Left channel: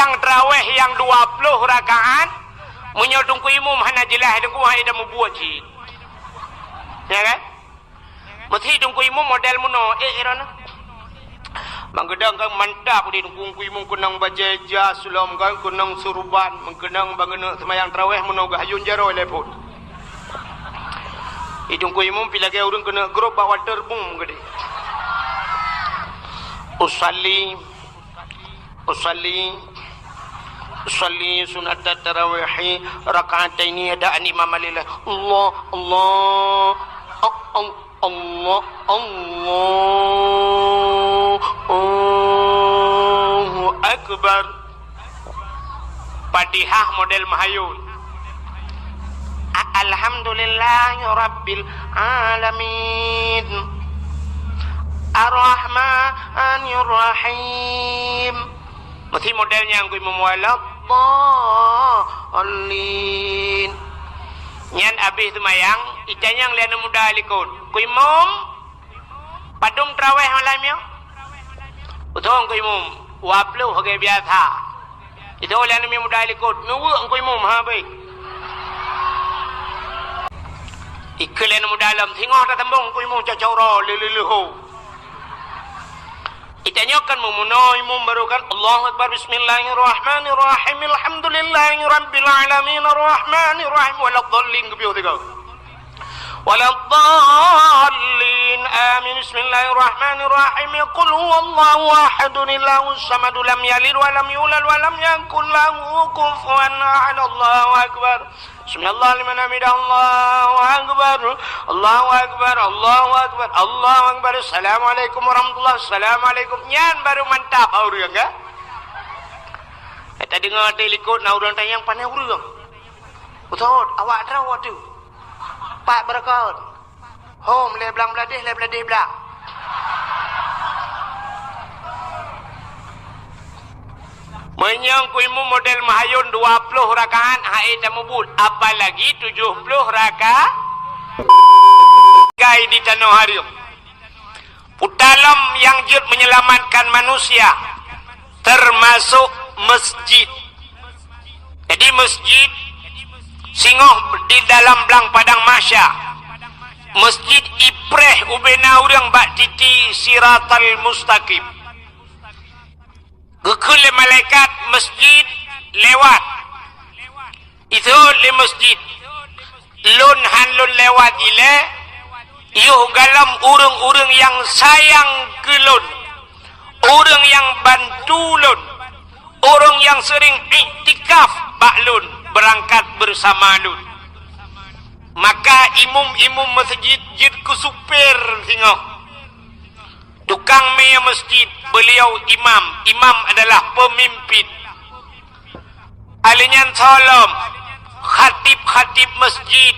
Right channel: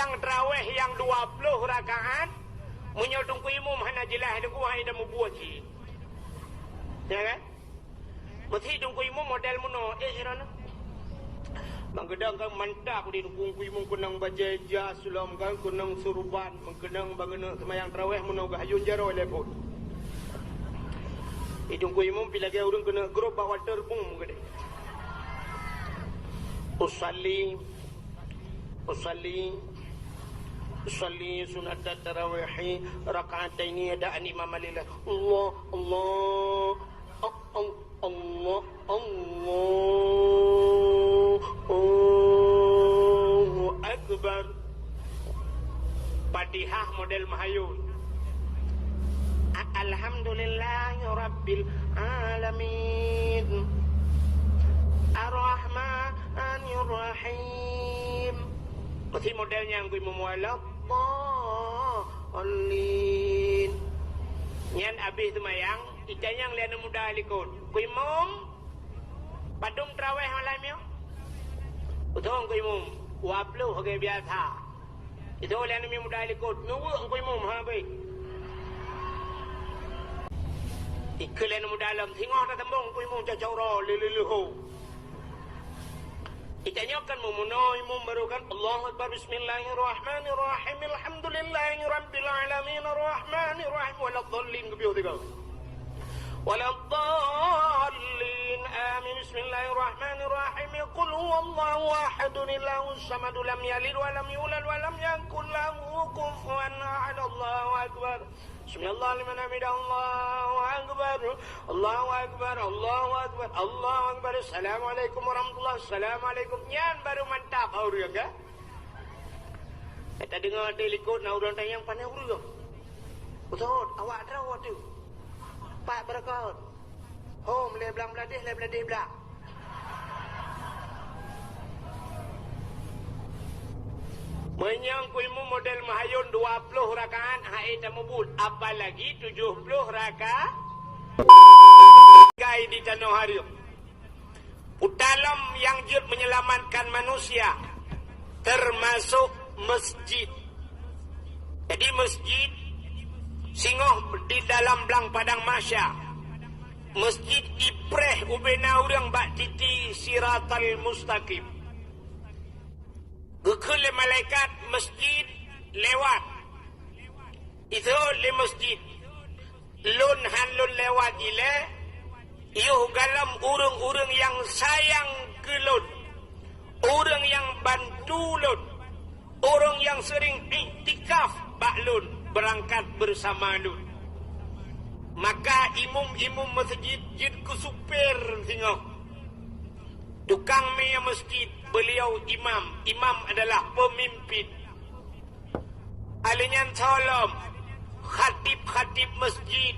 sembahyang tarawih yang 20 rakaat menyodong ku imum hana jelah dengku hai dah membuat cik. Ya kan? Mesti dengku imum model muno irana. Mangkedang kan mantap di dengku imum kunang bajeja sulam kan kunang surban mengkenang bangena sembahyang tarawih muno gahayun jaro lepot. Idungku imum pila ke urang kena grup water boom gede. Usalli sunat tarawih raka'ataini ada imam lillah. Allah Allahu akbar. Fatihah model mahayun. Alhamdulillahi rabbil alamin. Ar-Rahmanir Rahim. Mesti modelnya yang kui memualak Dhalin. Nyan habis semayang itanyang liana muda alikun. Kui mum padum tarawih malam ya. Utong kui mum waplu hagai biasa. Itu liana muda alikun. Nuwa kui mum ha baik. Iklan mu dalam tengok tak tembung ku imum cacau leleho. Itanyakan mu munoi mu barukan Allahu akbar bismillahirrahmanirrahim alhamdulillahi rabbil alamin arrahmanir rahim waladdallin kebiu tiga. Waladdallin amin bismillahirrahmanirrahim qul huwallahu ahadun illahus samad lam yalid wa lam yulad wa lam yakul lahu kufuwan ahad. Allahu akbar. Bismillah liman hamidah. Allahu akbar. Allahu akbar. Allahu akbar. Allahu akbar. Assalamualaikum warahmatullahi wabarakatuh. Assalamualaikum. Nyan baru mantap urang ka. Kita dengar telikut na urang tayang pandai urang. Betul, awak terawat tu. Pak berkat. Home le belang beladih belang. Menyangkuimu model mahayun 20 rakaat haid dan mubul. Apalagi 70 rakaat gai di tanah hari. Putalam yang jut menyelamatkan manusia termasuk masjid. Jadi masjid singoh di dalam belang padang masya. Masjid ipreh ubena urang bak titi siratal mustaqim. Gekul malaikat masjid lewat. Itu le masjid. Lun hanlun lewat ile. Yuh galam urang-urang yang sayang ke lun. Orang yang bantu lun. Orang yang sering iktikaf bak lun. Berangkat bersama lun. Maka imum masjid jid ku supir tengok. Tukang mea masjid, beliau imam. Imam adalah pemimpin. Alinyan salam, khatib masjid,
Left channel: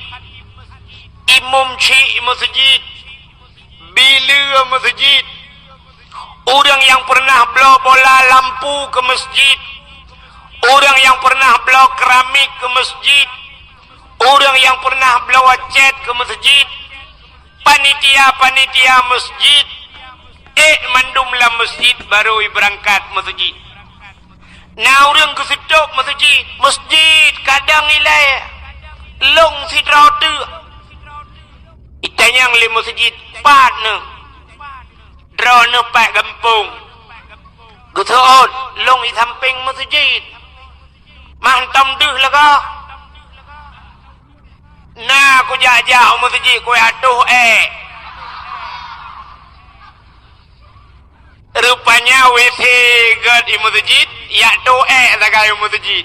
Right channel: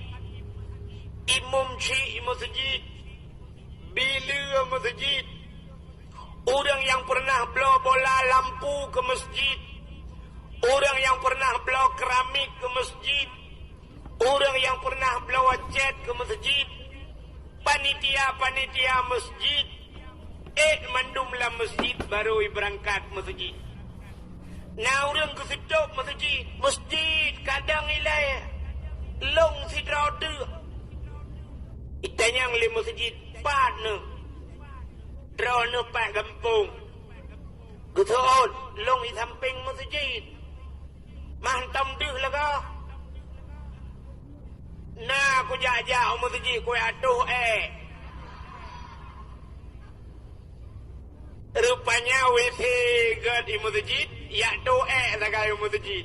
imam cik masjid, bila masjid, orang yang pernah bawa bola lampu ke masjid, orang yang pernah bawa keramik ke masjid, orang yang pernah bawa cat ke masjid, panitia masjid, mandumlah masjid baru berangkat masjid. Nah orang ke situ masjid kadang ilai long si rada. Itanyang le masjid partner. Drone pak kampung. Guton long di samping masjid. Mantam deh lah kau. Nah aku jauh masjid kau atuh rupanya WC di masjid ya doa zagai masjid.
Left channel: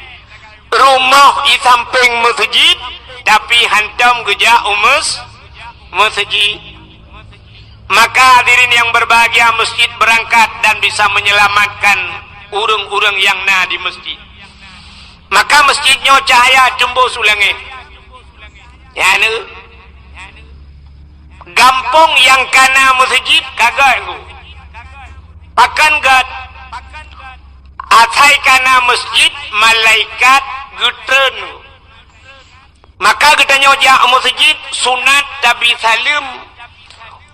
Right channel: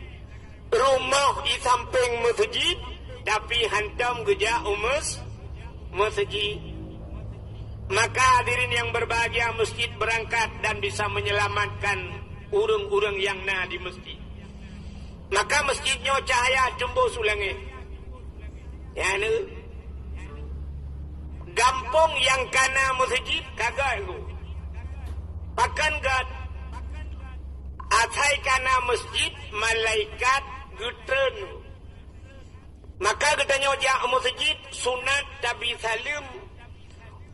Rumah di samping masjid tapi hantam geja masjid. Maka hadirin yang berbahagia, masjid berangkat dan bisa menyelamatkan urang-urang yang na di masjid. Maka masjidnya cahaya jumbo sulangi. Ya ne. Gampung yang kana masjid kagak aku. Pakan gad atai kana masjid malaikat gutren. Maka getanya ja masjid sunat tapi salim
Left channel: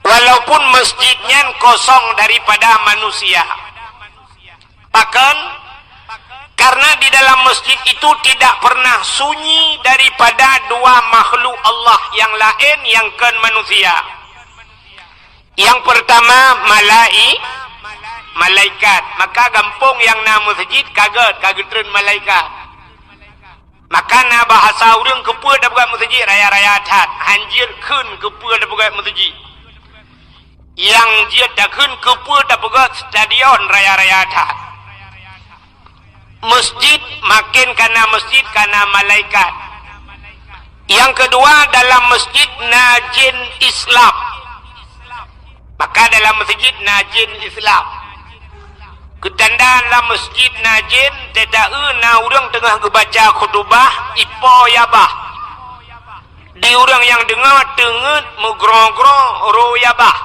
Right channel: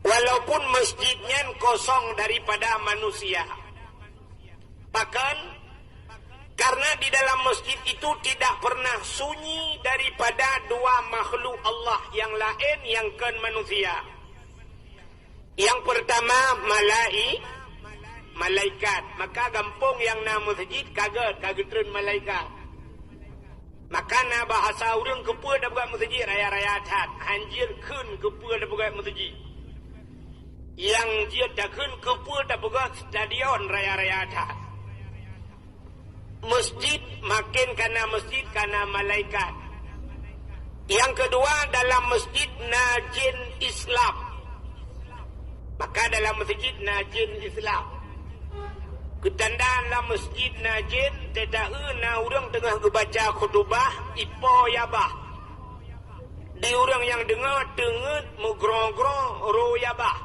walaupun masjidnya kosong daripada manusia. Pakan karena dalam masjid itu tidak pernah sunyi daripada dua makhluk Allah yang lain yang kan manusia. Yang pertama malaikat. Maka gampung yang na masjid kaget malaikat. Maka na bahasa urang kepa da buat masjid raya-raya that hanjir keun kepa da buat masjid. Yang dia da keun kepa da buat stadion raya-raya that. Masjid makin karena masjid karena malaikat. Yang kedua dalam masjid najin Islam. Maka dalam masjid najin Islam. Ketanda dalam masjid najin tidak na orang tengah kebaca khutbah ipo yabah. Di orang yang dengar tenget megrong-grong ro yabah.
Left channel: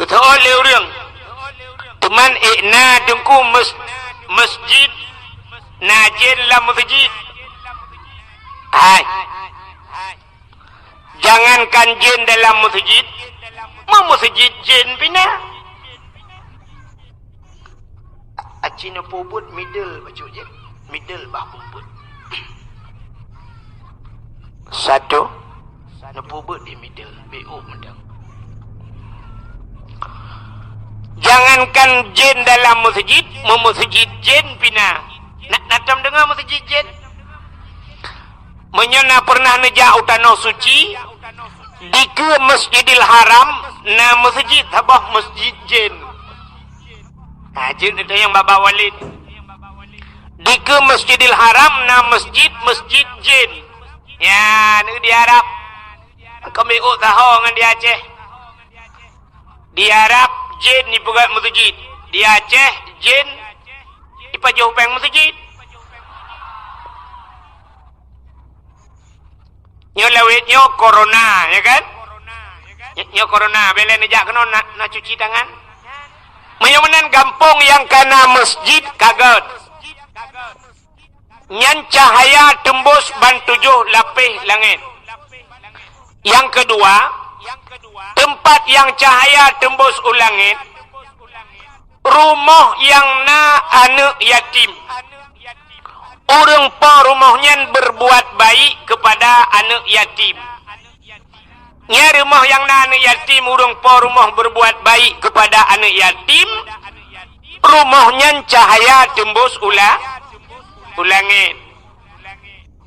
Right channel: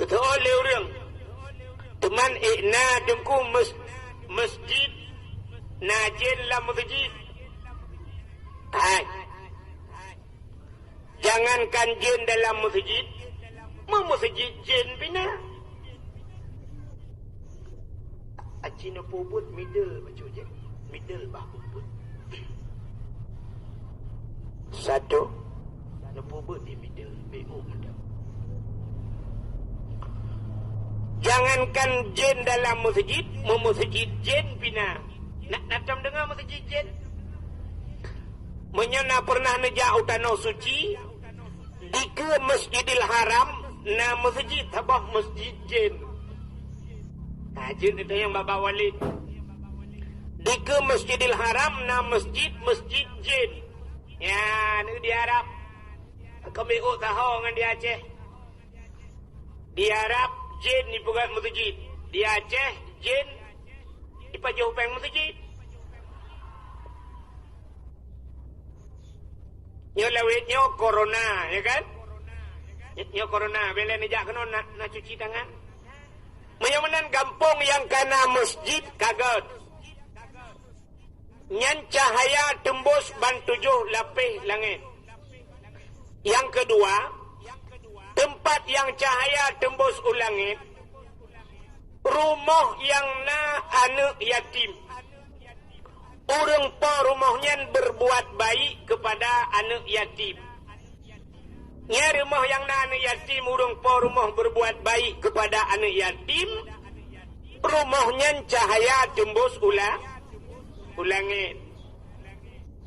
Kata oleh orang teman ikna dengku masjid najin la masjid. Hai. Jangankan jin dalam masjid, masjid jin bina. Acina pobut middle baju je. Middle bah pobut. Satu na pobut di middle BO mendang. Jangankan jin dalam masjid, masjid jin pina. Nak natam dengar masjid jin. Menyana pernah nejak utano suci di ke Masjidil Haram na masjid habah masjid jin. Jin itu yang Baba Walid. Di ke Masjidil Haram na masjid jin. Ya, ni di Arab. Kami tahu dengan di Aceh. Di Arab jin ni pegat masjid. Di Aceh jin di pajau peng masjid. Nyo lewat nyo corona, ya kan? Nyo corona, bela nejak kena nak cuci tangan. Menyamanan kampung yang kena masjid kaget. Nyan cahaya tembus ban 7 lapis langit. Yang kedua, tempat yang cahaya tembus ulangit, rumah yang na anak yatim. Orang pa rumahnya berbuat baik kepada anak yatim. Nya rumah yang na anak yatim, orang pa rumah berbuat baik kepada anak yatim. Rumahnya cahaya tembus ulangit.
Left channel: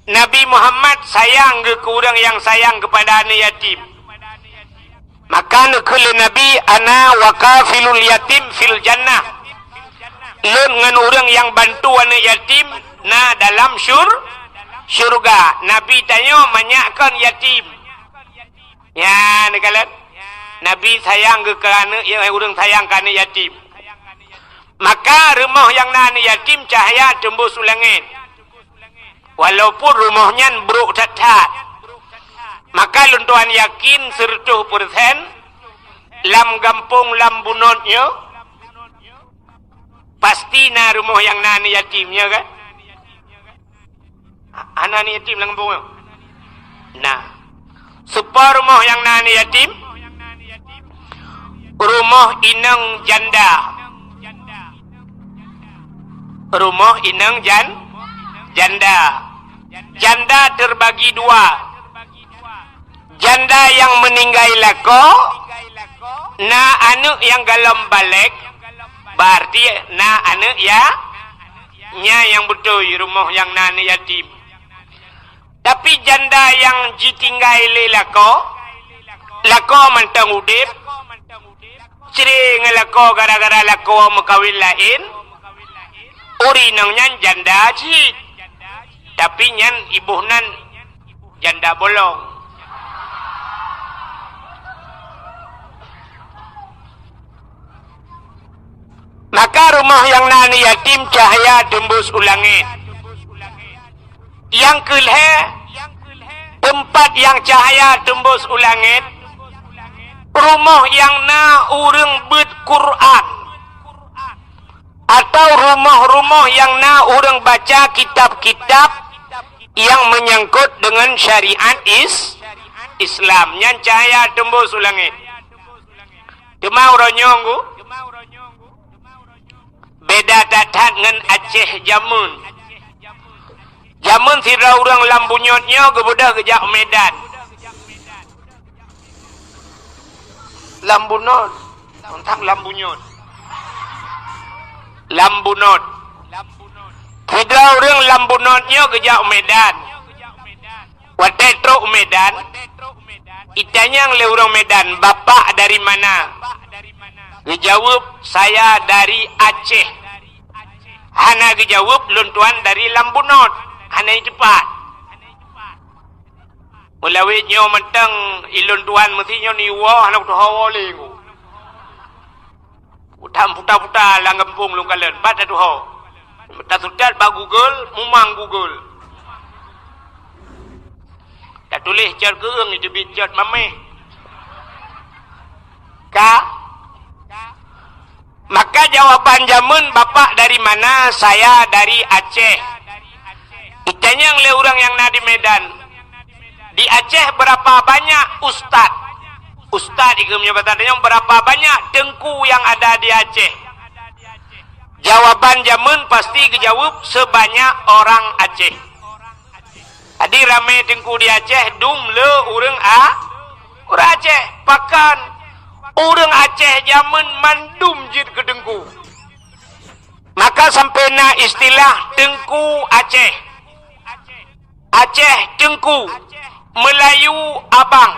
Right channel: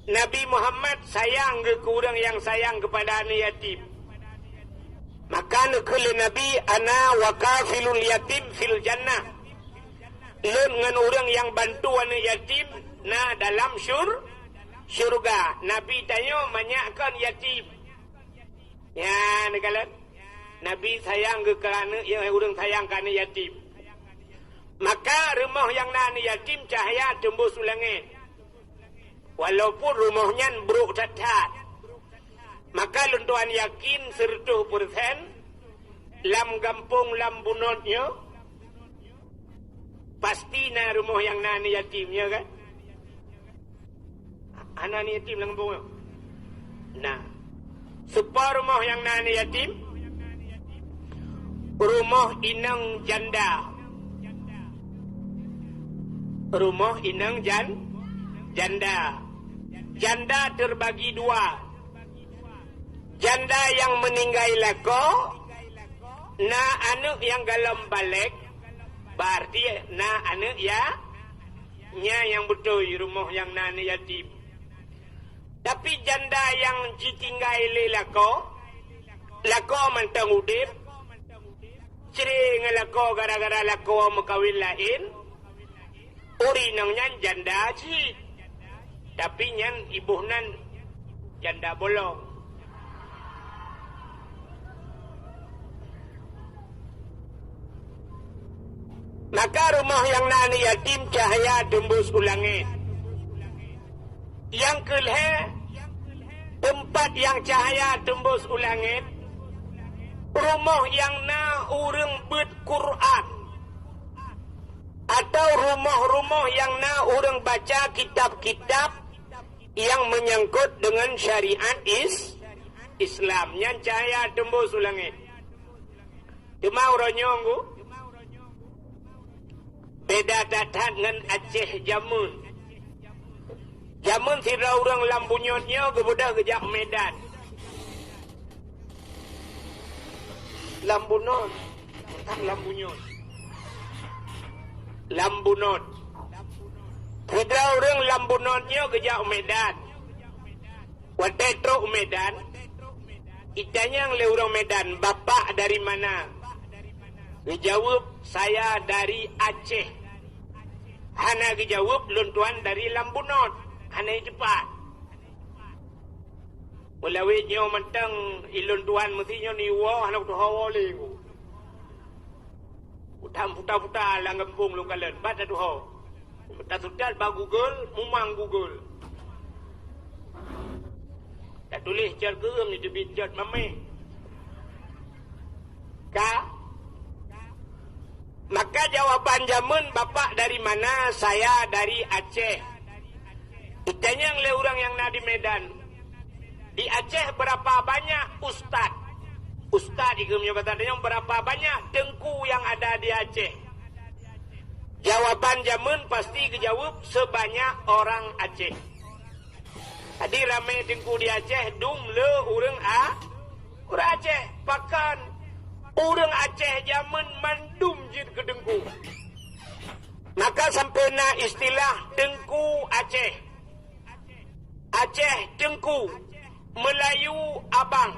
Nabi Muhammad sayang ke orang yang sayang kepada anak yatim. Maka nekul Nabi ana wakafilul yatim fil jannah. Leun ngan orang yang bantu anak yatim na dalam syurga. Nabi tanya manyakan yatim. Ya, nekalan. Nabi sayang ke anak yang orang sayang ke anak yatim. Maka rumah yang na anak yatim cahaya tembus langit. Walaupun rumahnya buruk tat-tat. Maka luntuan yakin 100% lam gampung lam bunotnya pasti na rumah yang na anak yatimnya kan. Anak ni yatim lang bunga. Nah, supaya rumah yang nani yatim, rumah inang janda. Rumah inang janda. Janda terbagi 2. Janda yang meninggal lako, na anak yang galam balik, berarti na anak ya, nya yang betul rumah yang nani yatim. Tapi janda yang ditinggal lako mantang udip, cering lako gara-gara lako makawin lain, uri nangnya janda cik, tapi nyan ibuhnan janda bolong. Maka rumah yang nani yatim cahaya tembus ulangit. Yang kelhe, tempat yang cahaya tembus ulangit, rumah yang na urang bet Quran, atau rumah-rumah yang na urang baca kitab-kitab yang menyangkut dengan syariat Islam. Yang cahaya tembus ulangit. Cuma uranyonggu beda tak Atat ngan Aceh Jamun. Jamun sira urang lambunyotnya kebudah kejak Medan. Lambunot. Tak lambunyot. Lambunot. Sira urang lambunotnya kejak Medan. Watetro Medan. Itanya le urang Medan, bapak dari mana? Dijawab, saya dari Aceh. Hana dijawab, luntuan dari Lambunot. Hana cepat. Mulawit nyo mentang iluntuan mesti nyo niwa anak tu hawa lengu. Utam puta-puta lang kampung lu kalen. Bata tu hawa. Tak sudat ba Google, mumang Google. Tak tulis cer keung itu bicat mameh. Maka jawaban Jamun, bapak dari mana? Saya dari Aceh. Itanya yang le orang yang di Medan. Di Aceh berapa banyak ustad? Ustad ikumnya bertanya berapa banyak dengku yang ada di Aceh? Jawaban Jamun pasti kejawab sebanyak orang Aceh. Tadi rame dengku di Aceh, dum le urang urang Aceh pakan. Urang Aceh Jamun mandum jid ke dengku. Maka sampai na istilah dengku Aceh. Aceh dengku. Melayu abang.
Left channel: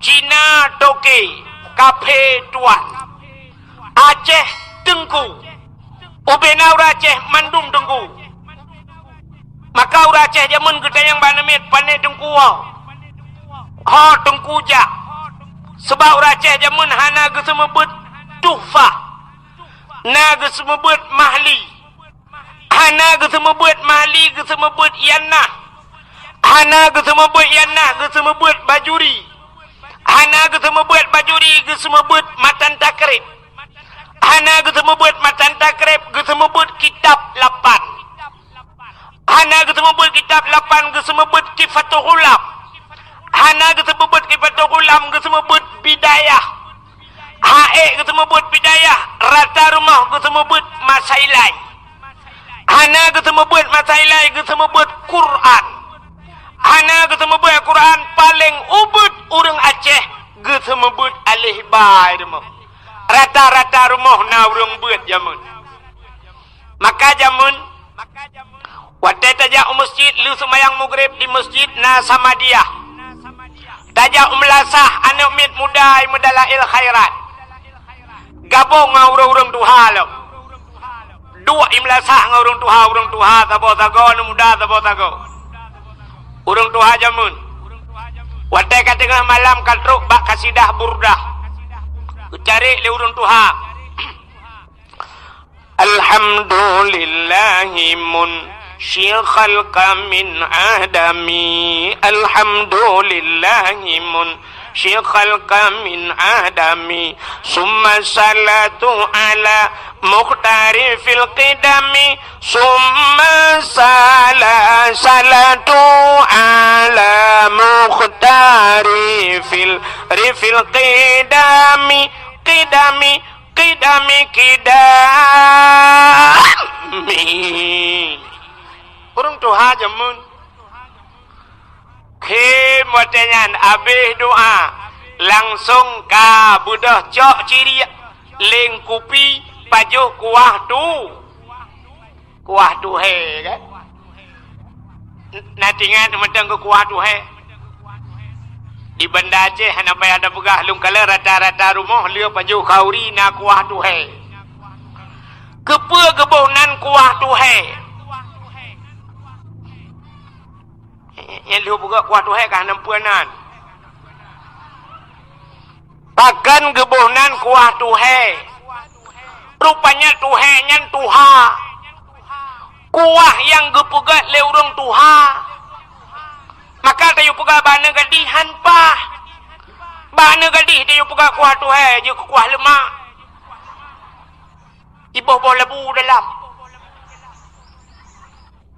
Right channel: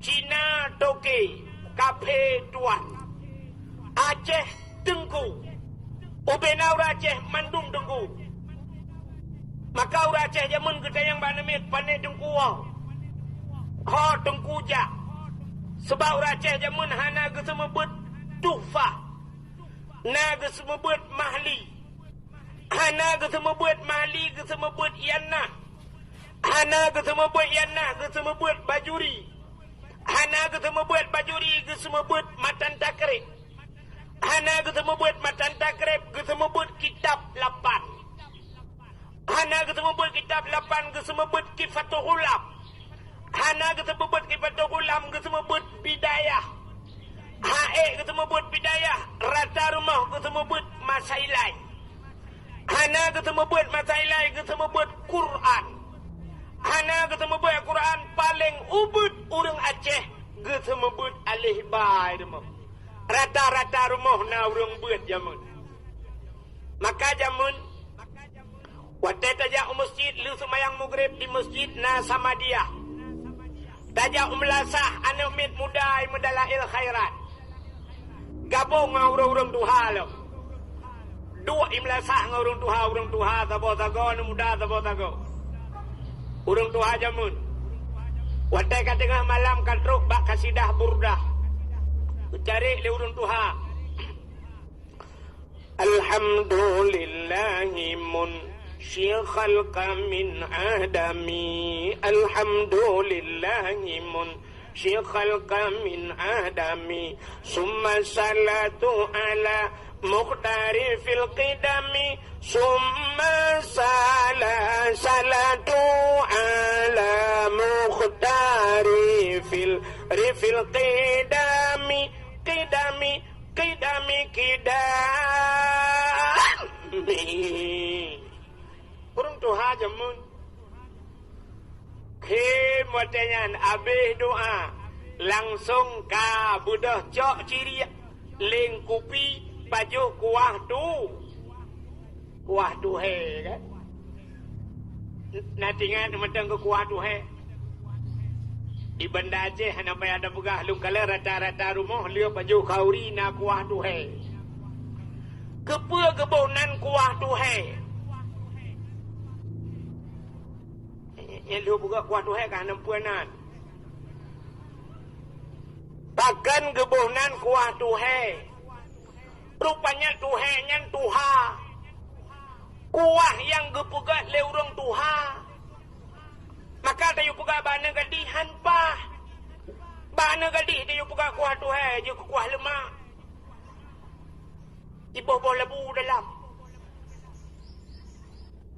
Cina doke. Kafe tuan. Aceh dengku. Ubena urang Aceh mandum dengku. Maka urang Aceh Jamun kita yang banamit pandai dengku. Ha dengku jak. Sebab orang Aceh Jamun hana ke semebut tuhfah. Na ke semebut mahli. Hana ke semebut mahli ke semebut yanah. Hana ke semebut yanah ke semebut bajuri. Hana ke semebut bajuri ke semebut matan takrib. Hana ke semebut matan takrib ke semebut kitab 8. Hana ke semebut kitab 8 ke semebut kifatul ulab. Hana kesebut kifatul ulam kesebut bidayah. Hae kesebut bidayah. Rata rumah kesebut masailai. Hana kesebut masailai kesebut Quran. Hana kesebut Quran paling ubud urang Aceh kesebut alih bai rumah. Rata-rata rumah na urang buat Jamun. Maka Jamun wadai tajak masjid lu semayang maghrib di masjid na Samadiyah. Tajak melasah anak mit muda medalail khairat. Gabung ngau urang tuha lo. Dua imlasah ngau urang tuha tabo tago anu muda tabo tago. Urang tuha Jamun. Wadai ka tengah malam katruk bak kasidah burdah. Cari le urang tuha. Alhamdulillahi mun شيخ من آدمي الحمد لله من شيخ من آدمي ثم الصلاة على مختار في القدم ثم الصلاة على مختار في القدم قدمي Urang tuha Jamun. Kemudian habis doa langsung ka budah cok ciri leng kupi pajuh kuah tu he kan. Nanti ingat mentang ke kuah tu he. Di Banda Aceh hana payah ada begah lung kala rata-rata rumah lieu pajuh kauri na kuah tu he. Kepe kebonan kuah tu he. Yang lihat buka kuah tuhe kah nampuanan. Pakan kebonan kuah tuhe. Rupanya tuhe nyan tuha. Kuah yang gepugat le urang tuha. Maka tayo puga bana gadihan pa. Bana gadih tayo puga kuah tuhe je kuah lemak. Iboh-boh lebu dalam.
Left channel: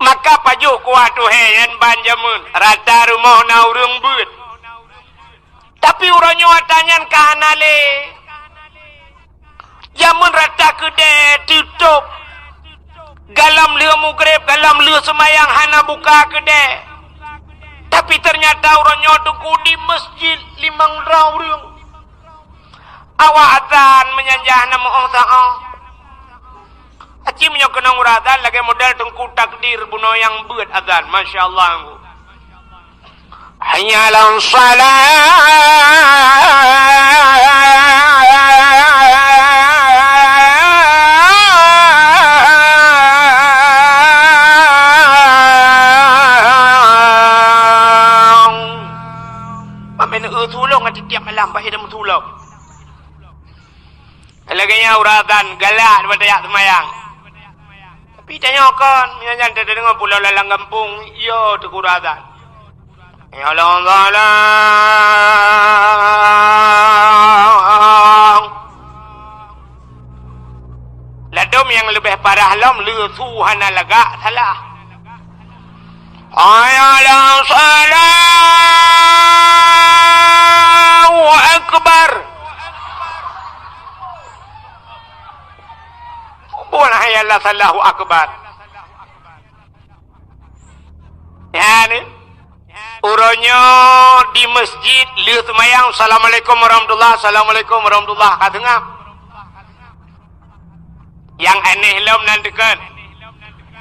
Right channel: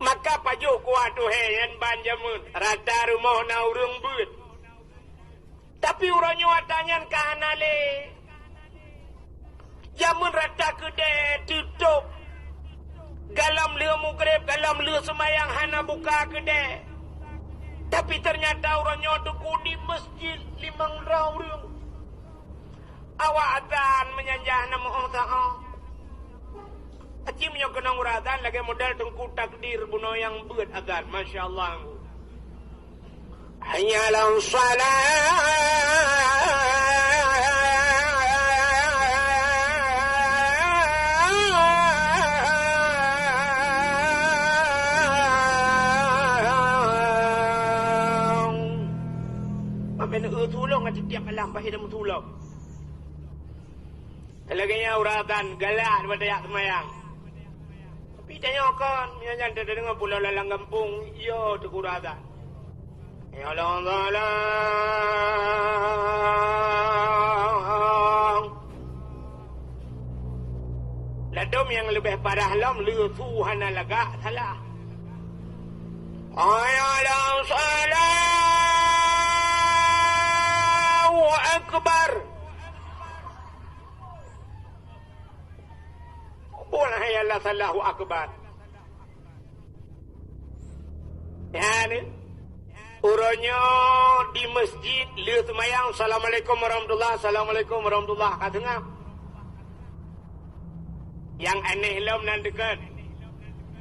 Maka pajuh kuah tuhe yan ban Jamun. Rata rumah na urang buat. Tapi urangnya watanyan kahanale. Jamun rata kedai tutup. maghrib dalam leu semayang hana buka kedai. Tapi ternyata orangnya tuku di masjid 5 rauriung. Awak adzan menyanjah nama Allah Ta'ala. Aci menyo kena nguradzan lagi modal tengku takdir buno yang beut adzan. Masya Allah. Hayya 'alan salah. Pamen tulong ada tiap malam baik dah mentulong. Laganya uratan galak daripada yak semayang. Tapi tanya kan, minyak tak dengar pulau lalang kampung, yo tu uratan. Ya Allah. Ladom yang lebih parah lam lesu hana lagak salah. Ayalah Allahu Akbar. Bukan ayalah Allahu Akbar. Ya ni. Uranya di masjid lihat semayang Assalamualaikum warahmatullahi Assalamualaikum warahmatullahi katengah. Yang aneh lam nantikan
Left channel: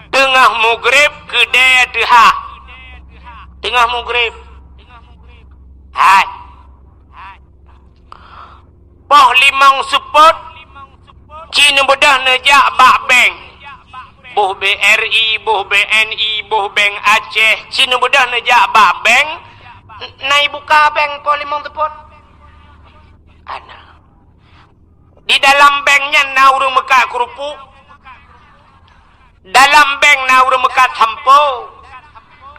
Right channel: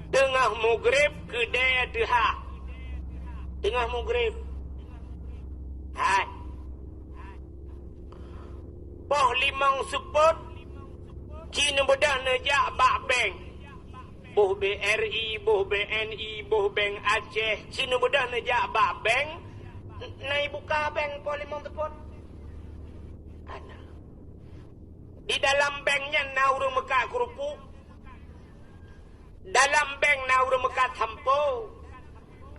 tengah maghrib kedai deha. Tengah maghrib. Hai. Poh 5 sepot Cina bedah nejak bak bank. Buh BRI, buh BNI, buh Bank Aceh. Cina bedah nejak bak bank. Nai buka bank po 5 tepon. Ana. Di dalam banknya na urang mekat kerupuk. Dalam bank na urang mekat sampo.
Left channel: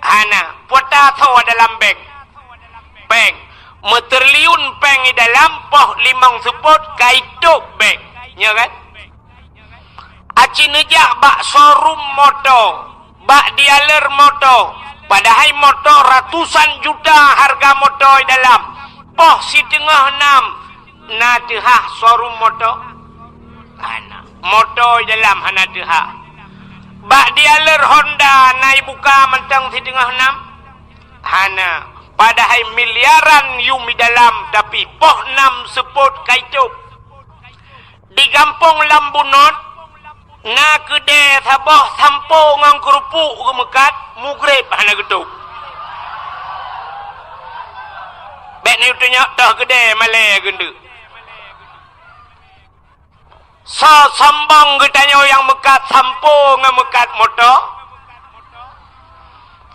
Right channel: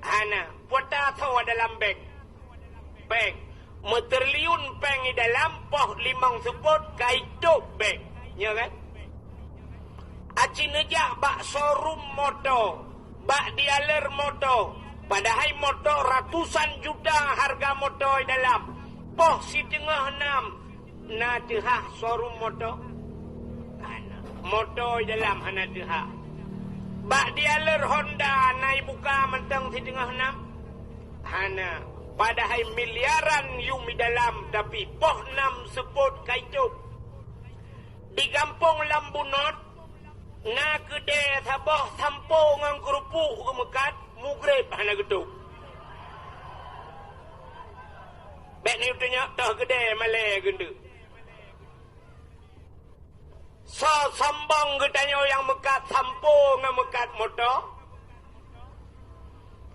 Ana. Puata thaw dalam bank. Bank. Meterliun bank di dalam poh 5 sepot kaituk bank. Ya kan? Aci nejak bak showroom motor, bak dealer motor. Padahal motor ratusan juta harga motor dalam. Poh si tengah 6 na tehah showroom motor. Ana motor dalam hana tehah. Bak dealer Honda nai buka mentang si tengah 6. Hana padahal miliaran yumi dalam tapi poh 6 seput kaituk. Di kampung Lambunot na kedai sabah sampo ngang kerupuk ke mekat mugrib hana geduk. Bek ni utanya dah kedai malai gende. Sa sambang gedanya yang mekat sampo ngang mekat motor.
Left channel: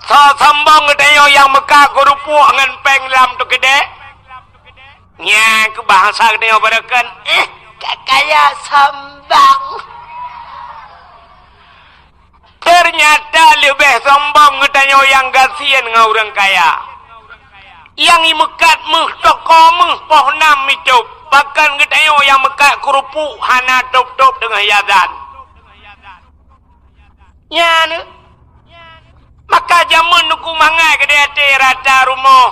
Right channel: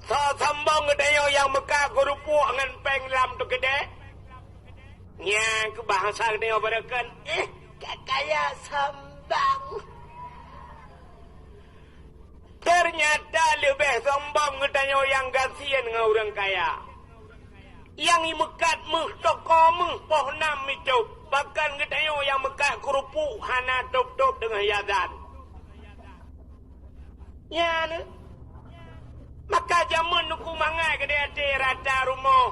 Sa sambang gedanya yang mekat kerupuk ngan peng lam tu kedai. Nya ke bahasa gedanya barakan kakaya sambang. Ternyata lebih sombong ngetanya yang kasihan dengan orang kaya. Yang mekat meh toko meh poh 6 itu. Bahkan ngetanya yang mekat kerupuk hana top-top dengan yadan. Ya ni. Maka jamun nuku mangai ke dia rata rumah.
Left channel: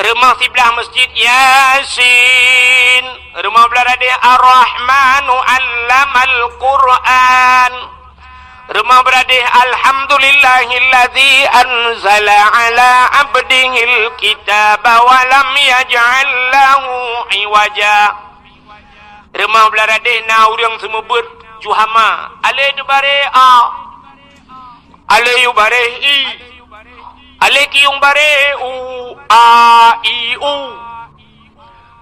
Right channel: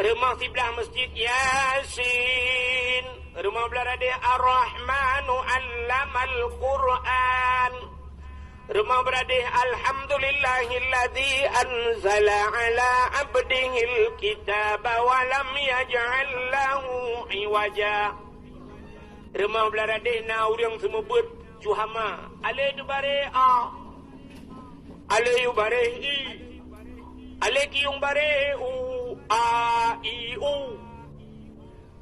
Rumah sebelah masjid Yasin. Rumah belah dia Ar-Rahmanu Allamal Quran. Rumah beradih Alhamdulillahilladzi anzala ala abdihil kitaba wa lam yaj'al lahu iwaja. Rumah beradih na urang semebut juhama. Ale tu bare a. Ale yu bare i. Ale ki yung bare u a i u.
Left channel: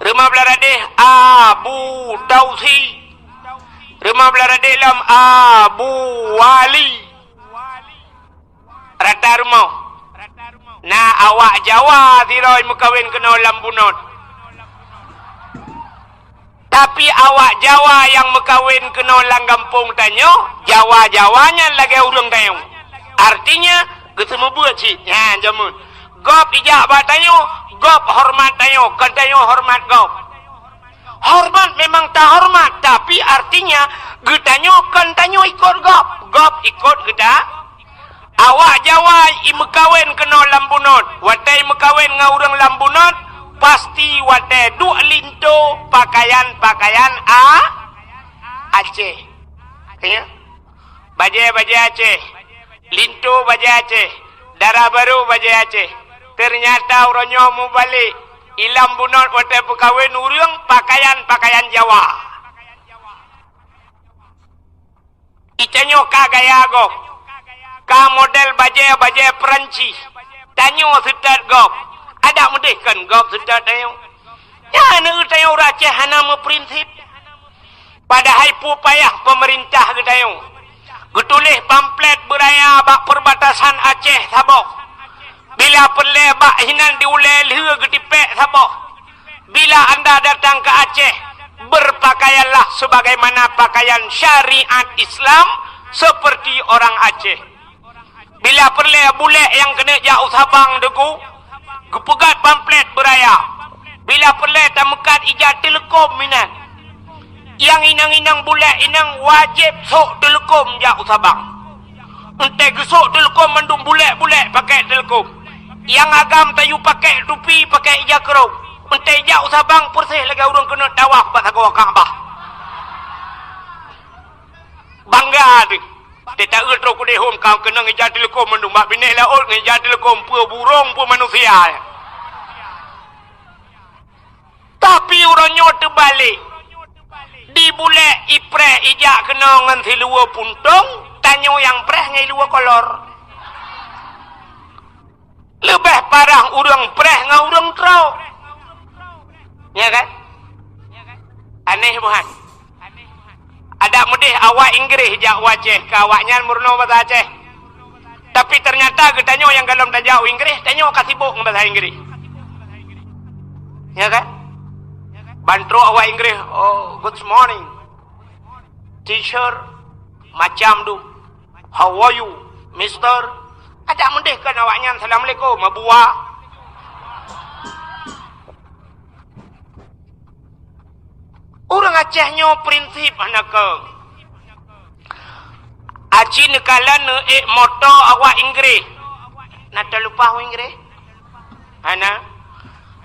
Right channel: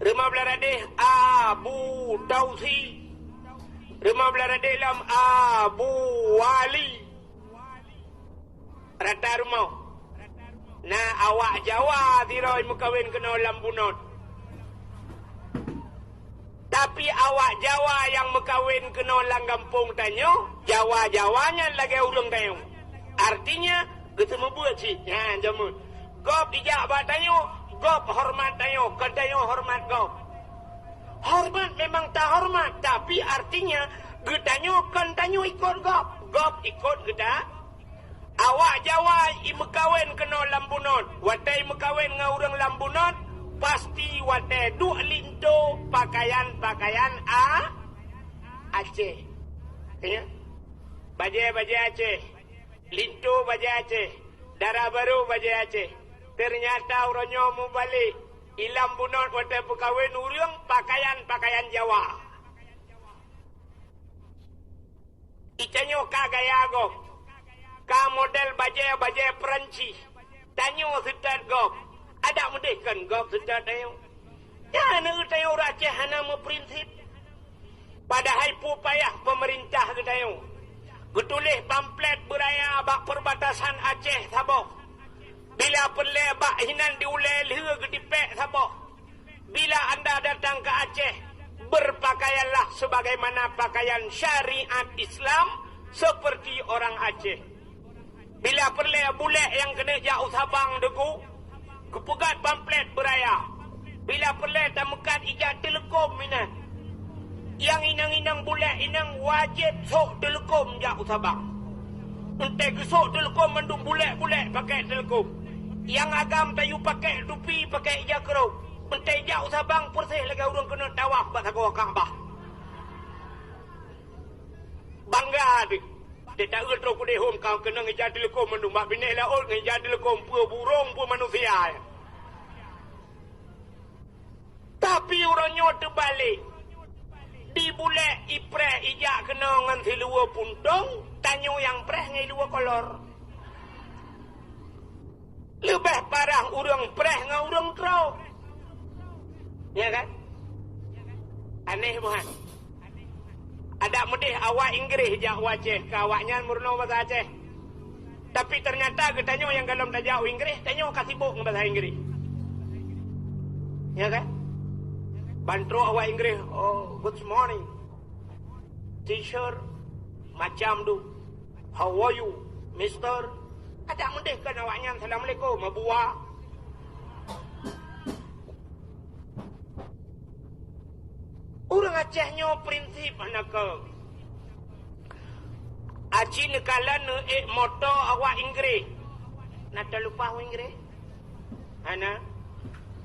Rumah beradih Abu Dausi. Rumah belara dalam Abu Wali. Rata rumah. Nah awak Jawa tiroi mukawin kena Lambunot. Tapi awak Jawa yang mukawin kena Langgampung tanyo, Jawa-Jawanya lagi urang tanyo. Artinya ketemu buat cik. Ya jamun. Gop ijak bat tanyo, gop hormat tanyo, kan tanyo hormat gop. Hormat memang tak hormat, tapi artinya getanyo kan tanyo ikut gop ikut geda. Awak Jawa imekawin kena Lambunot, watai mekawin ngau urang Lambunot, pasti watai duk linto pakaian Aceh. Ya. Baje Aceh. Lintu baje Aceh. Darah baru baje Aceh. Ternyata orangnya mau balik. Ilam bunot hotel pekawin urang pakaian Jawa. Icanyo ka gaya go. Ka model baje Perancis. Tanyo setat go. Ada mudih kan go setat tayo. Ya nu tayo Aceh hana prinsip. Padahal payah pemerintah tayo. Getulih pamflet beraya bak perbatasan Aceh Sabah. Bila perle bak hinan diulai liha getipek Sabah. Bila anda datang ke Aceh, berpakaianlah sebagaimana pakaian syariat Islam seperti orang Aceh. Bila perle bule yang kena jauh Sabang deku, gepegat pamflet beraya. Bila perle tamekat ijat telekom minan. Yang inang-inang bule inang wajib sok telekom jauh Sabang. Entek gesok telekom mandung bule pakai telekom. Yang agam tayu pakai tupi, pakai ijakrau. Entek jauh Sabang persih lagi orang kena dawah pasal kau Kaabah. Bangga tu. Dia tak erti ku dehom kau kena ngejar telekom mandung mak bini laut ngejar telekom pua burung pua manusia. Tapi orangnya terbalik. Di bule ipre ijak kena ngan si luar puntung, tanyo yang preh ngai luar kolor. Lebih parah urang preh ngan urang trau. Ya kan? Aneh bukan? Ada mudih awak Inggris jak wajah ke awaknya murno bahasa Aceh. Tapi ternyata getanyo yang dalam tajau Inggris, tanyo kasih sibuk bahasa Inggris. Ya kan? Bantro awak Inggris, oh good morning teacher, macam tu, how are you mister, ada mendeh kan awaknya assalamualaikum mabua. Orang Acehnya prinsip anak ke aci nekalan moto awak Inggris nak terlupa awak Inggris ana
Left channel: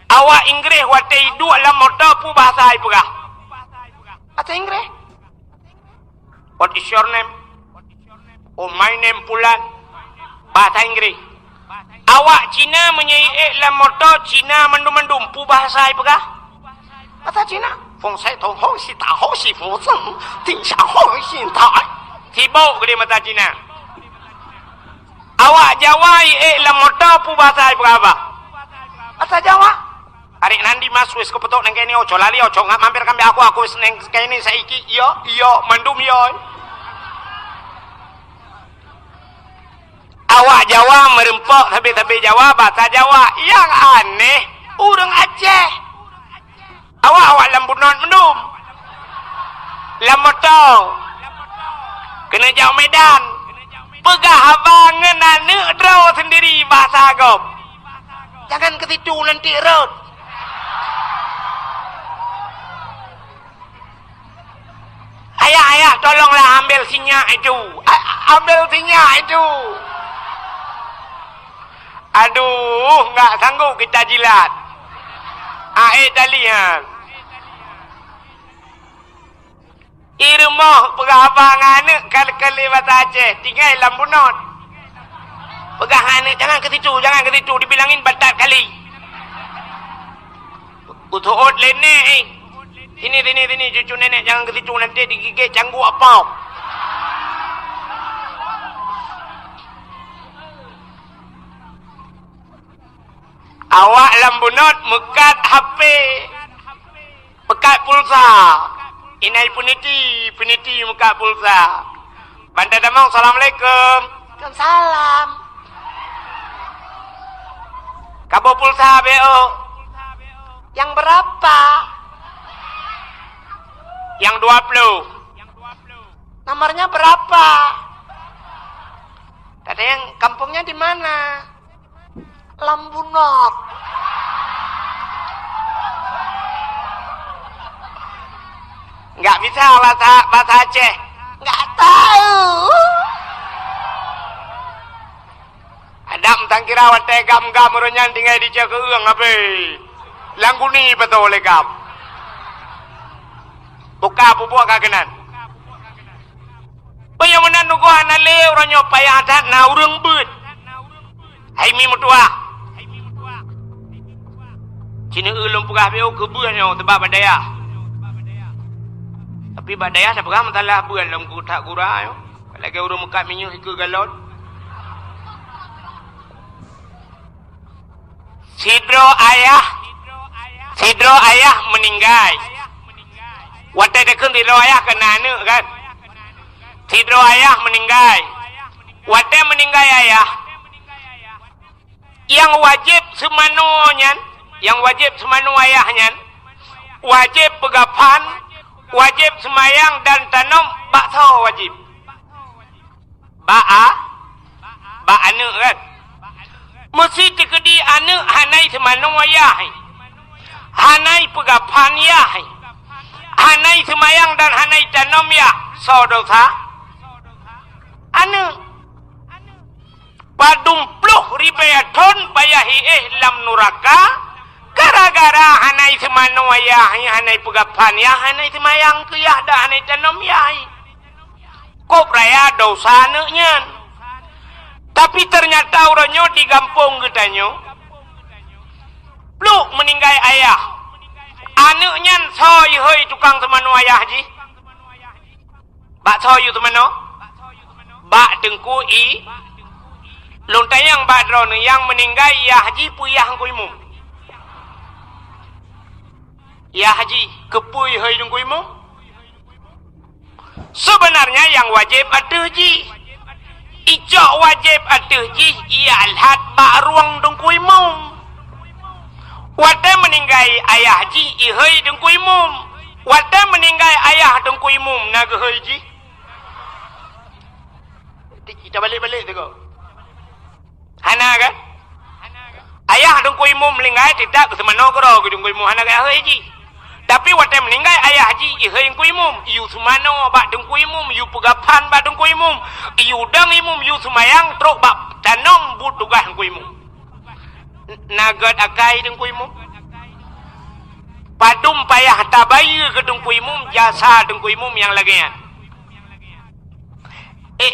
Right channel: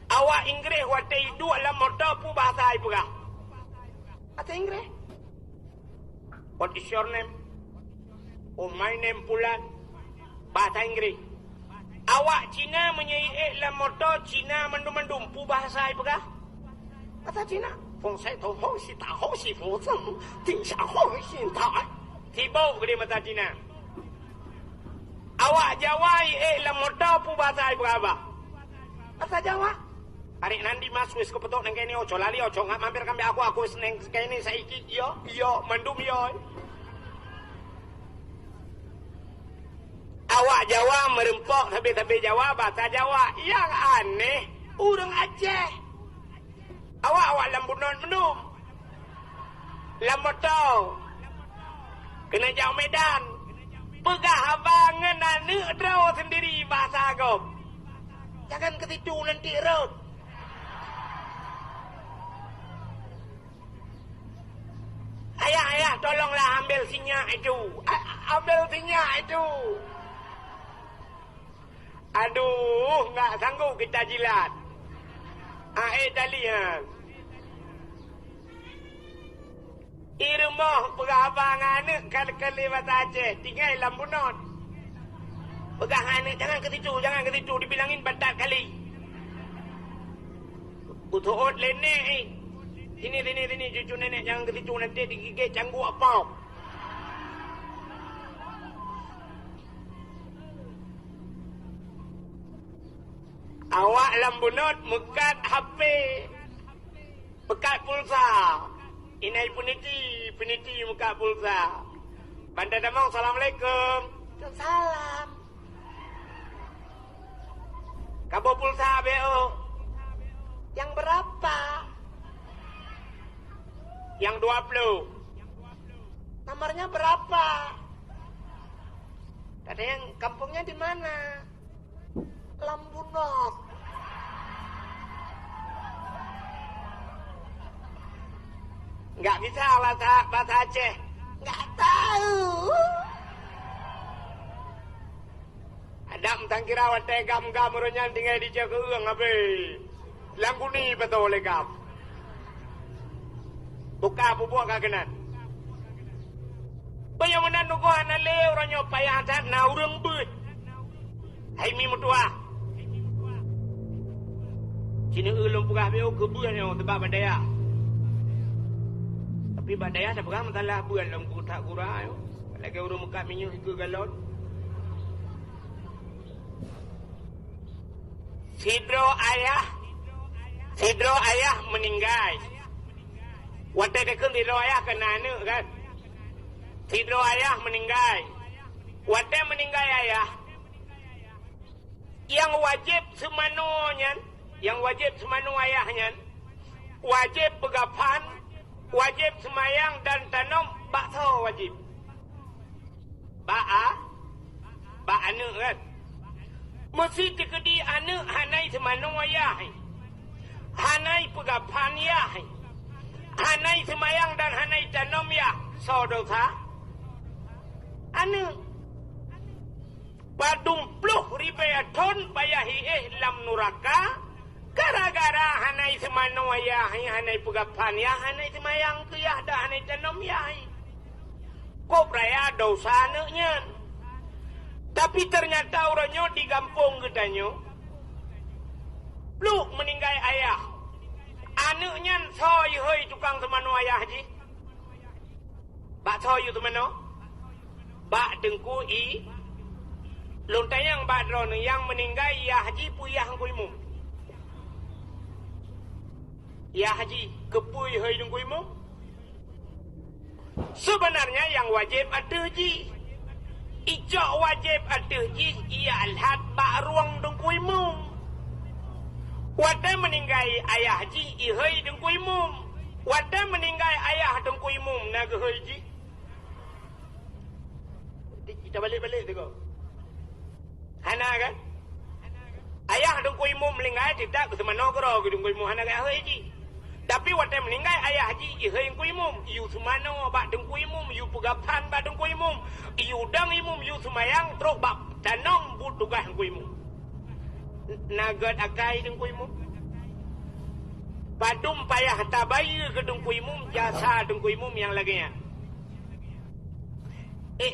awak Inggris wate hidup dalam motor pu bahasa ai pegah. Bahasa Inggris. What is your name? Oh my name Pulan. Bahasa Inggris. Awak Cina menyai dalam motor Cina mendum-mendum pu bahasa ai pegah. Bahasa Cina. Fong sai tong ho si ta ho si fu zeng, ting xia ho xin ta. Sibuk ke dia bahasa Cina. Awak Jawa dalam motor pu bahasa ai pegah apa? Bahasa Jawa. Hari nanti mas wis kepetok nang kene ojo lali ojo ngak mampir kambe aku wis nang kene saiki iya mandum yo. Awak Jawa merempok tapi Jawa bahasa Jawa yang aneh urang Aceh. Awak lambunon mendum. Lamoto. Kena jauh Medan. Pegah abang ngena drau sendiri bahasa agam. Jangan ke situ nanti road. Ayah, tolonglah ambil sinyak itu. Ambil sinyak itu. Aduh, enggak sanggup kita jilat. Tali ha. Irmoh pegabangan kali-kali bahasa Aceh, tinggal lambunot. Pegahan jangan ke situ, dibilangin batat kali. Utuot lene Sini cucu nenek jangan ke situ nanti digigit canggu apa. Awak lambunot mekat HP. Mekat pulsa. Inai puniti mekat pulsa. Bandar Damang, Assalamualaikum. Waalaikumsalam. Kabo pulsa BO. Yang berapa? Yang 20. Nomornya berapa? Ada yang kampungnya di mana? Lambunot. Enggak bisa bahasa Aceh. Enggak tahu. Ada mentang kira wate gam-gam orangnya tinggal di jaga uang apa? Langguni betul oleh gam. Buka pupuk kagenan. Punya menanu ko ana lew ro nyo payah dat na urang beut hai mi mutua cina ulung pugah beo ke buah nyo tebak badaya tapi badaya sa pugah matalah buah lam ku tak gura yo lagi urang mekat minyu ke galon sidro ayah meninggal wate dekun sidro ayah kena anu kan sidro ayah meninggal wate meninggal ayah yang wajib semanonya yang wajib semanu ayahnya wajib pegapan wajib semayang dan tanam bakso wajib ba anu kan mesti dikedi anu hanai semanu ayah hanai pegapan ya hanai semayang dan hanai tanam ya so dosa anu padumpluh ribaya ton payahi lam nuraka gara-gara hanai semanu ayah hanai pegapan ya hanai semayang tu ya dah hanai tanam ya kok raya dosa nanya tapi ternyata orangnya di kampung getanyo pluk meninggal ayah anaknya soy hoi tukang semanu ayah ji bak soy semanu bak dengkui lontayang bak drone yang meninggal ya haji puyah kuimu ya haji kepui hoi dengkuimu sebenarnya yang wajib ada ji ijak wajib ada ji ia alhat bak ruang dengkuimu wada meninggal ayah ji ihoi dengkuimu wada meninggal ayah dengkuimu naga hoi ji kita balik-balik tu kau hana kan ayah dengkuimu meninggal tidak ke semana kau dengkuimu hana kan hoi ji tapi wate meninggal ayah haji ihoi kuimum iu sumano bak dengkuimum iu pegapan bak dengkuimum iu dang imum iu sumayang truk bak tanong budugah kuimum nagat akai dengkuimum padum payah tabayu ke dengkuimum jasa dengkuimum yang lagian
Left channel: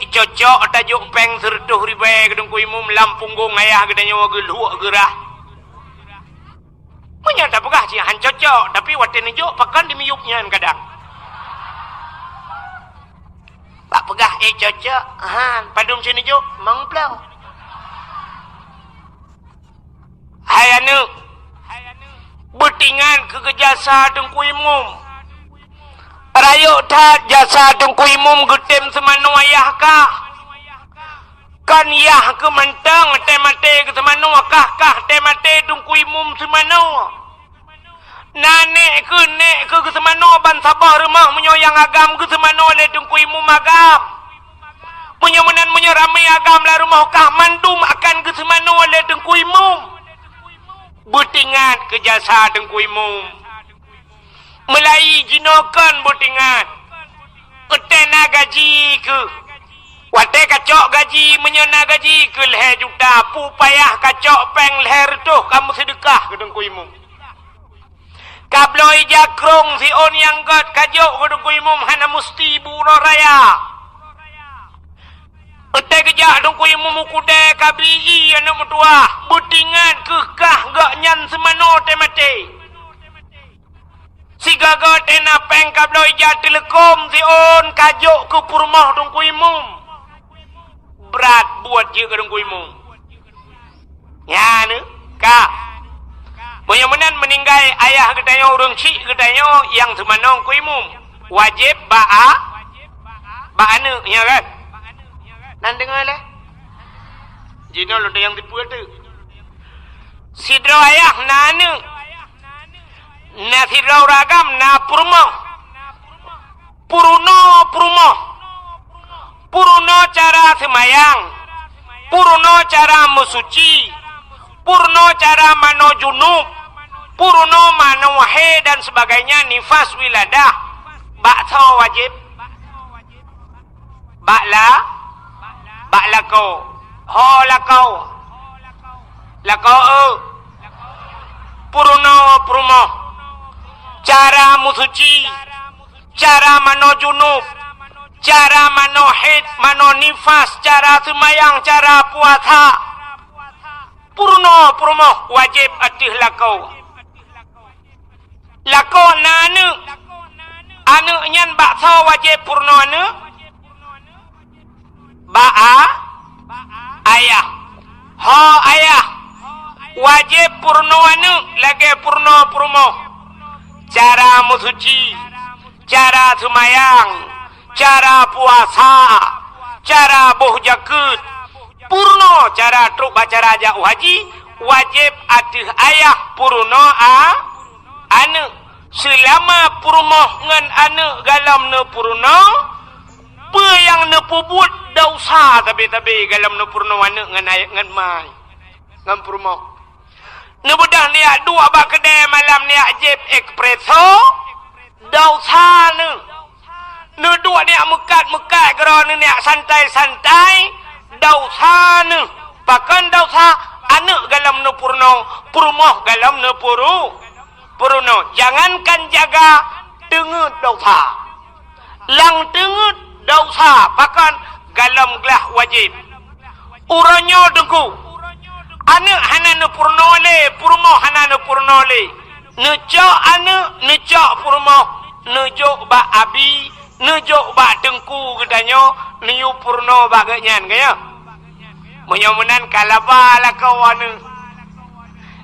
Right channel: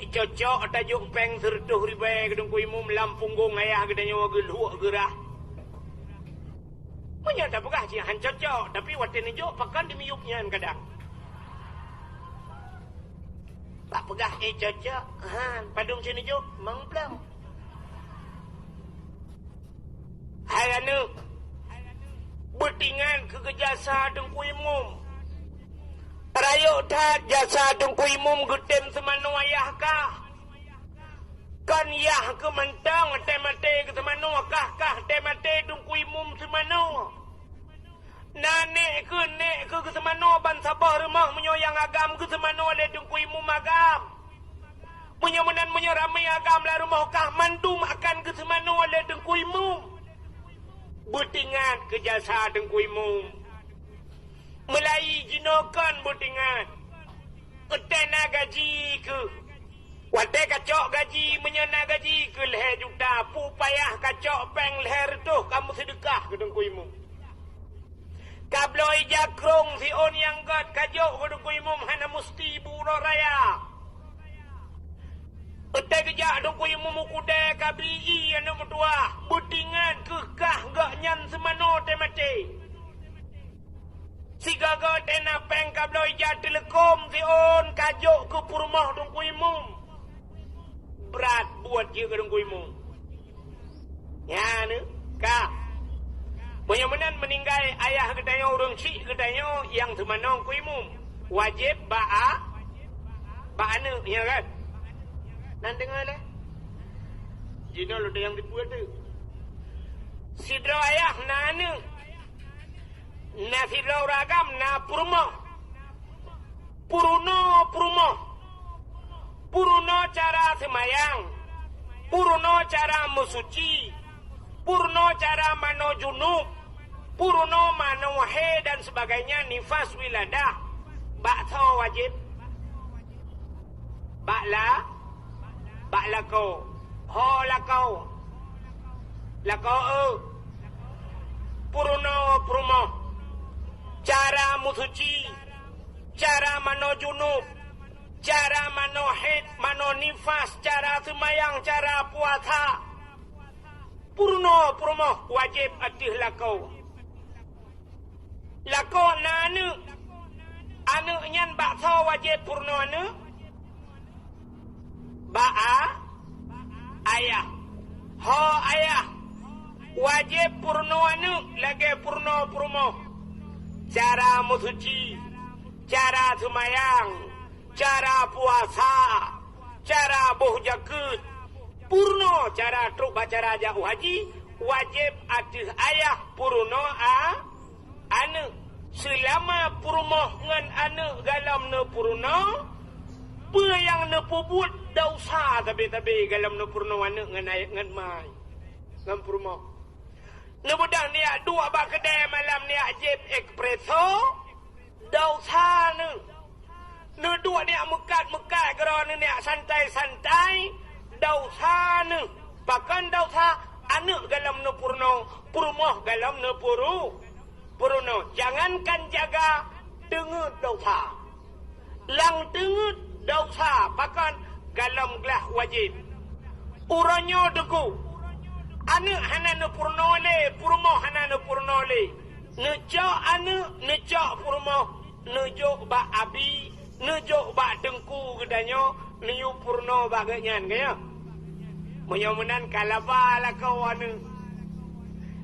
cocok tajuk peng sertuh ribai ke dengkuimum lampunggung ayah gedanya wageluak gerah punya tak pegah sih cocok tapi waktu ni jok pakan di miyuknya kadang pak pegah cocok padum sini jok mang plau hayanu betingan ke jasa dengkuimum rayuk tak jasa dengkuimum getem semanu ayah kah kan yah ke mentang temate ke semanu kah temate dengkuimum semanu nanek ke semanu ban sabah rumah menyoyang agam ke semanu le dengkuimum agam menyomenan menyerami agam la rumah kah mandum akan ke semanu le dengkuimum butingan ke jasa dengkuimum melai jinokan butingan utena gaji ke wate kacok gaji menyena gaji ke leher juta pu payah kacok peng leher tu kamu sedekah ke dengkuimu kabloi jakrong si on yang gat kajok ke dengkuimu hana musti buro raya ute kejak dengkuimu mukude kabii anak mutua butingan kekah gak nyan semano temate si gagat ena peng kabloi jak telekom si on kajok ke purmah dengkuimu berat buat je ke dengkuimu ya ne kak menyemenan meninggal ayah ketanya orang cik ketanya yang semanong kuimu wajib ba'a anu ya kan nan dengar lah jino lo yang tipu tu sidro ayah na anu na sidro ragam na purmo Purno cara semayang, purno cara mesuci, purno cara mano junub, purno mano wahe dan sebagainya nifas wiladah. Bakso wajib, bakla kau, ho lakau, purno, cara mesuci, cara mano junub, cara manohid, manonifas, cara semayang, cara puasa. Purno wajib atih lakau. Lakau na anu nyan bakso wajib purno anu. Ayah. Ho ayah. Wajib purno anu lagi purno. Cara musuci, cara semayang, cara puasa, cara boh jakut, purno cara truk baca raja haji, wajib atih ayah purno anu. Selama purno ngan anu galam ne purno, pe yang ne pubut dosa tapi galam ne purno anu ngan ayah ngan mai, ngan purno. Ne bedah niak dua bak kedai malam niak jeb espresso, dosa ne. Ne dua niak mekat kerana niak santai, dosa ne. Bahkan dosa anu galam ne purno galam ne purno. Jangankan jaga dengut dosa. Lang dengut dosa, bahkan galam gelah wajib. Uranyo dengku. Anu hana purno le, purmo hana purno le. Nejok anu, nejok purmo, nejok ba abi, nejok ba dengku gedanyo, niu purno baganyan kaya. Menyamunan kalaba lah kawan.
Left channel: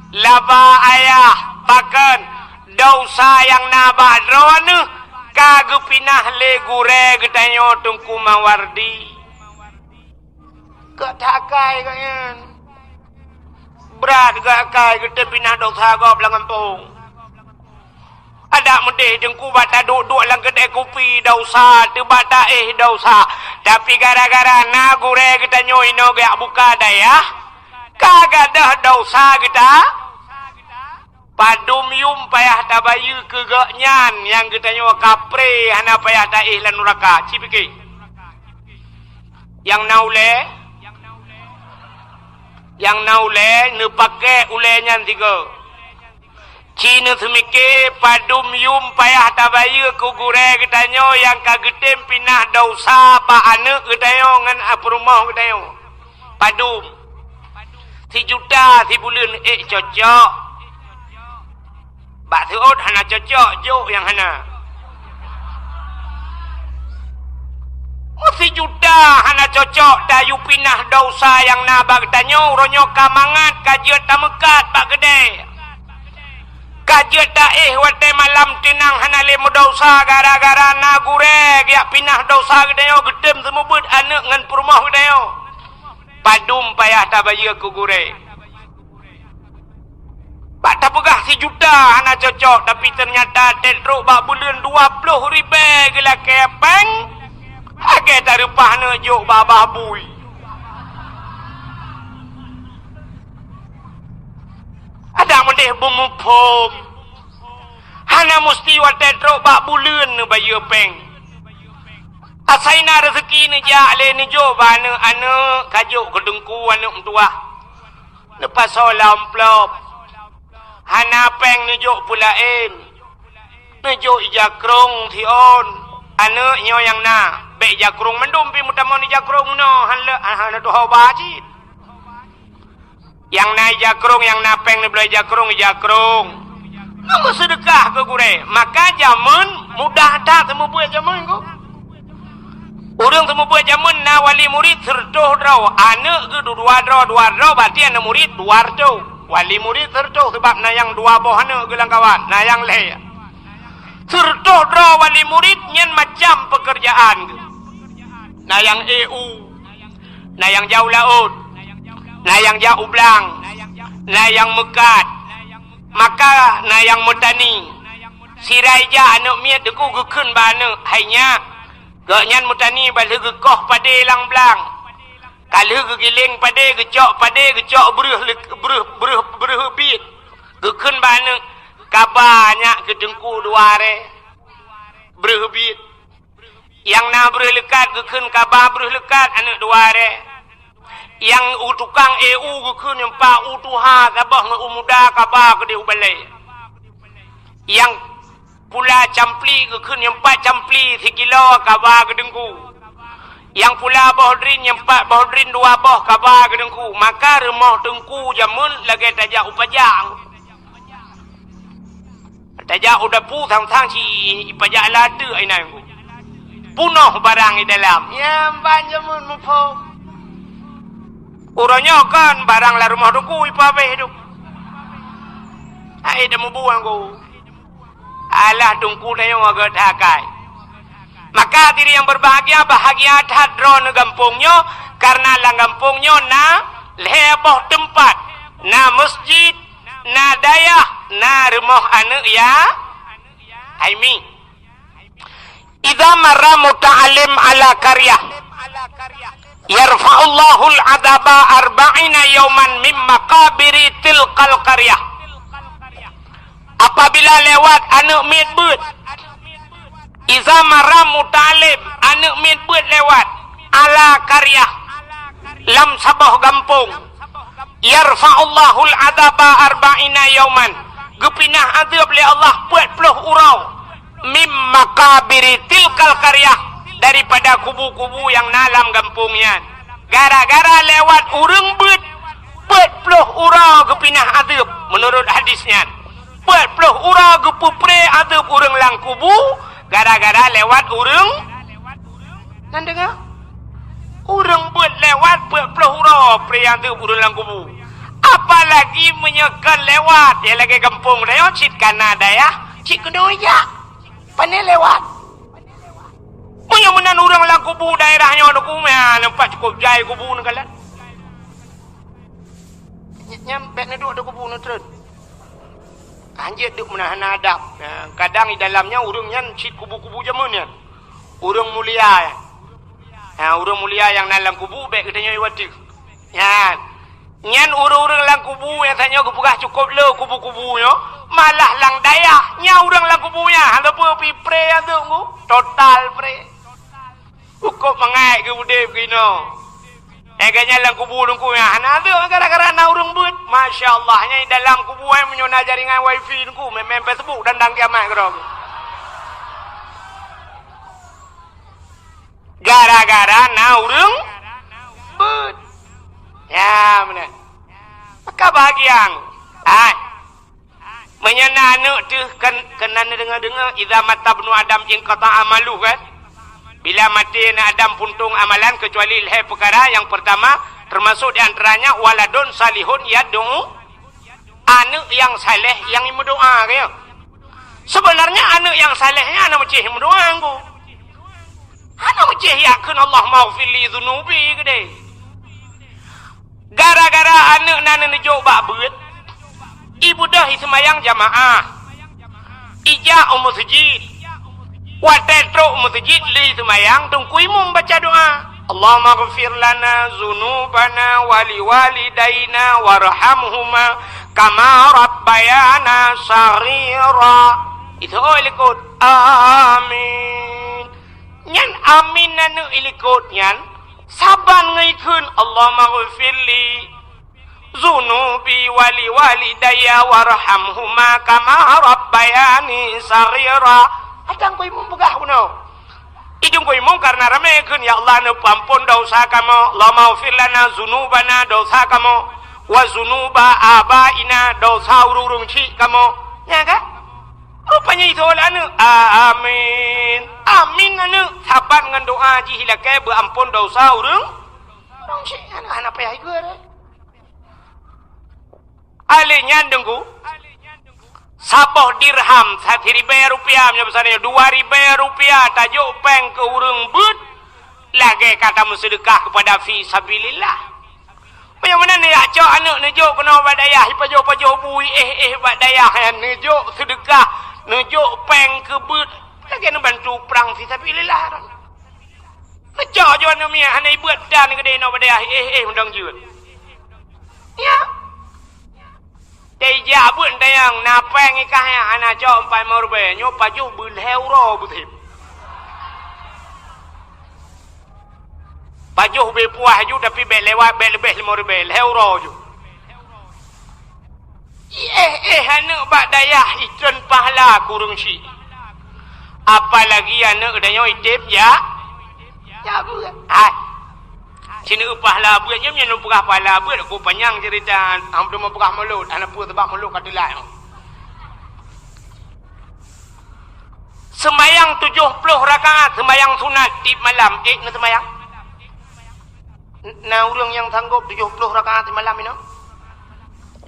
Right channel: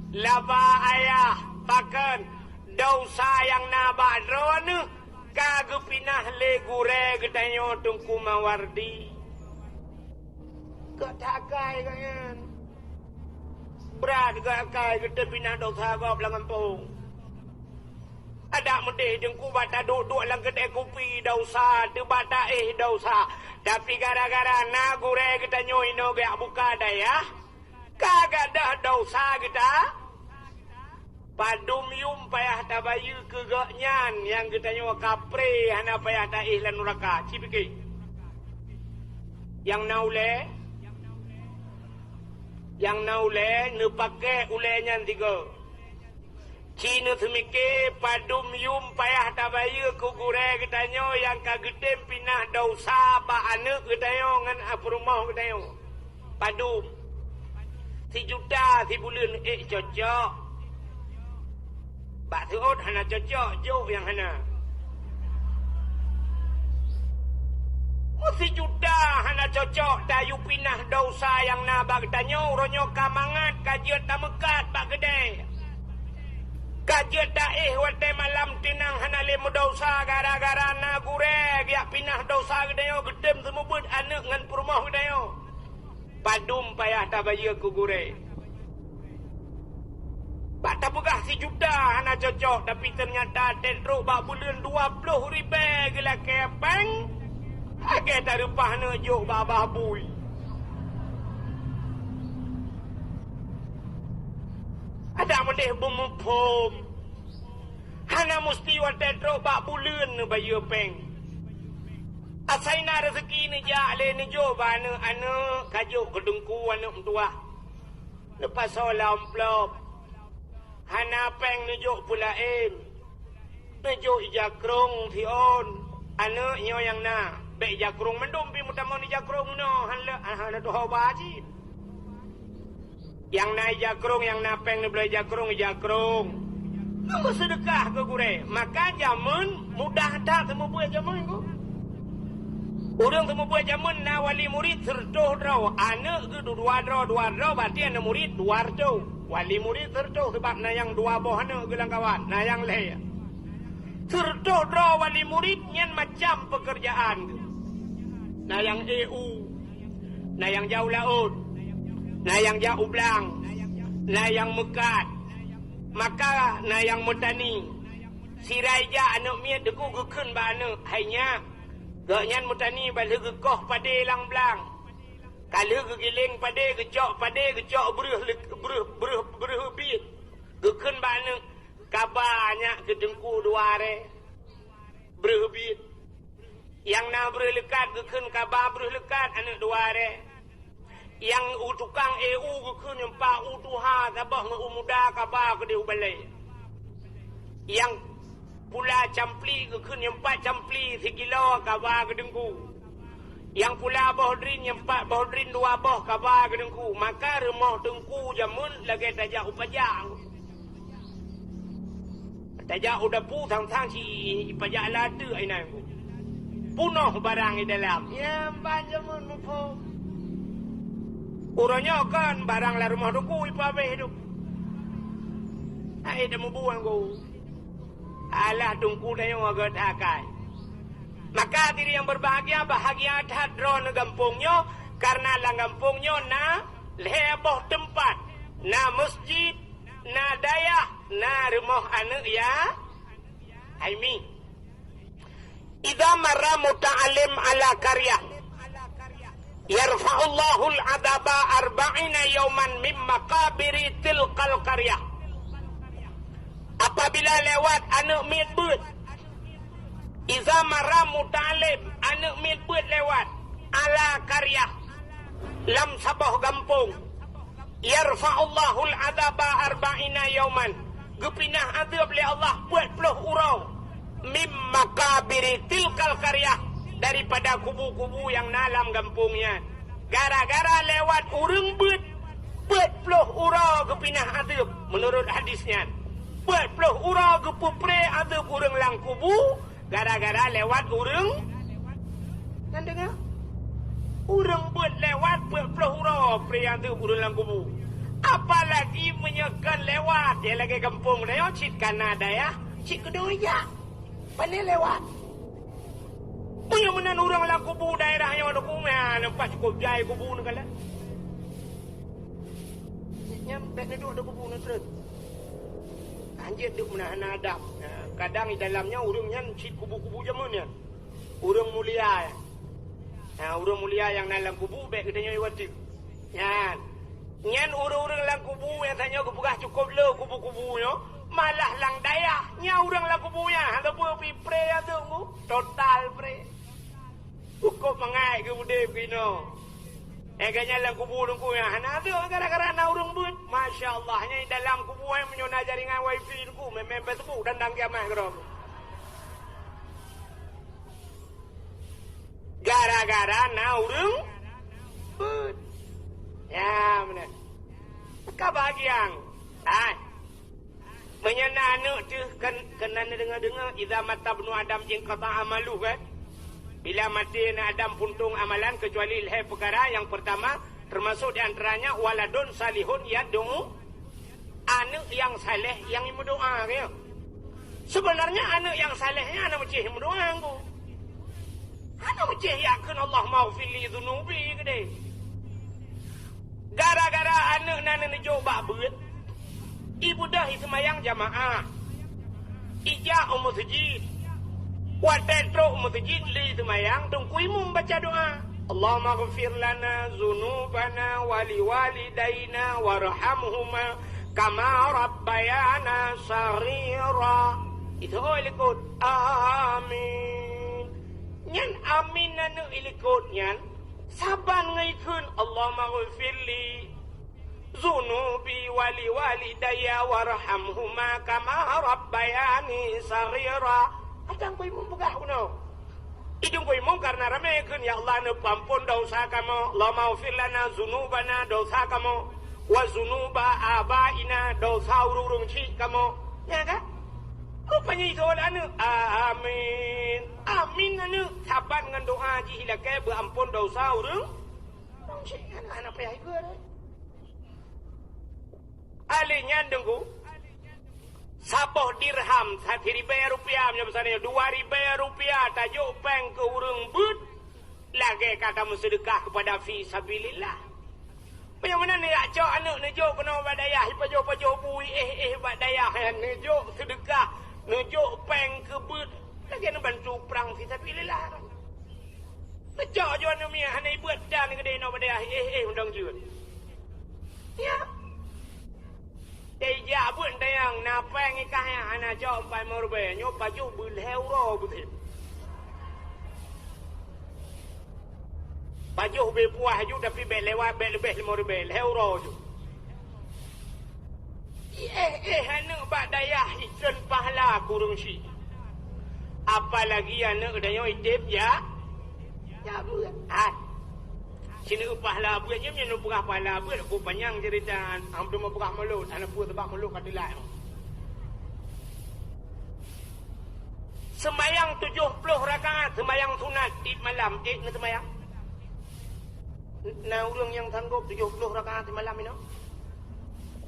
Laba ayah bahkan dosa yang nabak drone kagak pinah le gure gedanyo dengku mawardi. Katakai kayan. Berat kai kita pinah dosa kau belang kampung. Ada mendeh dengku bata duduk lang kedai kopi dosa, bata dosa. Tapi gara-gara na gure kita nyoino gak buka daya, kagak dah dosa kita. Padum yum payah tabayu kegaknyan yang kita nyawa kapre hana payah taih lan neraka. Cipiki. Yang naule ne pakai ulenya tiga. Cina semike padum yum payah tabayu ku gure getanyo yang kagetem pinah dosa pa ane getanyo ngan aprumah getanyo. Padum. Si juta si bulan cocok. Bak seot hana cocok jo yang hana. Si juta hana cocok dayu pinah dosa yang nabak tanyo ronyo kamangat kajiat tamekat bak gede. Kajiat daih wate malam tenang hana lemu dosa gara-gara na gureg ya pinah dosa gede yo gedem semubut anak ngan purmah gede yo. Padum payah tabaya ku gureg. Bak tapegah si juta hana cocok tapi ternyata tentruk bak bulan 20,000 gila kepeng. Agak tak rupah nak jok babah bui. Ada mendeh bumupom. Hana mesti wadah trok bak bulan ni bayi peng. Asaina rezeki ni jale ni jok bana anak kajuk kedengku anak mentua. Lepas solam plop. Hana peng ni jok pulain. Ni jok ijakrong tion. Anak nyo yang na. Baik jakrung mendum pi mutamon ni jakrung no hala tu hawaji. Yang na jakrung yang napeng ni belai jakrung. Kamu sedekah ke gure. Maka zaman mudah tak temu buat zaman ko. Urang temu buat zaman na wali murid serdoh draw. Anak ke dua draw berarti anak murid dua draw. Wali murid serdoh sebab na yang dua boh anak gelang kawan. Na yang leh. Serdoh draw wali murid nyen macam pekerjaan. Na yang EU, na yang jauh laut, na yang jauh belang, na yang mekat, maka na yang mutani. Siraija anak miat deku gekun bana hanya gaknyan mutani balik gekoh pada lang belang. Kalau gegiling pada gecok beruh bit gekun bana kabanya kedengku duare beruh bit. Yang na beruh lekat gekun kabah beruh lekat anak duare. Yang tukang EU gekun yang pa utuha kabah nge umuda kabah ke dia balai. Yang pula campli ke kun yang 4 campli 3 kilo kabar ke dengku. Yang pula bohdrin yang 4 bohdrin 2 boh kabar ke dengku. Maka remah dengku jamun lagi tajak upajang. Tajak udah pu thang-thang si ipajak lada ai nai ku. Punuh barang di dalam. Ya banjamun mupo. Uranya kan barang la rumah dengku ipabe hidup. Ai dah buang ku. Alah dengku dah yang agak takai. Maka diri yang berbahagia bahagia hadron gampungnya karena lang gampungnya na leboh tempat, na masjid, na dayah, na rumah anak ya. Aimi. Idza marra muta'allim ala qaryah yarfa'ullahu al-'adaba 40 yawman min maqabiri tilqal qaryah. Apabila lewat anak midbut, iza marra muta'allim anak midbut lewat ala qaryah lam sabah gampung, yarfa'ullahu al-'adaba 40 yawman, gepinah azab li Allah 40 urau mim makabiri tilkal qaryah, daripada kubu-kubu yang dalam kampungnya. Gara-gara lewat urang bet 40 urau gepinah azab menurut hadisnya. 40 urau gepupre azab urang lang kubu gara-gara lewat urang. Nan dengar? Urang bet lewat 40 urau pre azab urang lang kubu. Apalagi menyekan lewat dia lagi kampung dah cik Kanada ya. Cik Kedoya. Pandai lewat. Punya menan orang lah kubu daerahnya ada kumah nampak cukup jai kubu nak kalah. Nyampe ni ada kubu nak terus. Anjir duk menahan adab. Kadang di dalamnya urangnya cik kubu-kubu jamannya. Urang mulia ya. Urang mulia yang dalam kubu baik katanya iwati. Yan. Nyan urang-urang dalam kubu yang tanya kepugah cukup le kubu-kubunya. Malah lang dayah nya urang lang kubunya handa pu pi pre atu ku total pre ukop mangai ke bude begino eganya lang kubu ku ya hana tu gara-gara na urang but masyaallah nya dalam kubu ai menyona jaringan wifi ku mem Facebook dan dang kiamat ke gara-gara na urang but ya benar maka bahagian menyana anak tu kena dengar-dengar idza mata ibnu adam in qata amalu kan. Bila mati anak Adam puntung amalan kecuali leh perkara yang pertama termasuk di antaranya waladun salihun yad'u, anak yang saleh yang berdoa ya. Sebenarnya anak yang salehnya anak macam berdoa aku. Anak macam yakin Allah maghfir li dzunubi gede. Gara-gara anak nana nejo bak beut ibu dah semayang jamaah ijak masjid watetro masjid li semayang tungku imam baca doa Allahumma ghafir lana zunubana wali walidaina warhamhuma kama rabbayana saghira. Itu ilikut amin nyan amin nanu ilikut nyan saban ngaikun Allahumma ghafir li zunubi wali walidayya warhamhuma kama rabbayani saghira. Atang ko imong bugah kuno. Idung ko imong karena ramekeun ya Allah nu pampun dosa kamo, la maghfir lana zunubana dosa kamo, wa zunuba abaina dosa urung ci kamo. Ya ka? Rupanya itu anu. Amin. Amin anu sabat ngan doa ji hilake beampun dosa urung ci anak payah ieu. Alinya dengku sapoh dirham 1.000 rupiah besarnya 2.000 rupiah tajuk peng ke urang but lagi kata sedekah kepada fi sabilillah. Bagaimana ni acak anak nejuk kena badayah pajo-pajo bui badayah nejuk sedekah nejuk peng ke but lagi nak bantu perang fi sabilillah. Nejuk jo anu mia hana ibuat dan gede no badayah undang jeut. Ya. Dia pun tayang napeng ikahnya anak jom 4 rupiah nyo pajuh euro betul. Pajuh be puah ju tapi be lewat be lebih 5 rupiah euro ju. Anak bak dayah ikon pahala kurung si. apalagi anak kedanya itip ya buat sini upah lah buat jam yang upah pala buat aku panjang cerita hampir mau pegah mulut anak pun tebak mulut katilah sembayang 70 rakaat sembayang sunat di malam na sembayang nah orang yang sanggup 70 rakaat di malam ini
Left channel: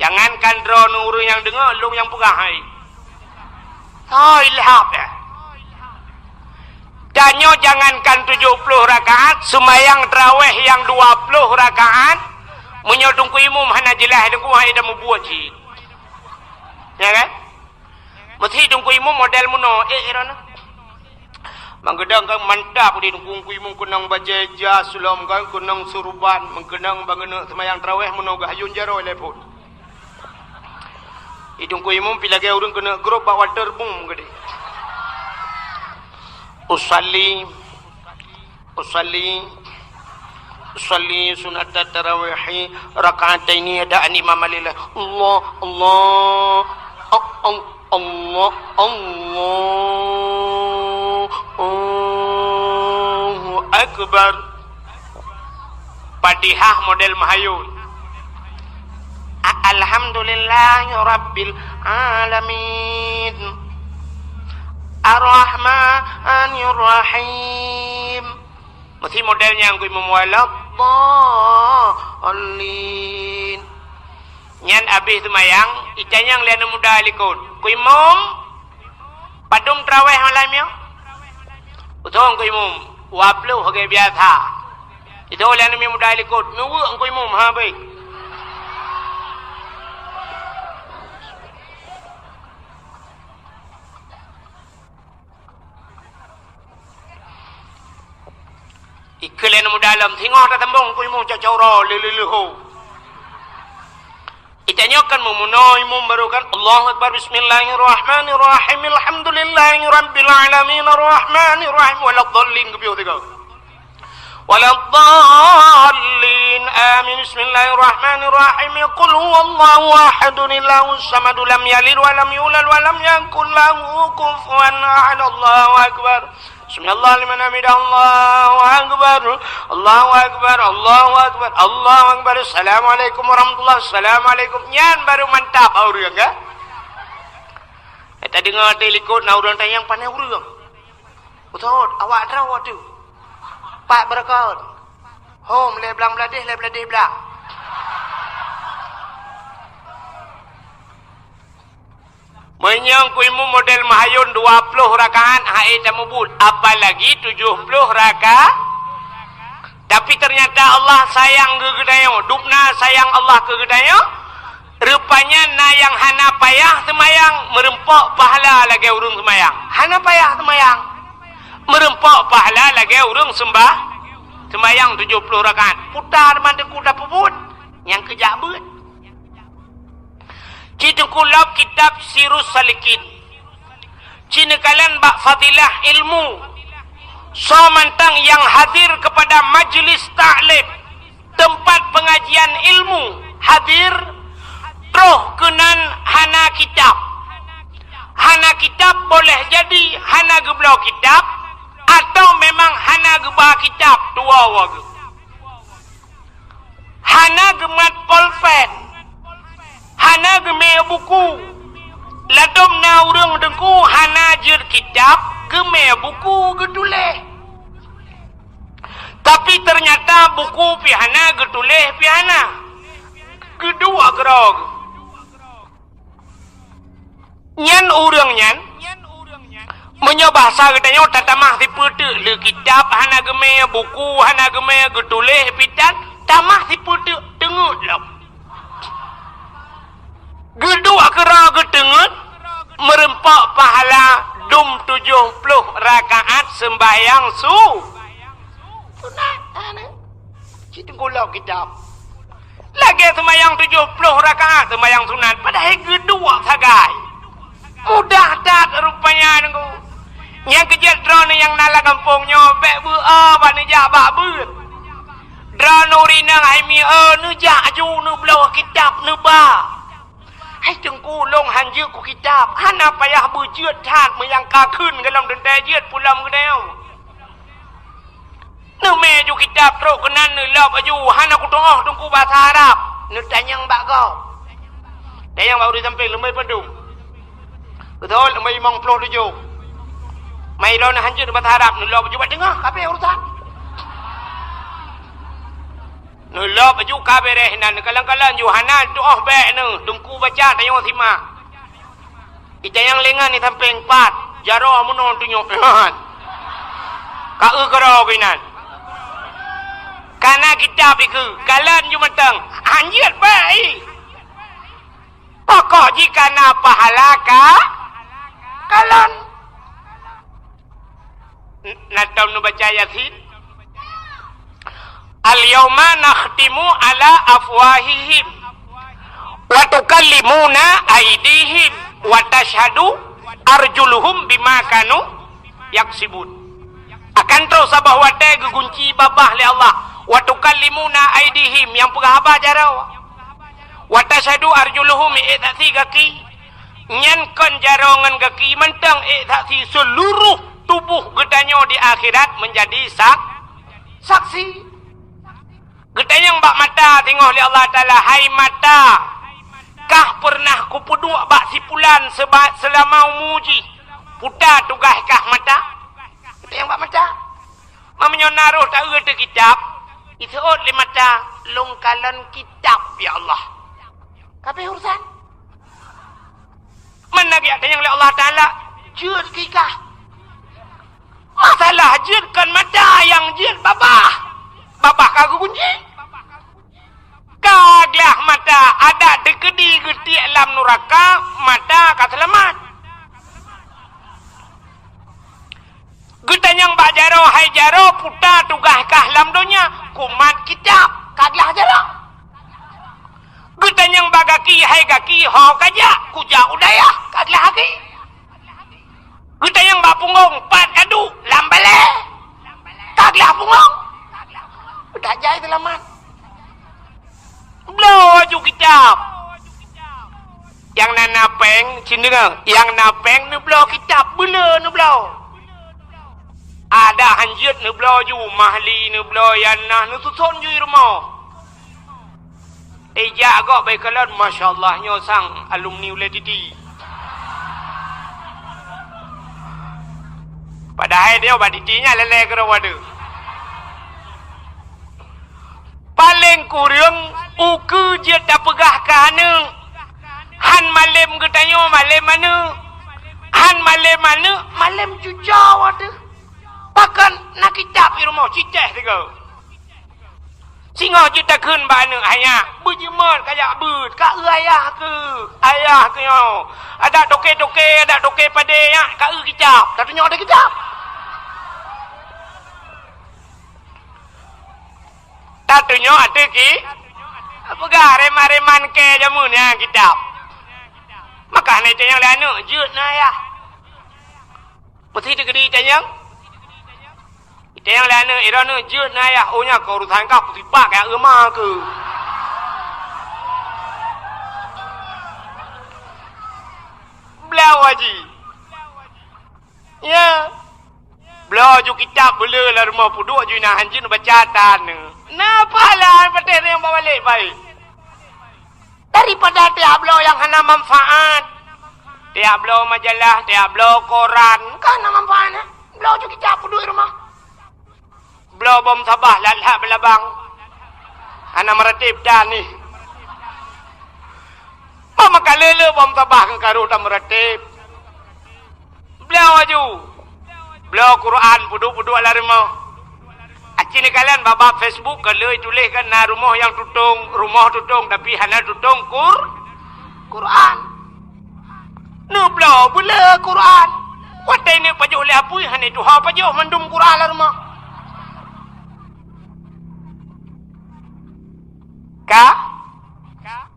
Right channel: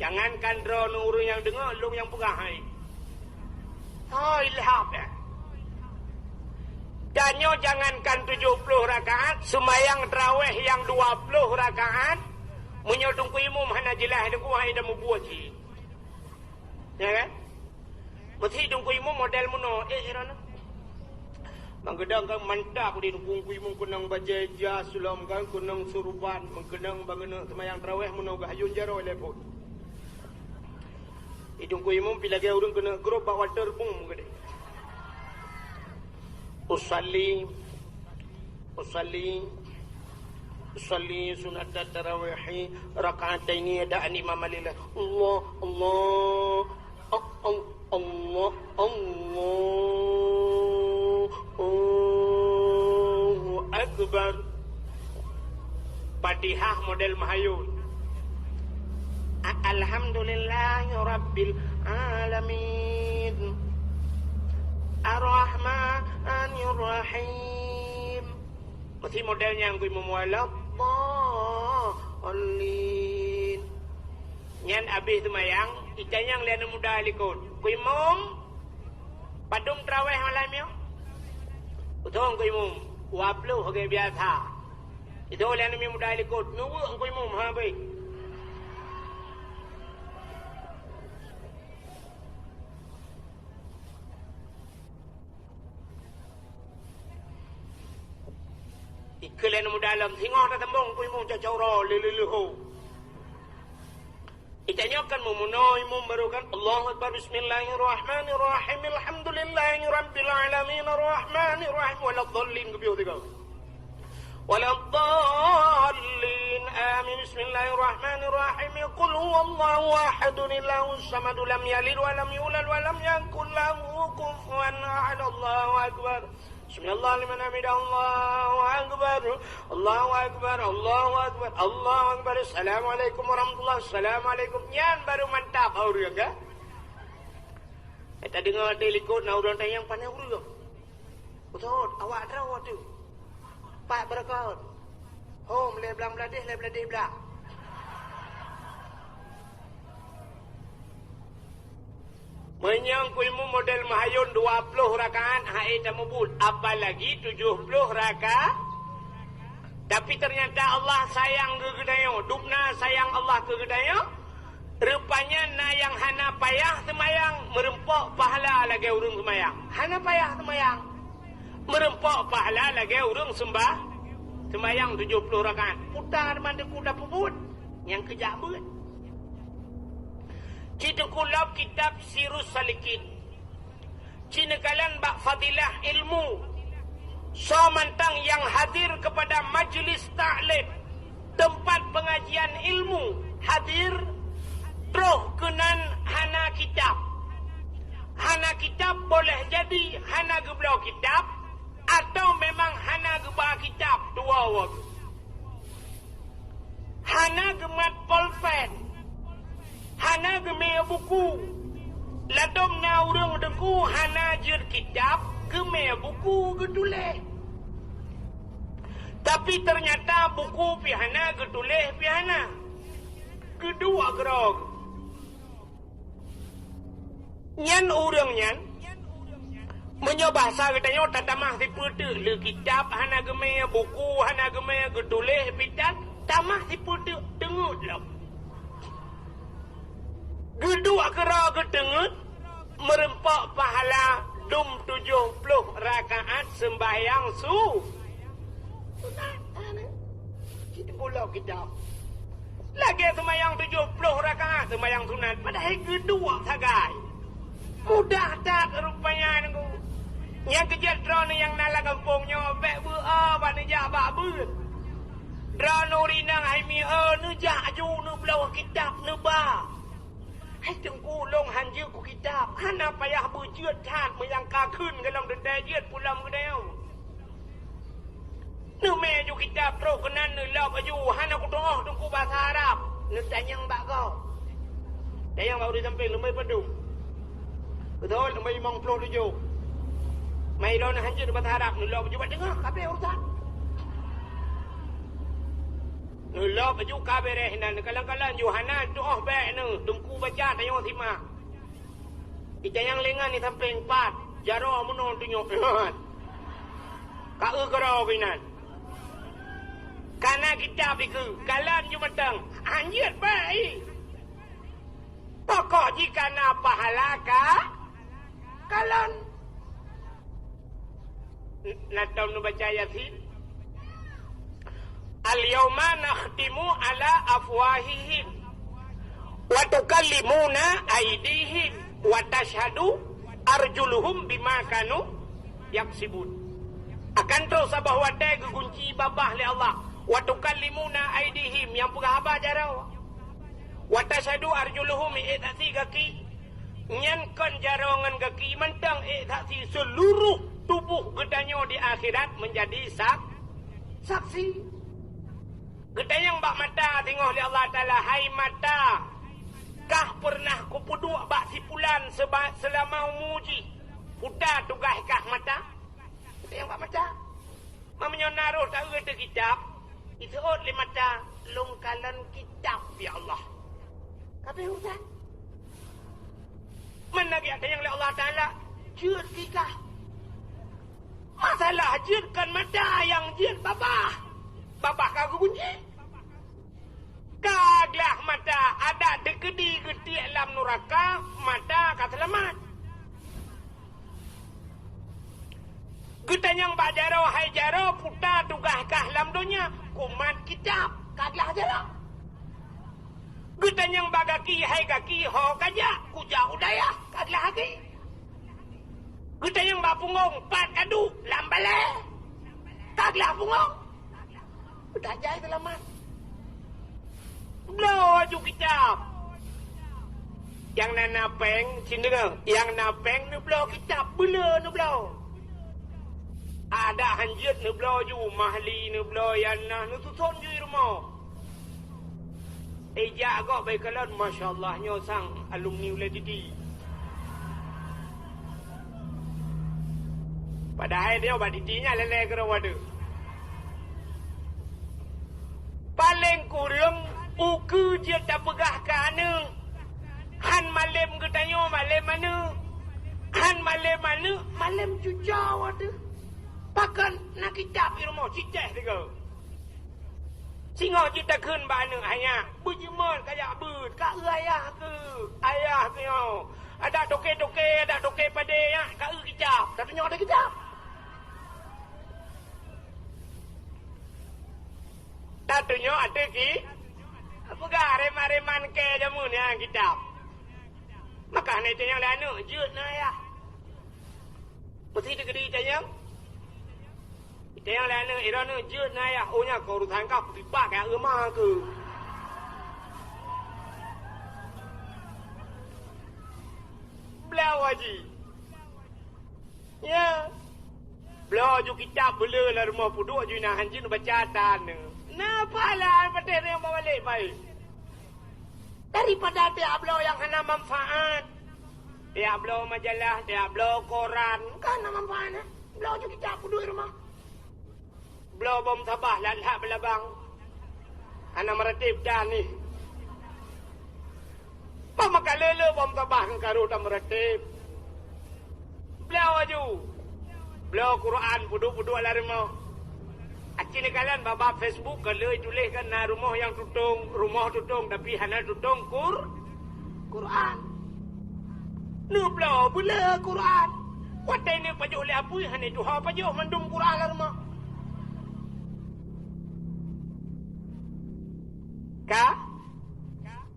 jangankan drone orang yang dengar lu yang pegah hai ilham ya danyo jangankan 70 rakaat sembayang tarawih yang 20 rakaat menyodong ku imam hana jelah dengku hai dah membuat ji ya kan mesti dengku imam model muno irana mangedang kan mantap di dengku imam kunang bajeja sulam kan kunang suruban mengkenang bangena sembayang tarawih muno gayun jaro lepun idungku imam pilagi urang kena grup bawa terbung gede usalli sunat tarawih raka'ataini da'an imam lillah Allahu akbar Fatihah model mahayun alhamdulillahi rabbil alamin Ar-Rahmanir Rahim. Mesti modelnya yang kui memualaf Dhalin. Nyan abis semayang icanyang lian muda alikun. Kui mum padum tarawih malam ya. Utong kui mum waplu hagai biasa. Itu lian muda alikun. Nuwu kui mum ha baik. Ikelen mu dalam tengok dah tembong ku mu cacoro leleho itanya kan memunoi mu barukan Allahu akbar bismillahirrahmanirrahim alhamdulillahi rabbil alamin arrahmanir rahim waladdallin kebiu tiga waladdallin amin bismillahirrahmanirrahim qul huwallahu ahadun illahus samad lam yalid wa lam yulad wa lam yakul lahu kufuwan ahad Allahu akbar Bismillah liman hamidah Allahu akbar Allahu akbar Allahu akbar Allahu akbar Assalamualaikum warahmatullahi Assalamualaikum nyan baru mantap orang enggak kita dengar telikot na orang tayang pandai orang betul awak terawat tu pak berkat hom le belang beladih belah menyang ku ilmu model mahayun 20 rakaat hai dah mubul apalagi 70 rakaat tapi ternyata Allah sayang ke gedayo dupna sayang Allah ke gedayo rupanya na yang hana payah semayang merempok pahala lagi urung semayang hana payah semayang merempok pahala lagi urung sembah semayang 70 rakaat putar mandi kuda puput yang kejabut Cina kulab kitab Sirus Salikin. Cina kalian bak fadilah ilmu. So mantang yang hadir kepada majlis ta'lim. Tempat pengajian ilmu. Hadir. Roh kenan hana kitab. Hana kitab boleh jadi hana geblau kitab. Atau memang hana gebah kitab. Dua wagu. Hana gemat polpen. Hana geme buku ladom na urang dengku hana jer kitab geme buku geduleh tapi ternyata buku pihana geduleh pihana kedua gerog nyan urang nyan menyobahasa katanya tatamah dipede le kitab hana geme buku hana geme geduleh pitan tamah dipede dengut lah gedua kera gedengut merempak pahala dum 70 rakaat sembahyang sunat kita gulau kitab lagi sembahyang 70 rakaat sembahyang sunat padahal gedua sagai mudah dat rupanya nengku yang kejat drone yang nala kampungnya bek bu bani jabak beut drone urina hai mi nu jak ju nu belau kitab nu ba ให้จึงกูลงหันยืดกูกิจาบหันอาไปยาบือเจือดชาติเมื่อยังกาขึ้นกันลำเดินแต่เยือดปุลำกันแล้วนึกเมย์อยู่กิจาบโตกันนั่นนึกรอบอายุหันaku tengok tunggu bahasa Arabนึกแต่ยังบะก็แต่ยังbaru sampai lemai pendum betul lemai mong ploh tujuh mai lo nak hancur bahasa Arabนึกรอบอายุบัดdengar kape urusanนึกรอบอายุkape deh nan kalang-kalang Yohanan doa baik nu tunggu baca tayang sima ija yang lengan ni sampai 4 jaro amunon tunjuk ka karo kinan karena kitab itu kalian cuma teng anjir baik pokok jika na pahala kalian natam nu baca Yasin al-yawma nakhtimu ala afwahihim wa tukallimuna aydihim wa tashhadu arjuluhum bima kanu yaksibun akan terus sabah wadai gegunci babah li Allah wa tukallimuna aydihim yang pegahaba jarau wa tashhadu arjuluhum i'tasi kaki nyankan jarongan kaki mentang i'tasi seluruh tubuh gedanyo di akhirat menjadi saksi gedanyang bak mata tengok li Allah Ta'ala hai mata kah pernah ku puduk bak sipulan selama umuji putar tugas kah mata gedanyang bak mata mamanya naruh tak ada kitab isuot li mata longkalan kitab ya Allah kape urusan mana dia tanya oleh Allah Ta'ala jud kikah masalah judkan mata yang jud babah kagak kunci kaglah mata ada dekedi geti alam neraka mata kaselamat getanyang bak jaro hai jaro puta tugas kah lam dunia kumat kitab kaglah jaro getanyang bak kaki hai kaki ho kaja kuja udaya kaglah kaki getanyang bak punggung pat kadu lambale kaglah punggung udah jai selamat blow ju kitab yang nana peng cindeng yang napeng nu blow kitab bela nu blow ada hanjut nu blow ju mahli nu blow yanah nu susun ju rumah eja agak baik kalan masyaallah nyo sang alumni ule titi padahal dia baditinya lele kero wadu paling kurang uku je tak pegah kahana han malam getanyo malam mana han malam mana malam jujau ada pakan nak kitab di rumah cicah tiga singa kita kun bana ayah berjemar kayak bud kak ayah ke yo ada toke pada ya kak kitab katanya ada kitab tatunya ada ki apakah reman ke jamunya kitab maka ni tanyang lanu jut na ya mesti digedi tanyang lanu iranu jut na ya ohnya keurusan kau putih pak kayak emah ke belau haji ya belau ju kitab bela lah rumah puduk ju na hanjin baca tanah napa lah petir yang bawa balik baik daripada Diablo yang hana manfaat Diablo majalah Diablo koran kan hana manfaatnya Diablo juga kitab duduk di rumah Diablo bom sabah lalak belabang hana meratib dah ni mama kalele bom sabah kan karu tak meratib Diablo aju Diablo Quran puduk lah rumah Acini kalian babak Facebook kalau tuliskan na rumah yang tutung tapi hana tutung Quran. Nublo bula Quran. Watai ni pajuh le apui hana tu ha pajuh mandum Quran lah rumah. Ka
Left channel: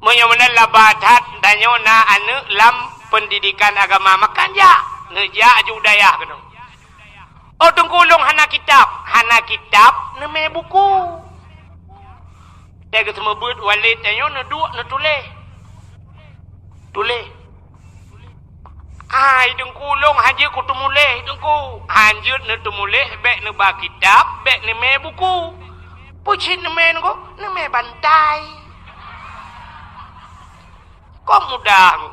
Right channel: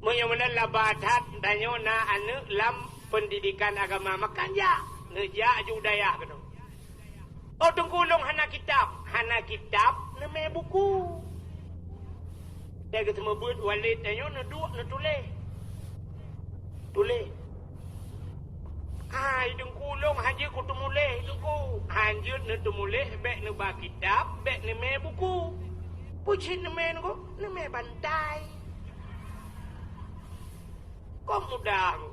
menyamana labatat danyo na anu lam pendidikan agama makan ja ngeja judaya kena. Oh tungkulong hana kitab neme buku dia kata mebut walid tanyo na dua na tulis Tulis. Ai dengku long haji ku tumulih dengku. Hanjut ne tumulih bek ne ba kitab, bek ne me buku. Pucin ne me ko, ne me bantai. Kok mudah ku.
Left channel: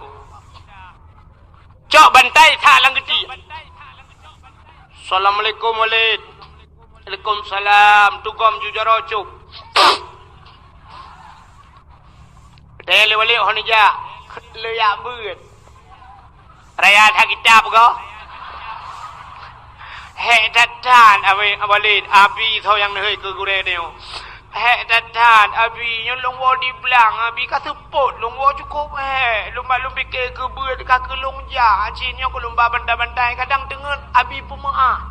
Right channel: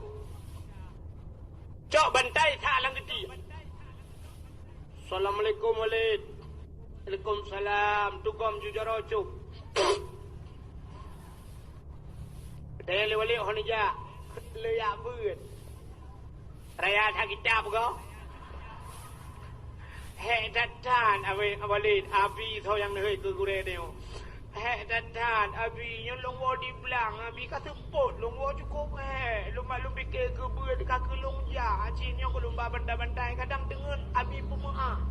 Cok bantai tak lang gede. Assalamualaikum walid. Waalaikumsalam. Tugam jujaro cuk. Tele wali honija. Le ya beut. Raya tak kitab ko. He datan walid abi tho yang hei ke gure neo. He datan abi nyon long wo di belang abi ka sepot long wo cukup he. Lumba lumbi ke beut ka ke long ja. Cin yang ko lumba bandai-bandai kadang dengan abi pemaah.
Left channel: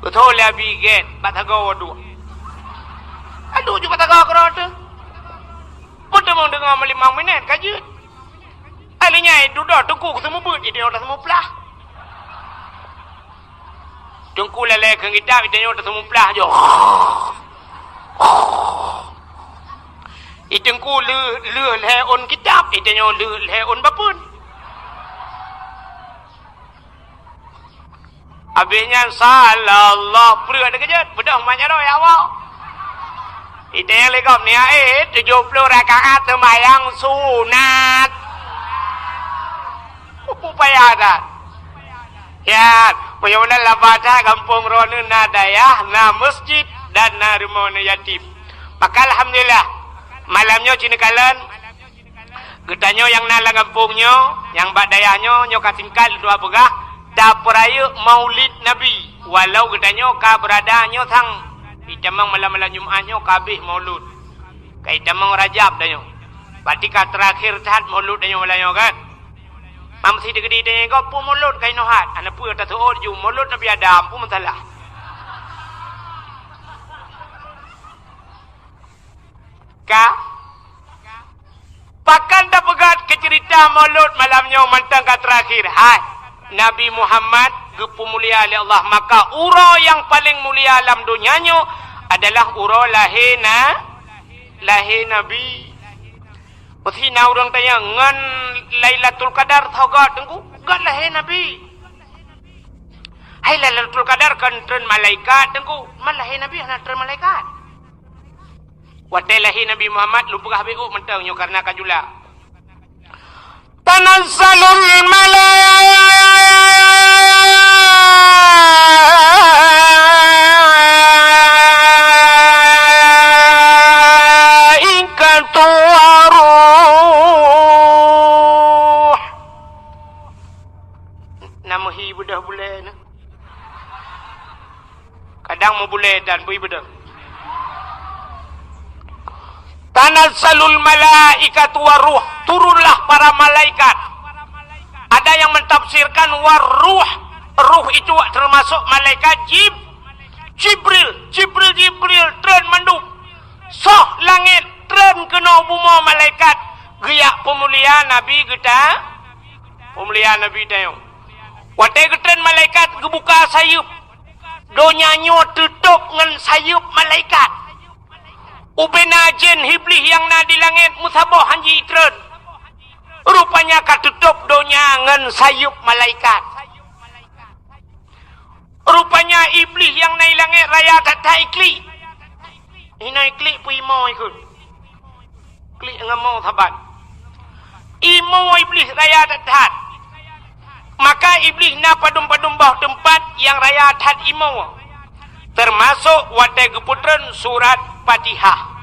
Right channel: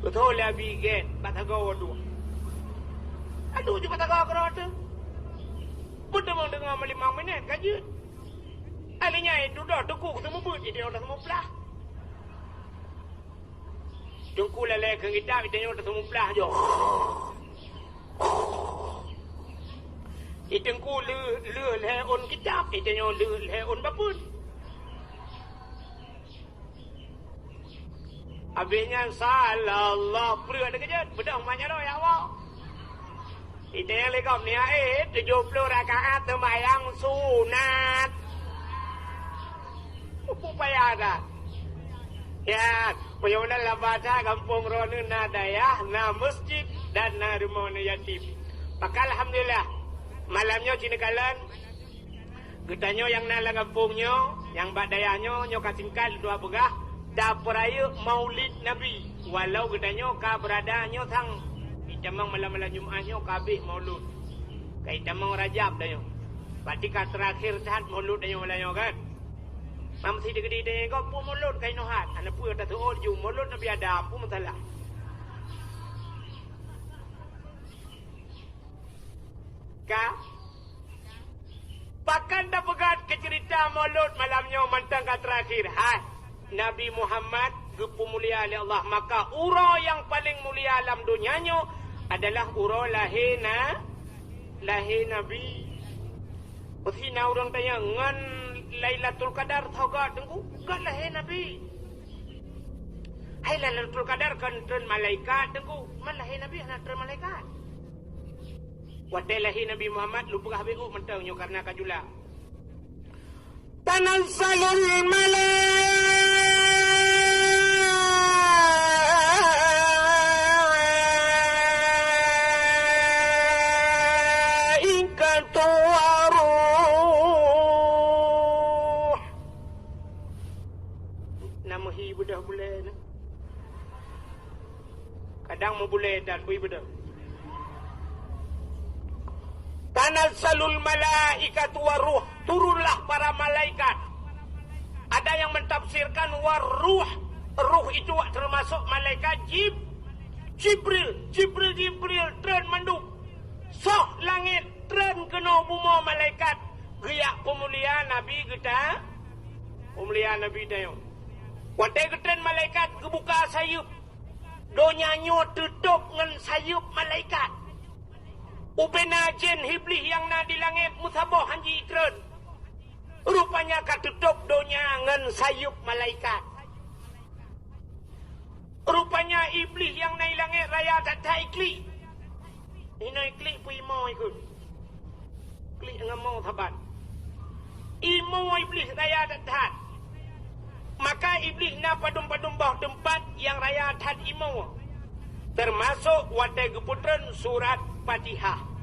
Betul lah biget, batagaw adu. Aduh juga batagaw kerana. Betul mau dengar 5 minit kaji. Alinya itu dah tunggu ketemu but, jadi orang semua pelah. Tunggu lele kita, jadi orang semua pelah jo. Itunggu le on kitab, jadi orang le on bapun. Habisnya salallah pria ada kejut. Bedah banyak dah ya awak. Itu yang legam ni 70 rakaat sembahyang sunat. Upaya dah. Ya, punya labada kampung Ronu Nadaya, na masjid dan na rumah yatim. Maka alhamdulillah malamnya cina kalian getanyo yang nala kampungnya, yang badayahnya nyo kasingkal dua pegah. Tak peraya maulid Nabi. Walau katanya ka beradanya sang itamang malam-malam Jumaatnya kabeh maulud. Kai itamang Rajab danyo. Berarti ka terakhir tahat maulud danyo malanyo kan. Mam si digede danyo ko pu maulud kai nohat. Ana pu ta suod ju maulud Nabi Adam pu masalah. Ka pakan dah pegat ke cerita maulud malamnya mantang ka terakhir. Hai Nabi Muhammad gepu mulia oleh Allah, maka ura yang paling mulia alam dunianya adalah ura lahir Nabi. Usina orang tanya ngan Lailatul Qadar tau gak tengku gak lahir Nabi. Hai Lailatul Qadar kan tren malaikat tengku mal lahir Nabi ana tren malaikat. Wadai lahir Nabi Muhammad lupa habiu mentang nyo karena kajula. Tanazzalul malaikatu waruh. Nama hi budah boleh na. Kadang mau boleh dan bui budah. Tanazzalul malaikatu waruh, turunlah para malaikat. Ada yang mentafsirkan waruh, ruh itu termasuk malaikat Jibril tren manduk. Soh langit tren kena buma malaikat. Giyak pemuliaan Nabi kita. Pemuliaan Nabi tayong. Watai tren malaikat gebuka sayup. Donyanyo tutup dengan sayup malaikat. Ubena jen hiblis yang na di langit musabah hanji itren. Rupanya katutup donya ngan sayup malaikat. Rupanya iblis yang na langit raya tak ikli. Ina ikli pu imo ikut. Klik ngamau sabat. Imo iblis raya tak. Maka iblis na padum-padum bawah tempat yang raya tak imo. Termasuk watai keputran surat Fatihah.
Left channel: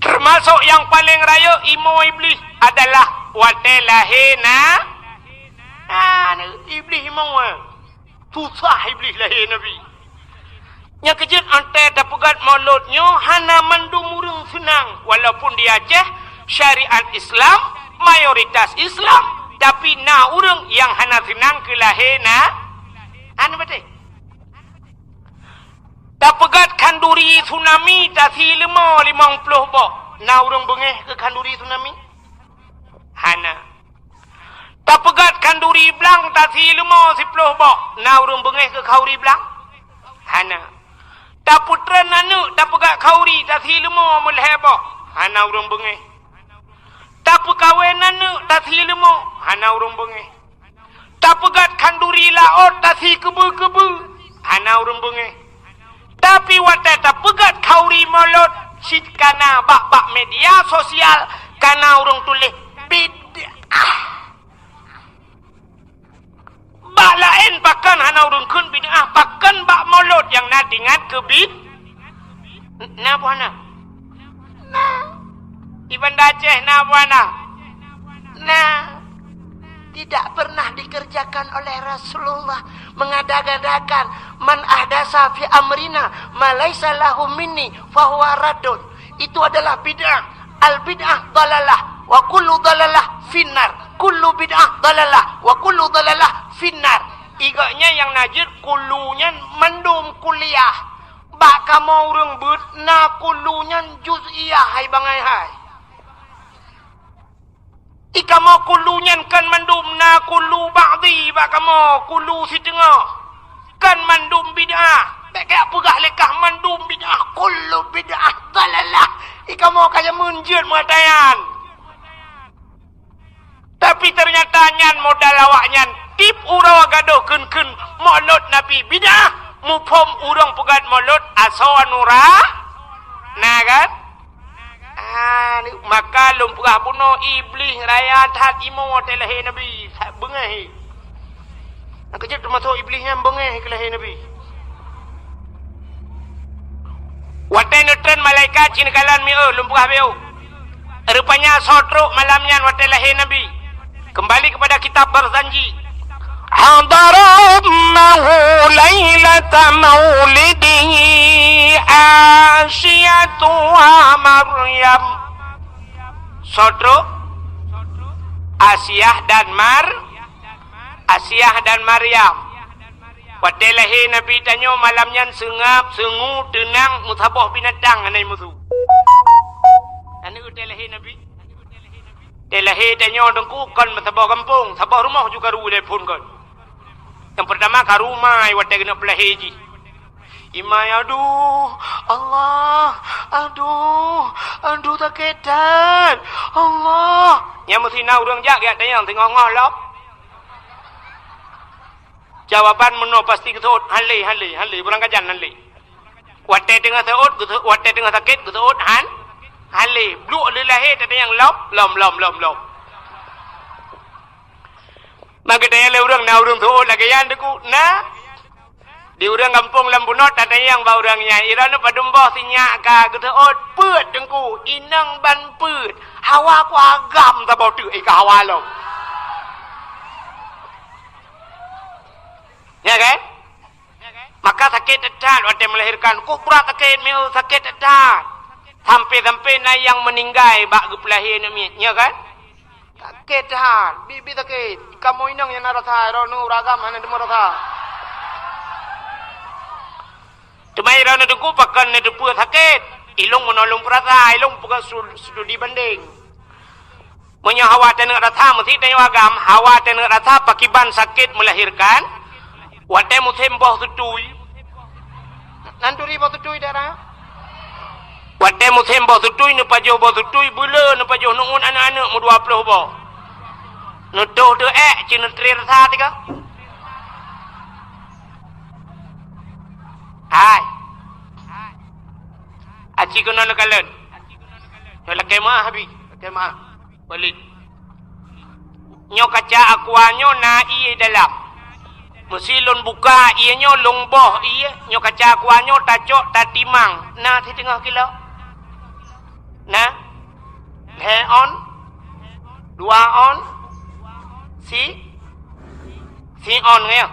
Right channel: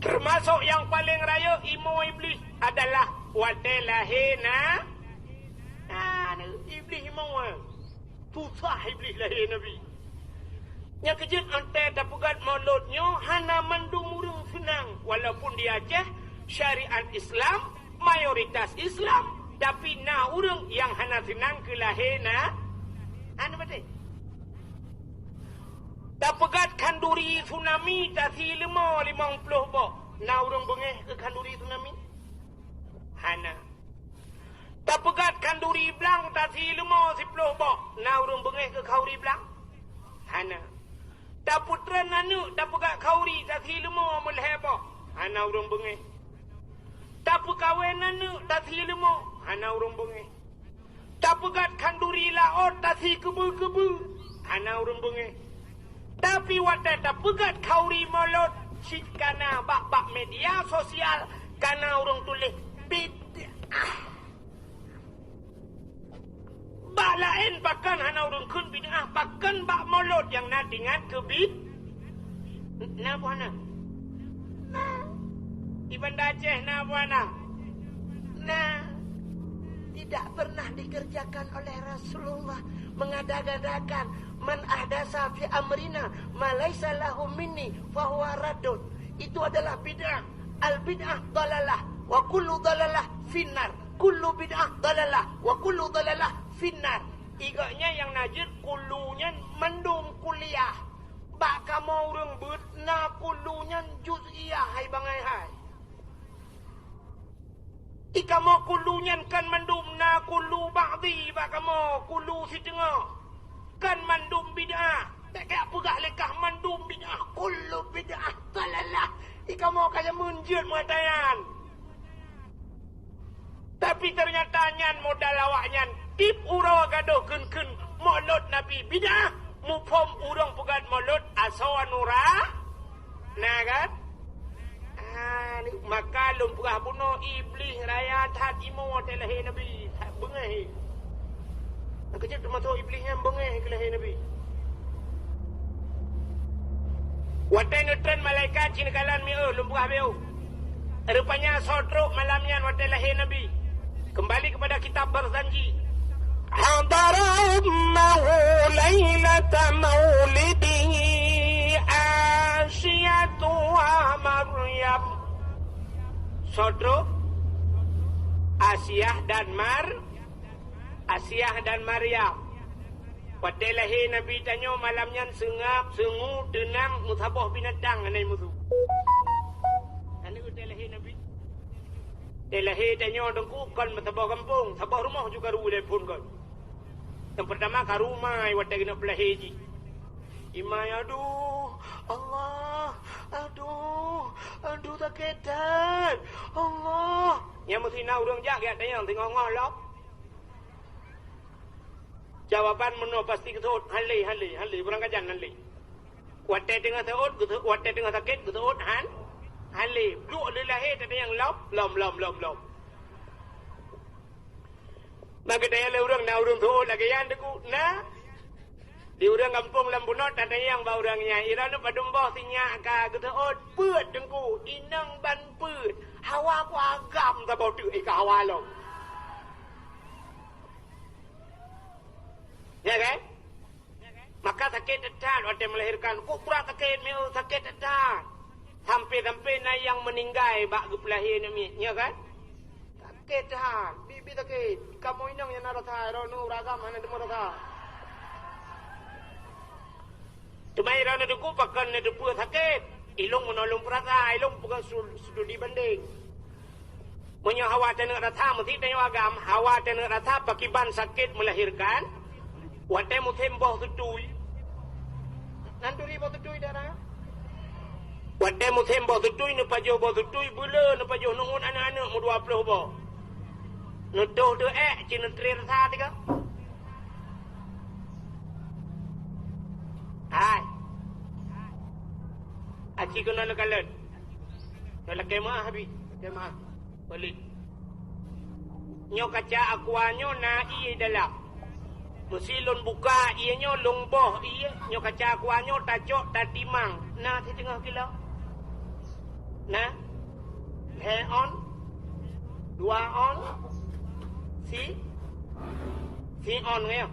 Termasuk yang paling raya imo iblis adalah watai lahina. Iblis imo susah iblis lahir Nabi. Yang kejut antai dapat mauludnya hana mandumurung senang. Walaupun di Aceh syariat Islam mayoritas Islam, tapi na urang yang hana senang ke lahina. Anu betul. Tak pegat kanduri tsunami tak si 50 bok. Na urang bengeh ke kanduri tsunami? Hana. Tak pegat kanduri belang tak si 50 bok. Na urang bengeh ke kauri belang? Hana. Tak putra nanu tak pegat kauri tak si 50 bok. Hana urang bengeh. Tak perkawinan nu tak si lemo. Hana urung bengeh. Tak pegat kanduri laot tak si kebu-kebu. Hana urung bengeh. Tapi wadah tak pegat kauri molot. Sit kana bak-bak media sosial. Kana urung tulis bid'ah. Bak lain bahkan hana urung kun bid'ah. Bahkan bak molot yang nak ingat ke Nah buana. Nah. Iban Aceh nah buana. Nah. Tidak pernah dikerjakan oleh Rasulullah. Mengadakan man ahdasa fi amrina ma laisa lahu minni fahuwa raddun. Itu adalah bid'ah. Al bid'ah dalalah wa kullu dalalah finnar. Kullu bid'ah dalalah wa kullu dalalah finnar. Iganya yang najir kulunya mendum kuliah. Bak kamu urang beut na kulunya juz'iyah hai bangai hai. Ika mau kulunya kan mendum na kulu ba'di bak kamu kulu si tengah. Kan mendum bid'ah. Bek kaya pegah lekah mendum bid'ah kulu bid'ah dalalah. Ika mau kaya munjut mengatayan. Tapi ternyata nyan modal awaknya tip urawa gaduh kun molot nabi bid'ah. Mupom urang pegat molot asawa nura. Nah kan? Maka lumpurah bunuh iblis raya tahat imo watelahi nabi. Bengah. Nak kejap termasuk iblisnya bengah ke lahir nabi. Watai nutran malaikat cinikalan mi'u lumpurah bi'u. Rupanya sotruk malamnya watelahi nabi. Kembali kepada kitab berjanji. Hadaramahu laylata maulidihi Asyatu wa Maryam. Sodro Asyah dan Maryam. Wadelahi Nabi tanyo malamnya sengap, sengu, tenang, musabah binatang anai musuh. Anu delahi Nabi. Delahi tanyo dengku kan musabah kampung, sabah rumah juga ru telefon kan. Yang pertama ke rumah, wadah kena pelahi ji. Imai, aduh, Allah, aduh tak ketan, Allah. Yang mesti nak urang jak, dia tanya, tengok ngolok. Jawaban meno pasti ketut, hali, berang kajan hali. Wadah tengah seut, wadah tengah sakit, ketut, hali. Bluk lelahi, dia tanya, lom. Maka tanya le urang na urang tu lagi yang deku na di urang kampung Lambunot ada yang ba urangnya irana padumboh sinyak ka geteot peut dengku inang ban peut hawa ku agam ta bau tu ka hawa lo. Ya kan? Maka sakit dekat waktu melahirkan ku pura sakit meu sakit dekat. Sampai na yang meninggal bak gepelahir ni ya kan? Sakit dah, bibi sakit. Kamu inang yang narasa, ronu ragam hana demo rasa. Tumai ronu duku pakan ne depu sakit. Ilung menolong perasa, ilung bukan studi banding. Munya hawa tenang rasa mesti tayo agam, hawa tenang rasa pakiban sakit melahirkan. Wate musim boh tutui. Nanturi boh tutui darah. Wate musim boh tutui ne pajo boh tutui bula ne pajo nungun anak-anak mu 20 boh. Nuduh tu cina teri rasa tiga. Hai. Aci kena nakalan. Yo lagi mah habis. Kemah. Balik. Nyo kaca akuanyo na iye dalam. Mesilon buka iye nyo longboh iye. Nyo kaca akuanyo tacok tatimang. Na di tengah kilo. Na. He on. 2 on. Si on ya.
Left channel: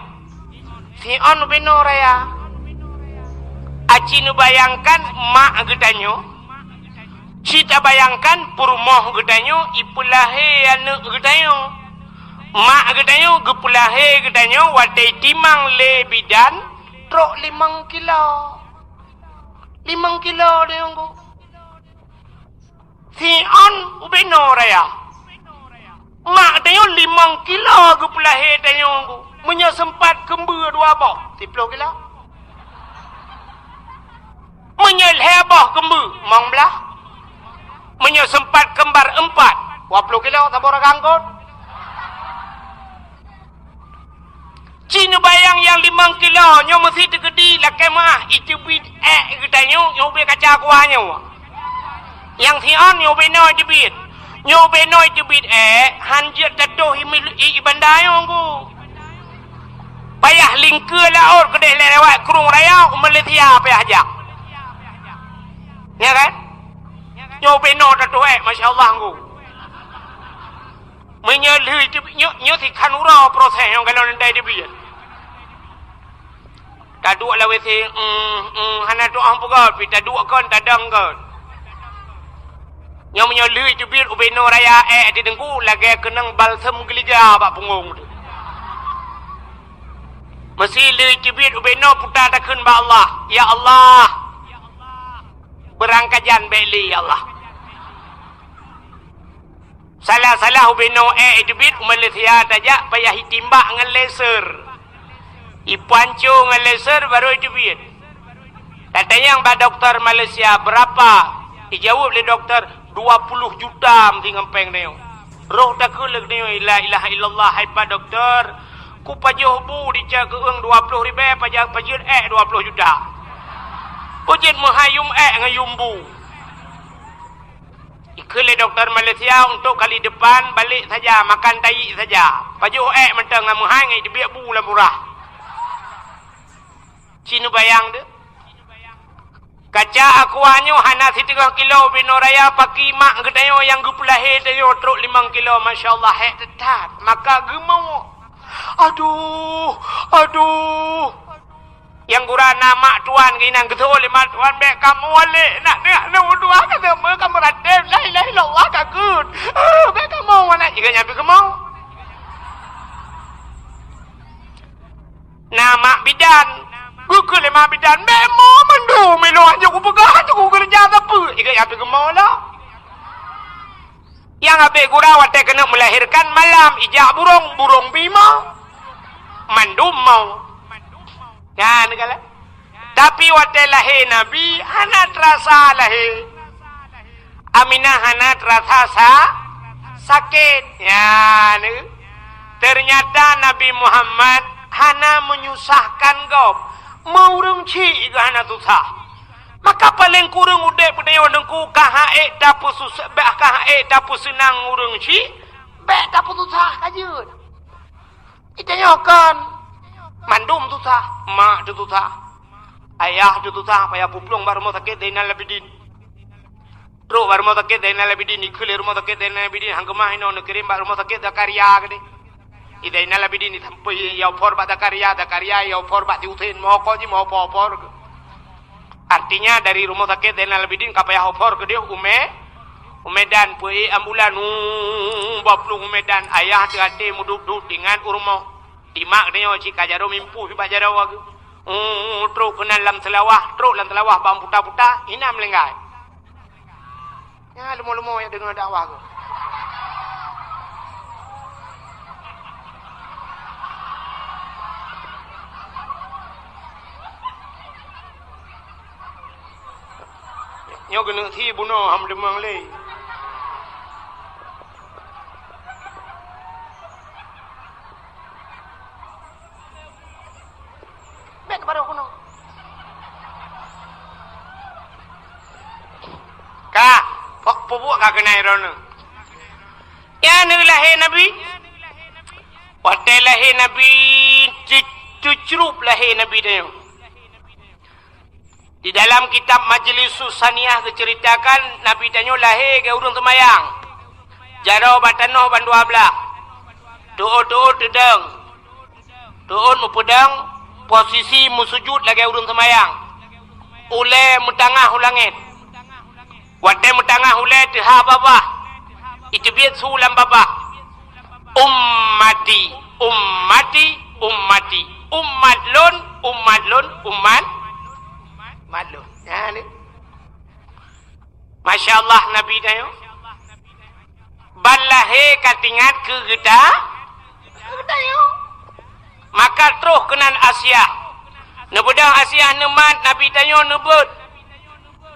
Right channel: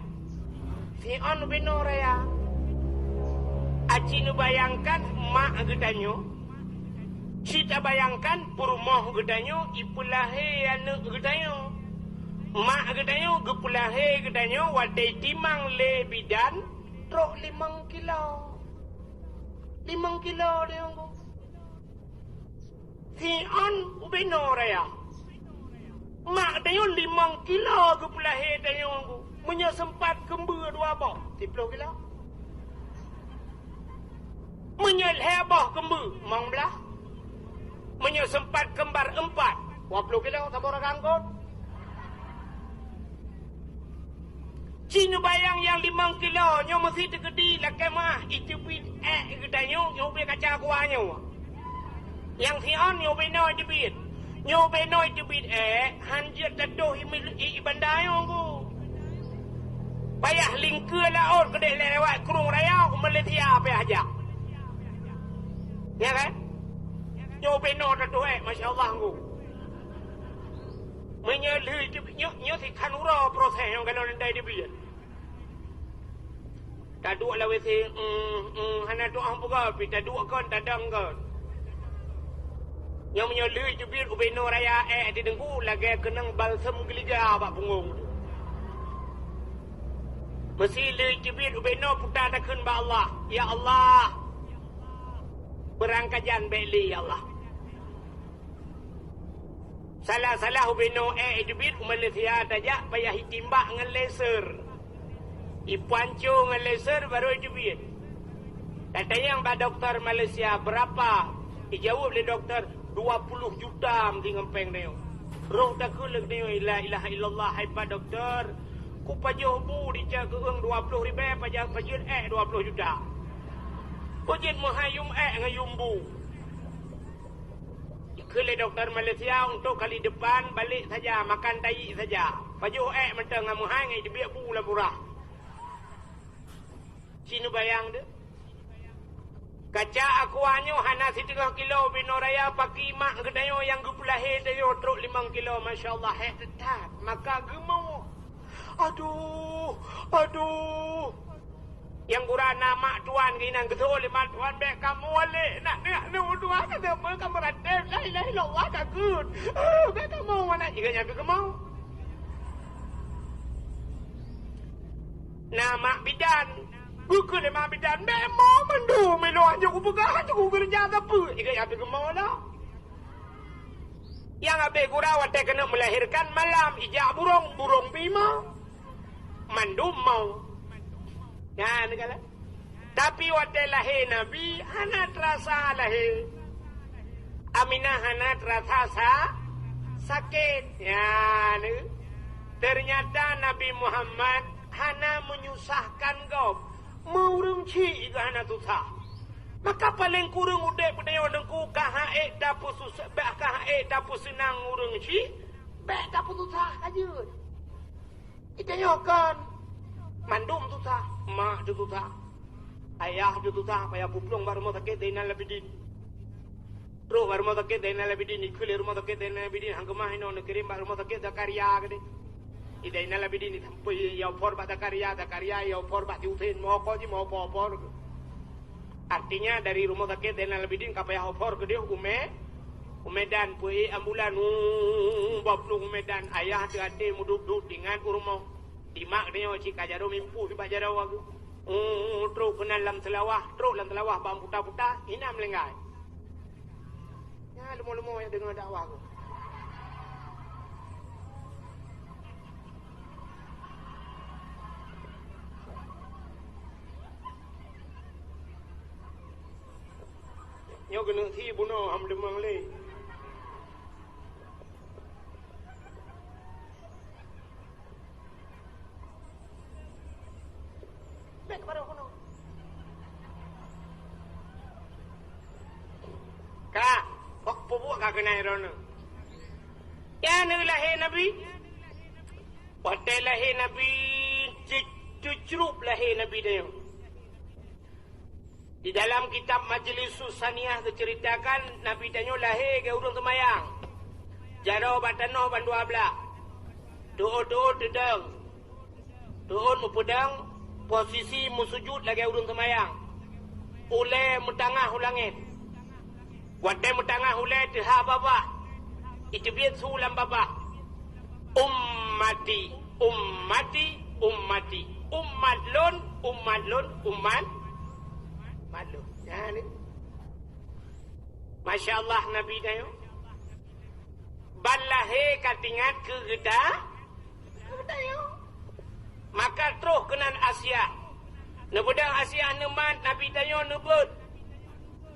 Si on beno raya. Aci nu bayangkan mak gedanyo. Cita bayangkan purmoh gedanyo ipulahe anu gedanyo. Mak gedanyo gepulahe gedanyo wadai timang le bidan trok 5 kilo. 5 kilo dia nggo. Si on beno raya. Mak tayo 5 kilo ke pelahe tayo. Munya sempat kember 2 boh. 10 kilo. Munya leboh kember. Mong belah. Munya sempat kembar 4. 20 kilo tabur kangkut. Cina bayang yang 5 kilo nyo mesti tegedi lah kemah itu bit katanya nyo be kaca kuahnya. Yang sian nyo be no jebit. Nyo be no jebit hanjat tatuh ibandayo ku. Payah lingke laut kedai lewat kurung raya Malaysia payah ajak. Ya kan? Nyo be no tatuh masya-Allah ku. Menyalui nyo si kanura proses yang kalau ndai jebit. Taduk lah wesi hana tu ang pugal pi taduk kon tadang kon yang menyolui tu bir ubeno raya di dengku lagi kenang balsam geliga pak punggung tu mesti lui tu bir ubeno putar takun ba Allah ya Allah berangkajan beli ya Allah salah ubeno tu bir Malaysia tajak payah hitimbak dengan laser Ipancu dengan laser baru jubit. Katanya yang Pak Dokter Malaysia berapa? Dijawab oleh doktor 20 juta mesti ngempeng dia. Roh tak kulek dia la ilaha illallah hai Pak Dokter. Ku pajuh bu dicak keung 20 ribu pajak 20 juta. Pujit menghayum ngayum bu. Ikut doktor Malaysia untuk kali depan balik saja makan tai saja. Pajuh mentang menghai ngai dibiak bu lah murah. Cina bayang dia. Kaca aku hanyo hana 3 kilo bino raya paki mak gedayo yang gupulahe dayo truk 5 kilo masya-Allah tetat. Maka gemau. Aduh. Yang gura nama tuan ginang ketua lima tuan bek kamu wale nak dua kata me kamu radem la ilaha illallah kakut. Bek kamu mana jika nyampe kamu. Nama bidan Buku lima bidan memo mandu melo aja ku pegang aku kerja apa jika apa kemola yang apa gura wate kena melahirkan malam ijak burung bima mandu mau kan kala tapi wate lahir nabi hana terasa lahir Aminah hana terasa sakit ya ternyata Nabi Muhammad hana menyusahkan kau Maurung ci gana susah. Maka paling kurang udah pedayo dengku kahae dapu susah kahae dapu senang urung ci bek dapu susah aja. Itanya kan mandum susah, mak tu susah. Ayah tu susah payah puplung baru mau sakit dena labidin. Bro baru mau sakit dena labidin ikul rumah sakit dena labidin hanggemah ino nekirim baru mau sakit Zakaria gede. Idai nala bidini sampai yau por bat Zakaria yau por bat diutin mau kau ji mau por. Artinya dari rumah sakit dan nala bidin kapaya por ke dia umedan pui ambulan baplung umedan ayah hati muduk dengan urmo dimak dia cik kajaro mimpu si bajaro wagu truk kena lam selawah bang puta ina melenggai ya lumo ya dengar dakwah ke Nyo kena thi bunuh ham demang le. Bek baru kuno. Ka, pok pupuk ka kena irono. Ya lahir Nabi. Wate lahir Nabi, cucrup lahir Nabi dia. Di dalam kitab Majlis Susaniyah diceritakan Nabi Tanyo lahir ke urung temayang. Jarau batanoh ban 12. Doa dedeng. Doon mupedang posisi musujud lagi urung temayang. Ule mutangah ulangit. Wate mutangah ule teha babah. Itu biat sulam babah. Ummati. Malu. Ya ni. Masya Allah Nabi tayo. Balahe katingat ke geda. Tayo. Maka terus kenan Asia. Nebudang Asia nemat Nabi tayo nebut.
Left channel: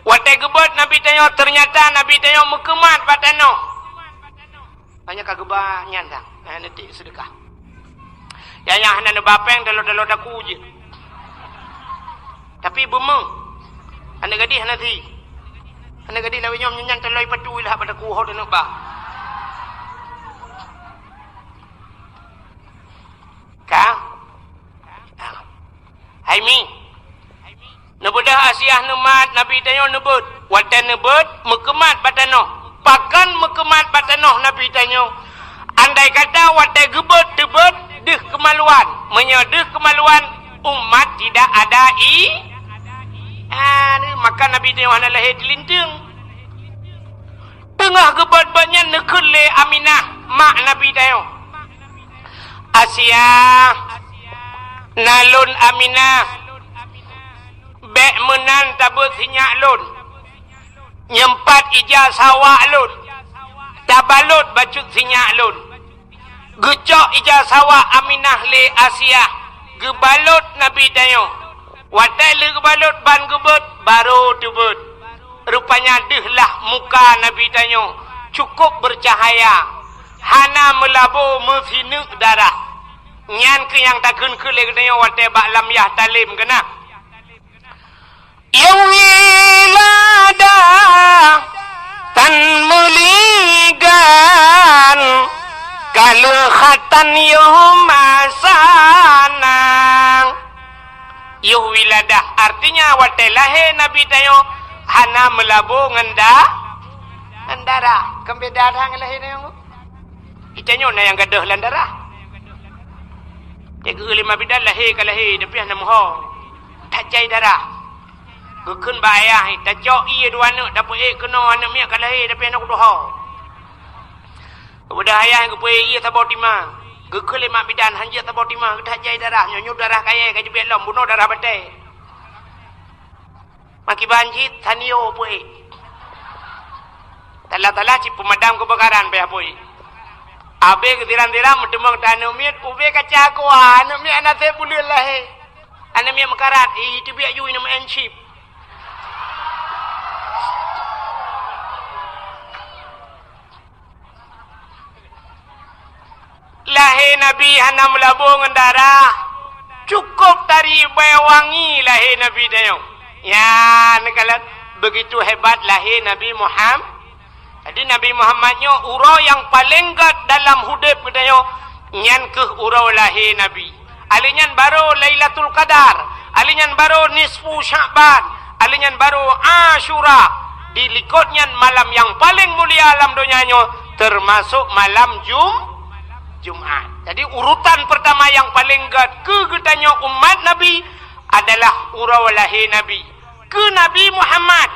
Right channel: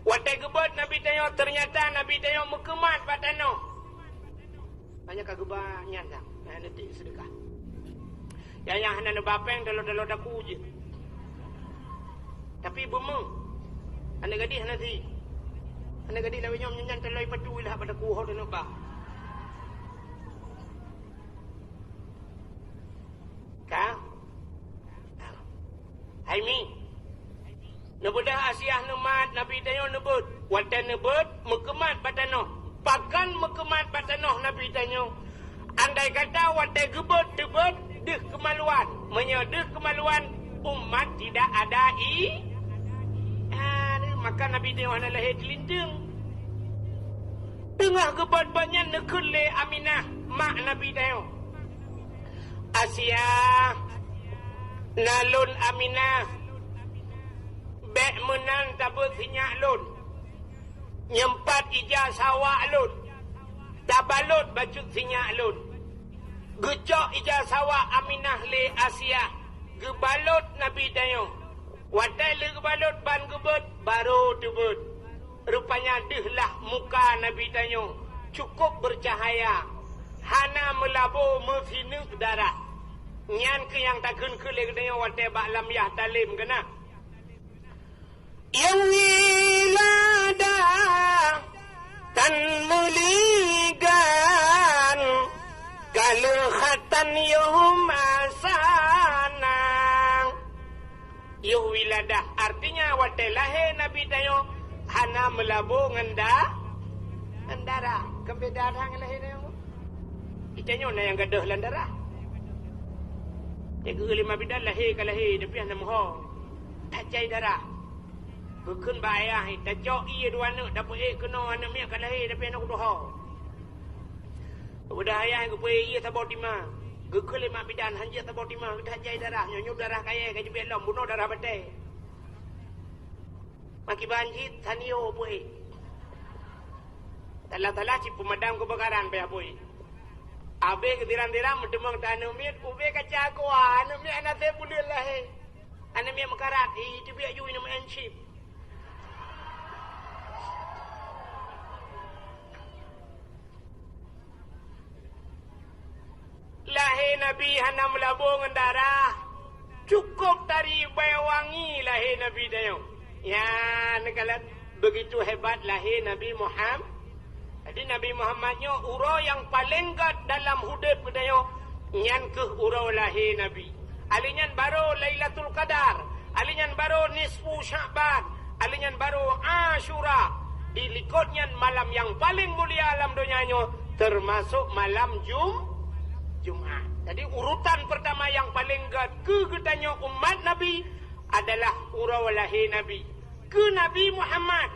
Watai gebut Nabi tayo ternyata Nabi tayo mekemat patano. Banyak kageba nyandang. Nanti sedekah. Yang hana bapeng dalo-dalo daku je. Tapi bemeng. Anda gadih nanti. Anda gadih lawi nyom nyanyan taloi padu ilah pada kuho dan ba. Ka? Hai mi. Nebedah Asia nemat Nabi tanyo nebut. Watan nebut mekemat batano. Pakan mekemat batano Nabi tanyo. Andai kata watai gebet debet deh kemaluan. Menyedeh kemaluan umat tidak ada maka Nabi tanyo hana lahir dilindung. Tengah gebet banyak nekele Aminah mak Nabi tanyo. Asia nalun Aminah bek menan tabut sinyak lun nyempat ija sawak lun tabalut bacut sinyak lun gecok ija sawak Aminah le Asia gebalut Nabi dayo watai le gebalut ban gebet baru debut rupanya dehlah muka Nabi dayo cukup bercahaya hana melabu mesinuk darah nyan ke yang takun ke le dayo watai bak lam yah talim kena yang wilada tan muligan kalau khatan masana yuh wilada artinya watelahe Nabi tayo hana melabu ngendara kembeda hang lahe tayo itanyo na yang gadah landara jaga lima bidan lahe kalahe tapi hana moho tak cai darah gekun bayah tak cok iya dua anak dapat kena anak miak kalahir tapi anak doha kemudian ayah ke puai iya tabau timah gekun lima bidan hanja tabau timah tak jai darah nyonyok darah kaya kaji belom bunuh darah batai maki banjit tanio puai tala-tala cip pemadam kebakaran bayah puai abe ketiran-tiran mendemang tanah miat ube kacaku anak miak anak saya boleh lahir anak miak mekarat itu biak you nama enship lahir Nabi hana melabung darah cukup tari wangi lahir Nabi tayo ya kalau begitu hebat lahir Nabi Muhammad jadi Nabi Muhammadnya urau yang paling gat dalam hidup tayo nyan ke urau lahir Nabi alinyan baru Lailatul Qadar alinyan baru nisfu Sya'ban alinyan baru Ashura dilikutnya malam yang paling mulia alam dunianya termasuk malam Jumat. Jadi urutan pertama yang paling kegetanya umat Nabi adalah urau lahir Nabi. Ke Nabi Muhammad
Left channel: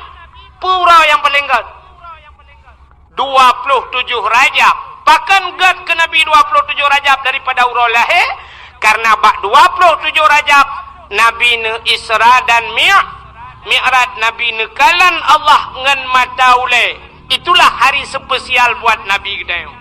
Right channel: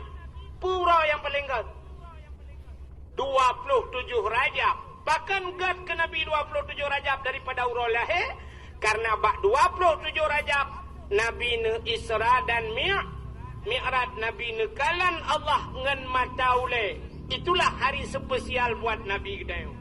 purau yang paling 27 Rajab. Bahkan ke Nabi 27 Rajab daripada urau lahir karena bak 27 Rajab Nabi ne Isra dan Mi'raj Nabi ne kalan Allah ngan mataule. Itulah hari spesial buat Nabi kita.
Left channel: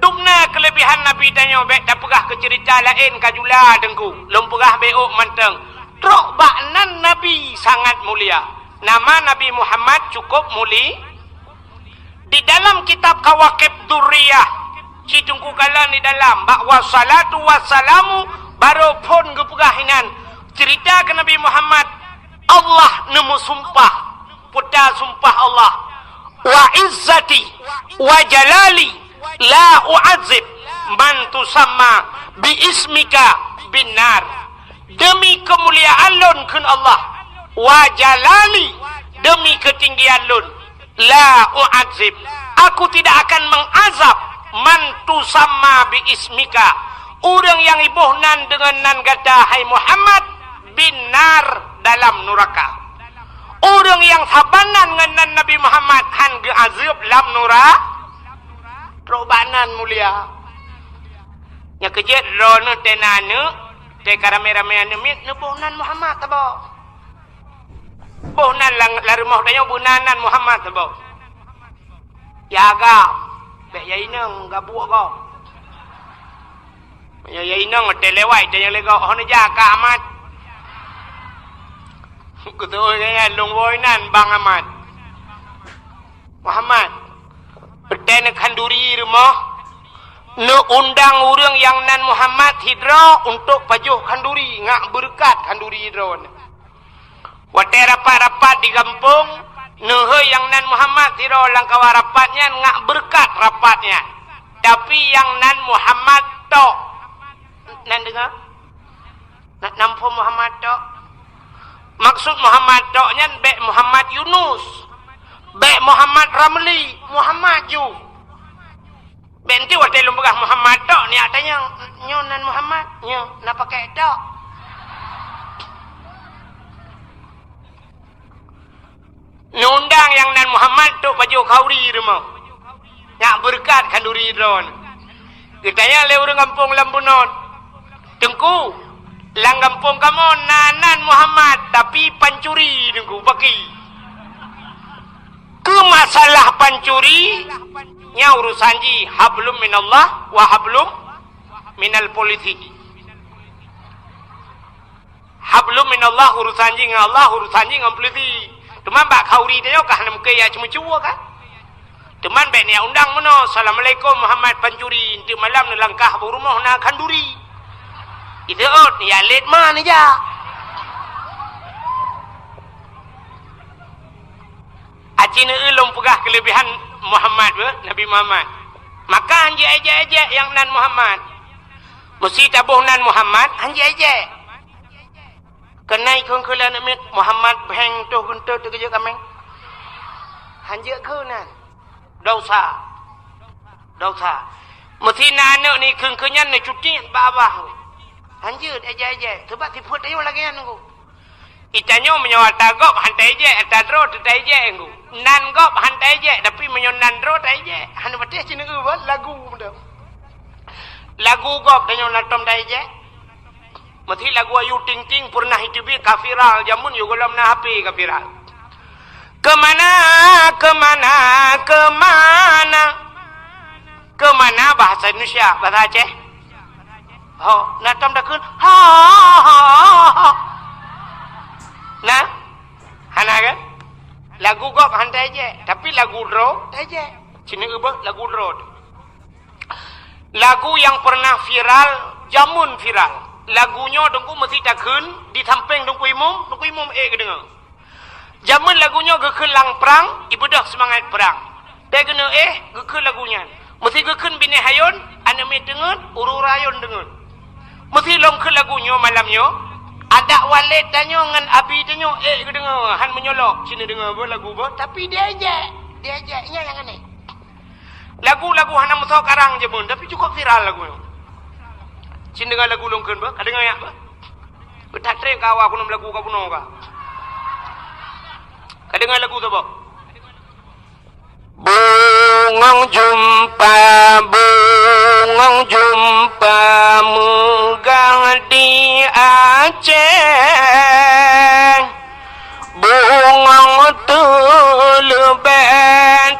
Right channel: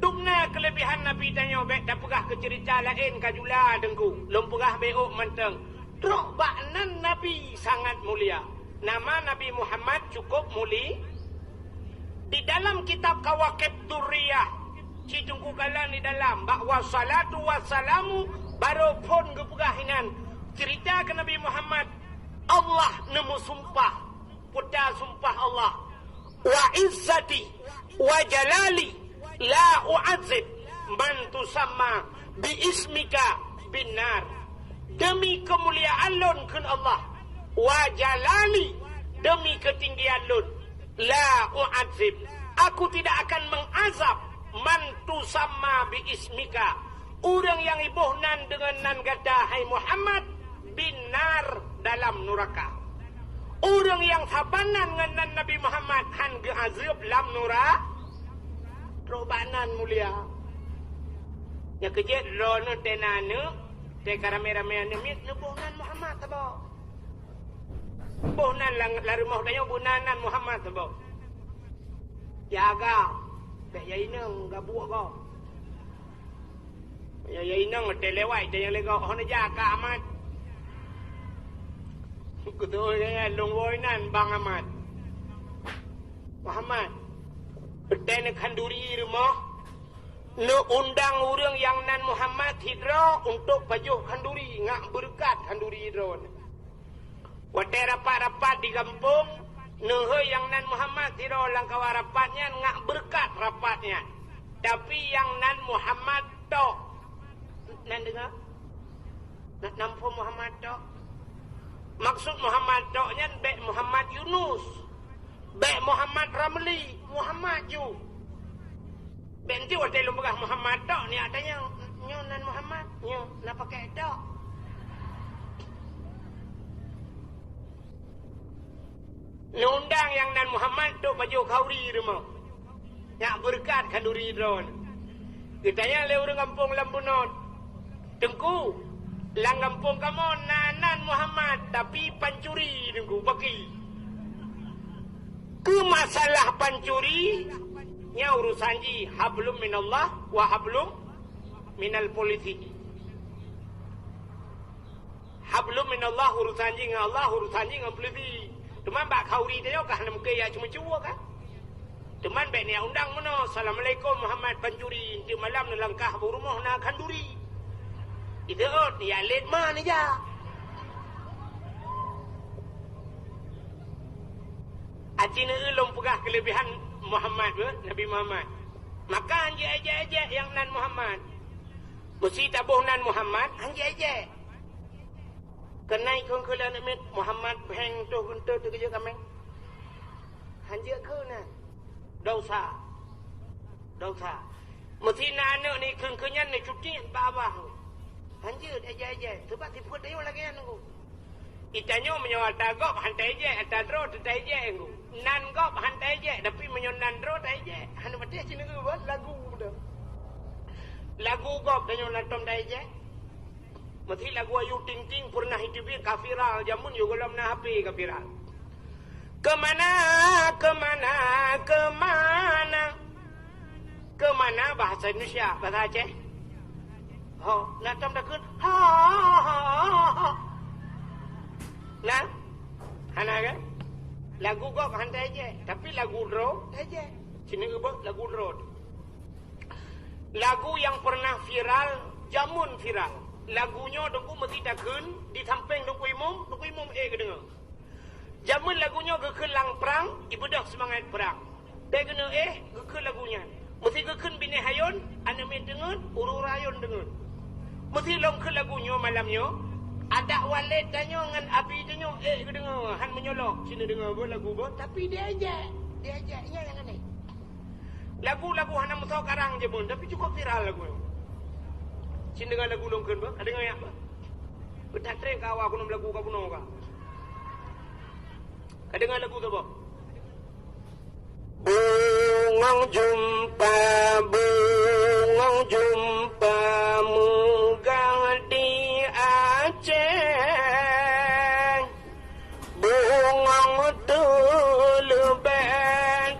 Dukna kelebihan Nabi tanya bek dah pegah ke cerita lain kajula dengku lom pegah beok manteng trok baknan Nabi sangat mulia nama Nabi Muhammad cukup muli di dalam kitab Kawakib Durriyah cidungku kalan di dalam bak wassalatu wassalamu baru pun gepegahinan cerita ke Nabi Muhammad Allah nemu sumpah putar sumpah Allah wa izzati wa jalali la u'adzib man tusamma bi ismika binar demi kemuliaan lun kun Allah wa jalali demi ketinggian lun la u'adzib aku tidak akan mengazab man tusamma bi ismika orang yang ibuhnan dengan nan kata hai Muhammad binar dalam neraka orang yang sabanan dengan Nabi Muhammad han ge azab lam neraka robanan mulia nya kejet rono tenane te karame-rame ane mit nubuhnan Muhammad tabo buhnan larumah dayo buhnanan Muhammad tabo yaga be yainang gabuak ko yainang telewai te yang lego hono jaga amat kutu ya lungwoinan Bang Ahmad Muhammad Berdana kan kanduri rumah nu undang urang yang nan Muhammad hidra untuk pajuh kanduri ngak berkat kanduri hidra watai rapat-rapat di kampung nu yang nan Muhammad hidra langkawa rapatnya ngak berkat rapatnya tapi yang nan Muhammad tok nan dengar nak nampu Muhammad tok maksud Muhammad toknya be Muhammad Yunus be Muhammad Ramli Muhammad ju benti watai lumbagah Muhammad tok ni adanya nyonan Muhammad nyo nak pakai tok nundang yang nan Muhammad tok baju kauri rumah nak berkat kanduri drone kita ya lewat kampung Lambunon tengku lang kampung kamu nanan Muhammad tapi pancuri tengku bagi ke masalah pancuri nya urusan ji hablum minallah wa hablum minal politiki hablum minallah urusan ji dengan Allah urusan ji dengan politik teman bak kauri dia kah nam ke ya cuma-cuma kah teman bak ni undang meno assalamualaikum Muhammad pancuri inti malam ni langkah rumah na kanduri itu ot ya let man aja acina ulum pegah kelebihan Muhammad Nabi Muhammad maka anji aja yang nan Muhammad mesti tabuh nan Muhammad anji aja kenai kong kelan amit Muhammad beng tu guntur tu kerja kami anji ke nan dosa mesti anak ni kengkenyan ni cuti babah anji aja sebab tipu tayo lagi anu itanyo menyawa tagop hantai je atadro tetai je engu nan gop hantai je tapi menyonan dro tai je han betih cina lagu betul lagu gop danyo natom tai je mesti lagu ayu ting ting pernah hidupi kafiral jamun yo golam na HP kafiral kemana bahasa Indonesia bahasa Aceh natom dah kun nah hana kan lagu gop hantai je tapi lagu dro aja cina ubah lagu dro lagu yang pernah viral jamun viral lagunya dengku mesti takun di samping dengku imum kedengar jamun lagunya gekun lang perang ibadah semangat perang dia kena gekun lagunya mesti gekun bini hayun anime dengar ururayun dengar mesti long ke lagunya malamnya ada walid danyo ngan abi danyo kedengar han menyolok sini dengar lagu apa tapi dia aja nya yang aneh lagu-lagu hana musa karang je pun tapi cukup viral lagu sini dengar lagu longkeun ba kadengar ya ba betatre kawa kuno lagu ka puno ka kadengar lagu tu ba bungong jumpa megah di Aceh bungong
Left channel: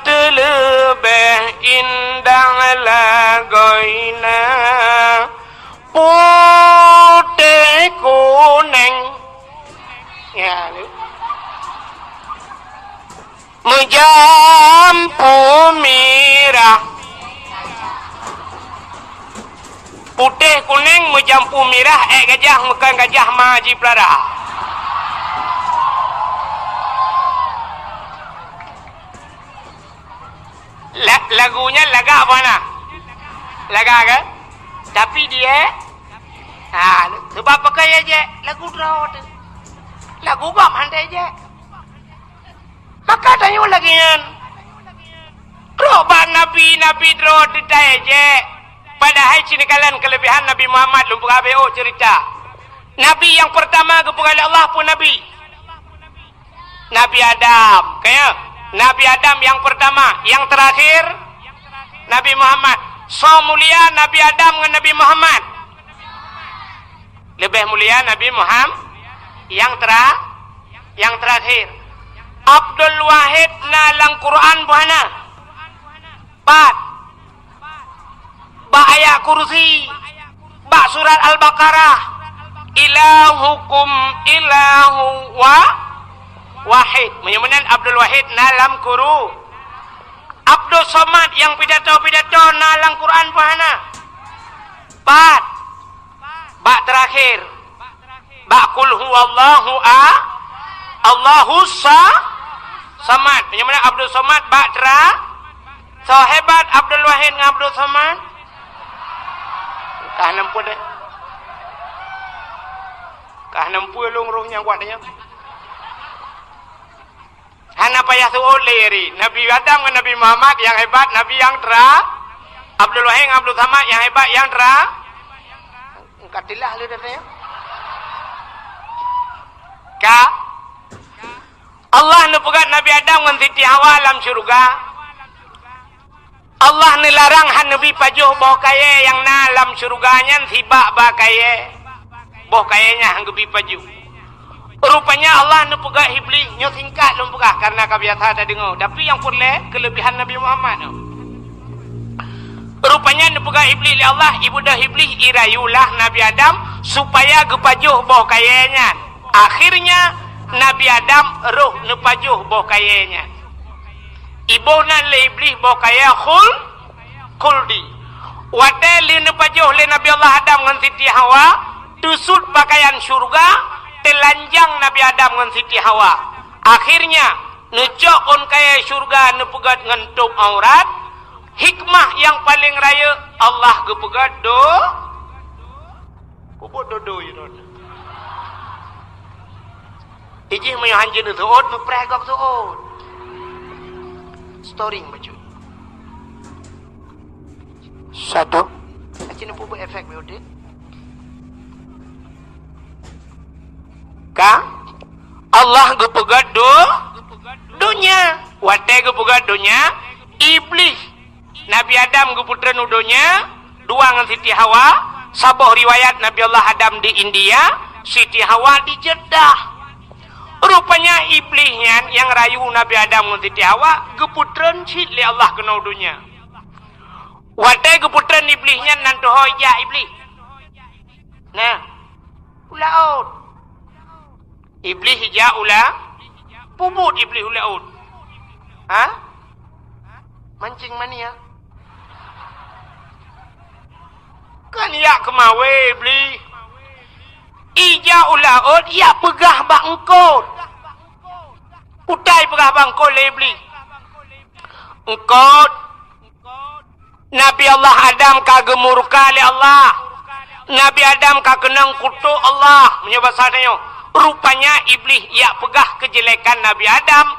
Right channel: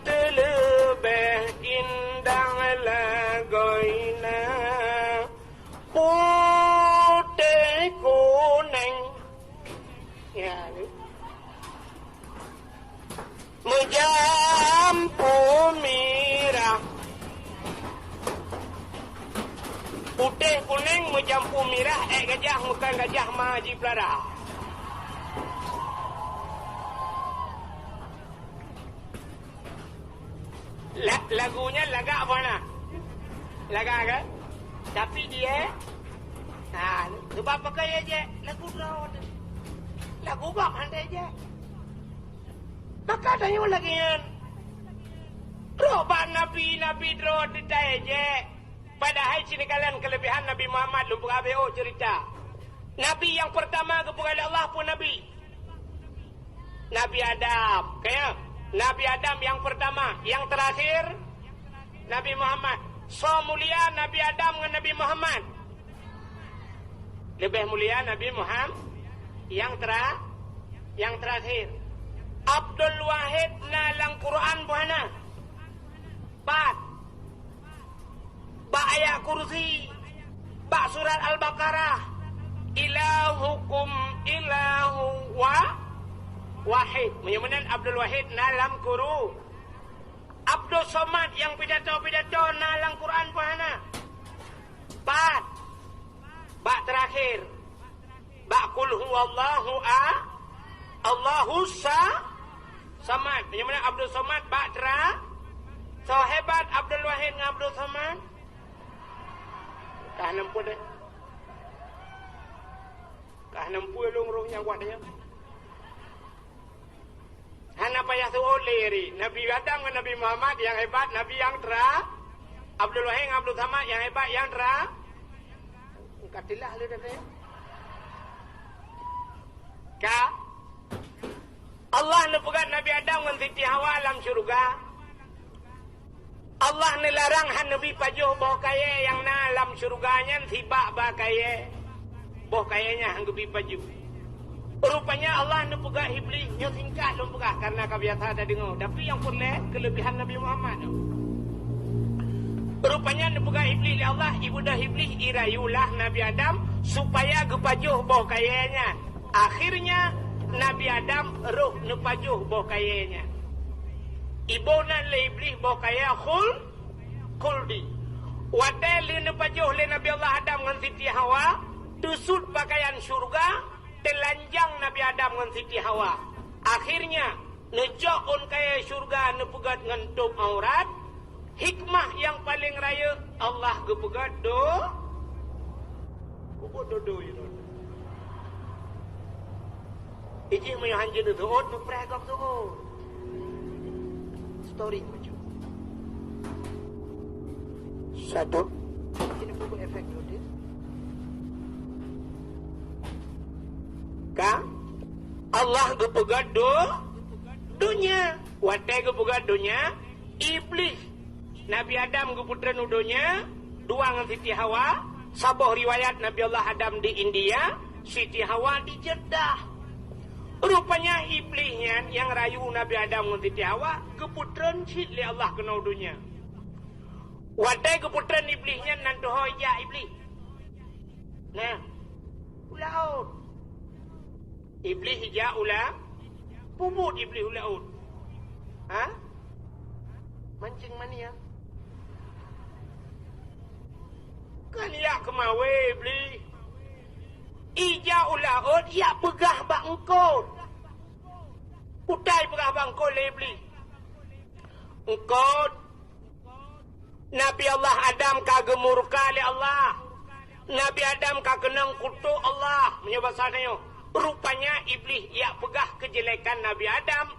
telebeh indah lagoina putih kuning ya menjampu merah putih kuning menjampu merah gajah makan gajah maji pelara lagunya laga apa nak laga kan tapi dia sebab pakai aja lagu drawat lagu gam handai aja maka tanya lagi kan roba nabi drawat aja padahal sini kalian kelebihan Nabi Muhammad lumpur ABO cerita Nabi yang pertama kepada Allah pun Nabi Adam kayak Nabi Adam yang pertama yang terakhir Nabi Muhammad so mulia Nabi Adam dengan Nabi Muhammad lebih mulia Nabi Muhammad yang terakhir Abdul Wahid nalang Quran buhana 4 ba ayat kursi ba surat Al-Baqarah ilahukum ilahu wahid menyamanan Abdul Wahid nalam Quran Abdul Somad yang pidato-pidato nalang Quran pahana. Bat. Bak terakhir. Bak kul huwallahu Allahu Samad. Yang mana Abdul Somad bak so hebat Abdul Wahid dengan Abdul Somad. Kah nampu deh. Kah nampu long rohnya kuat dia. Hana payah suul leri. Nabi Adam dengan Nabi Muhammad yang hebat, Nabi yang Abdul Wahid dengan Abdul Samad yang hebat, yang katilah lu dah ya. Ka Allah nu pegat Nabi Adam dengan Siti Hawa dalam syurga. Allah ni larang han Nabi pajuh boh kaya yang na dalam syurganya tiba ba kaya. Boh kayanya hang gebi pajuh. Rupanya Allah nu pegat iblis nyo singkat lu pegat karena kebiasa ada dengar. Tapi yang pulih kelebihan Nabi Muhammad tu. Rupanya nu pegat iblis li Allah, ibu dah iblis irayulah Nabi Adam supaya gepajuh boh kayanya. Akhirnya Nabi Adam roh nu pajuh boh kayanya. Ibu nan le iblis boh kaya khuldi. Wate li nu pajuh le Nabi Allah Adam dengan Siti Hawa tusut pakaian syurga. Telanjang Nabi Adam dengan Siti Hawa. Akhirnya nucok on kaya syurga nepegat ngentup aurat. Hikmah yang paling raya Allah gepegat Kubut dodo you know. Ijih mayu hanjin tu ot mepregok tu ot. Storing baju. Satu. Acin pupuk efek beudit. Ka Allah gepegat dunya. Wate gepegat dunya. Iblis Nabi Adam geputra nudonya. Dua dengan Siti Hawa. Sabuh riwayat Nabi Allah Adam di India, Siti Hawa di Jeddah. Rupanya iblisnya yang rayu Nabi Adam dengan Siti Hawa geputran cid li Allah kena dunya. Wate geputran iblisnya nanti hoya iblis. Nah, ulaut. Iblis hija ula pubut iblis ulaut. Ha? Mancing mania. Kan ya kemawe iblis. Ija ulaut ya pegah bangkot. Utai pegah bangkot le iblis. Engkot Nabi Allah Adam kagemurka le Allah. Nabi Adam kakenang kutuk Allah. Menyebab sadanya. Rupanya iblis ya pegah kejelekan Nabi Adam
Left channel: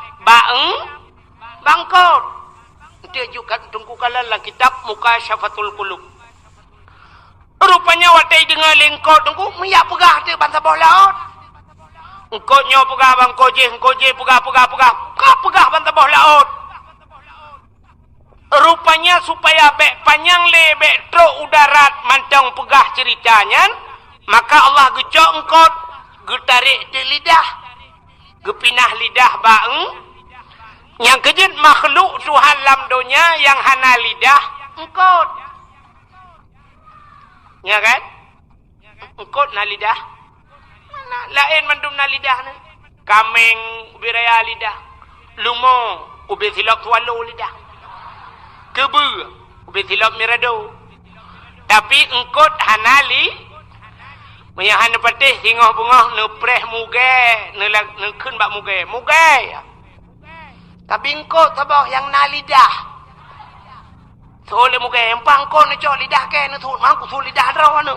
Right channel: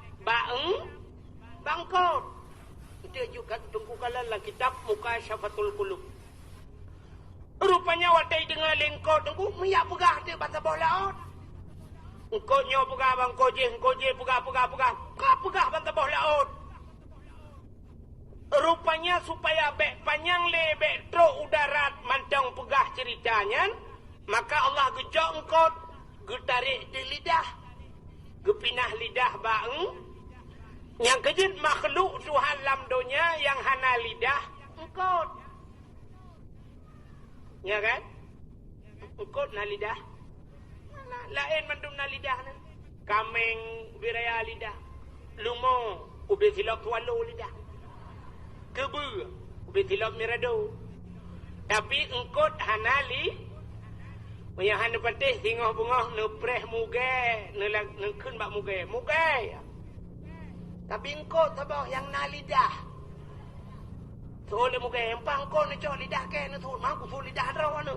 bangkot. Dia juga tunggu kalah dalam kitab Mukasyafatul Qulub. Rupanya watai dengar lengkot tunggu miyak pegah dia bangsa bawah laut. Engkau nyo pegah bangkot je pegah pegah bangsa bawah laut. Rupanya supaya bek panjang le bek truk udarat mantang pegah ceritanya, maka Allah gecok engkau getarik di lidah. Gepinah lidah baeng. Yang kejut makhluk Tuhan dalam dunia yang hana lidah engkau. Ya kan? Engkau na lidah. Mana lain mandum na lidah ni. Kameng ubi raya lidah. Lumo ubi silap tualu lidah. Kebu ubi silap mirado. Tapi engkau hana Menyahan patih singoh bungah nepreh muge, nekun bak muge. Tapi engkau tabah yang na lidah. Sole muge empang kau ne cok lidah ke ne thun mangku thun lidah draw anu.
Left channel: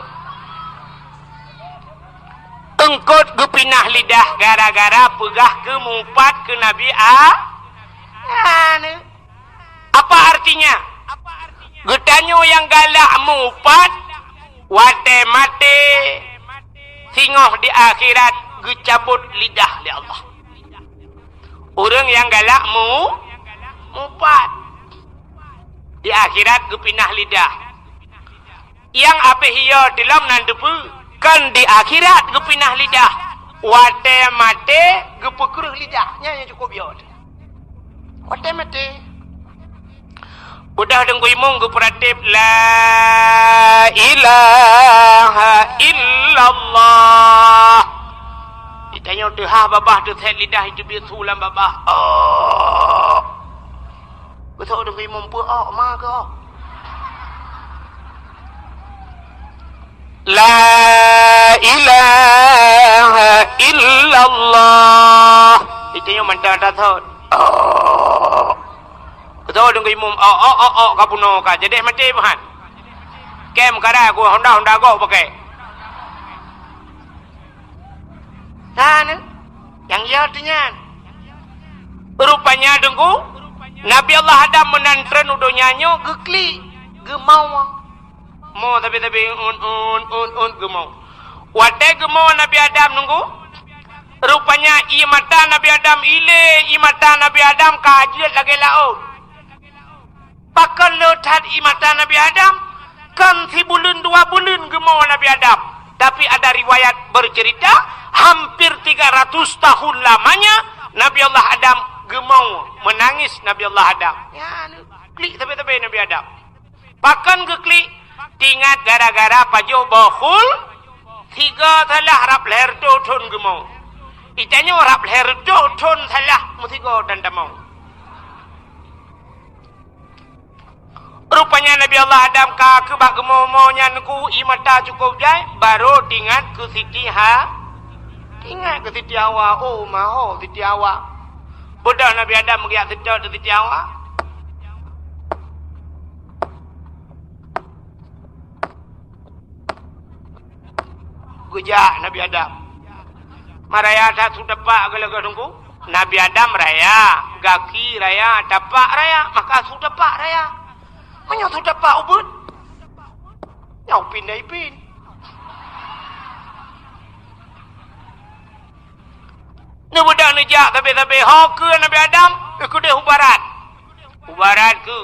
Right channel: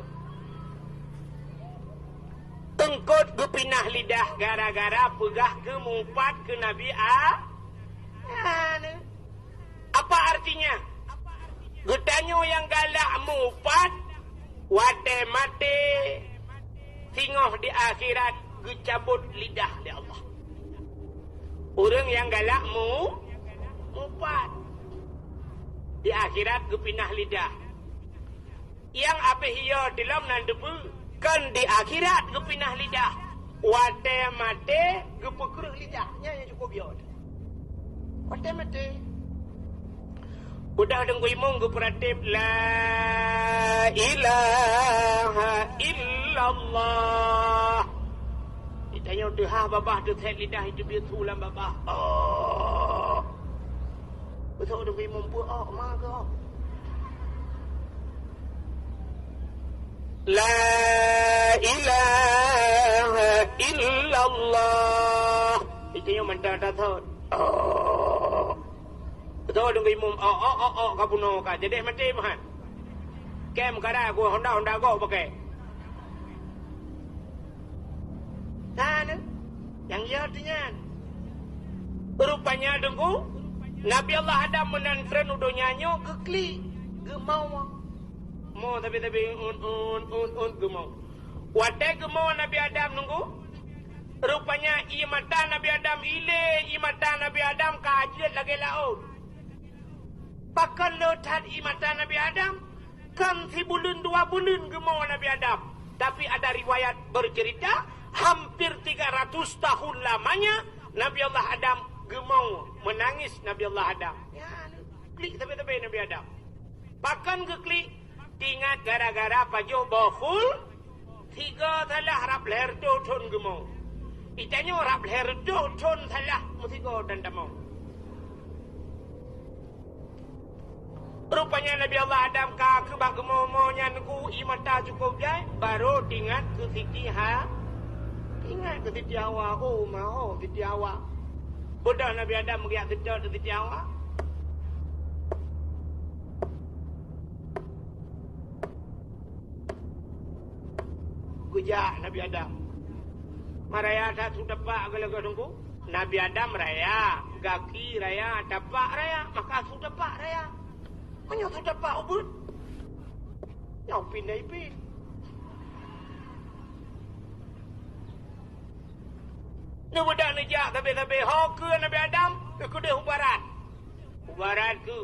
Engkau gepinah lidah gara-gara pegah ke mumpat ke Nabi anu. Apa artinya? Getanyo yang galak mumpat wate mate singoh di akhirat gecabut lidah di Allah. Orang yang galak mumpat di akhirat gepinah lidah. Yang apa hiyo dalam nandepu kan di akhirat gepinah lidah. Wate mate gepekruh lidahnya yang cukup biot. Wate mate. Budah dengku imung geperatip la ilaha illallah. Ditanya dah babah tu set lidah itu biar sulam babah. Oh. Betul dengan imam puak ma ke La ilaha illallah. Itu yang mentah thot. Betul dengan imam kapuno ka. Jadi mati bahan. Kem kada aku Honda go pakai. Sana yang ya artinya. Rupanya dengku Nabi Allah Adam menantren udah nyanyo gekli gemau. Mau tapi gemau. Wadah gemau Nabi Adam nunggu. Rupanya mata Nabi Adam mata Nabi Adam kajian lagi laut. Pakai letat mata Nabi Adam kan 1 bulan 2 bulan gemau Nabi Adam. Tapi ada riwayat bercerita hampir 300 tahun lamanya Nabi Allah Adam gemau menangis Nabi Allah Adam. Ya, klik tapi Nabi Adam. Pakan ke klik tingat gara-gara pajo bohul 3 salah rap leher doton gemau. Itanya rap leher doton salah musigo dan damau. Rupanya Nabi Allah Adam ka kebak gemau nya nuku imata cukup jai baru tingat ke Siti Ingat ke Siti Hawa. Oh maho Siti Hawa. Bodoh Nabi Adam mengiak sedot ke Siti Hawa. Gujak Nabi Adam. Maraya tak sudah pak gelaga tunggu. Nabi Adam raya, gaki raya, dapak raya, maka sudah pak raya. Menyo sudah pak ubud. Nyau pindah ipin. Ni budak nejak tapi hok ke Nabi Adam ikut dia hubarat. Hubarat ke.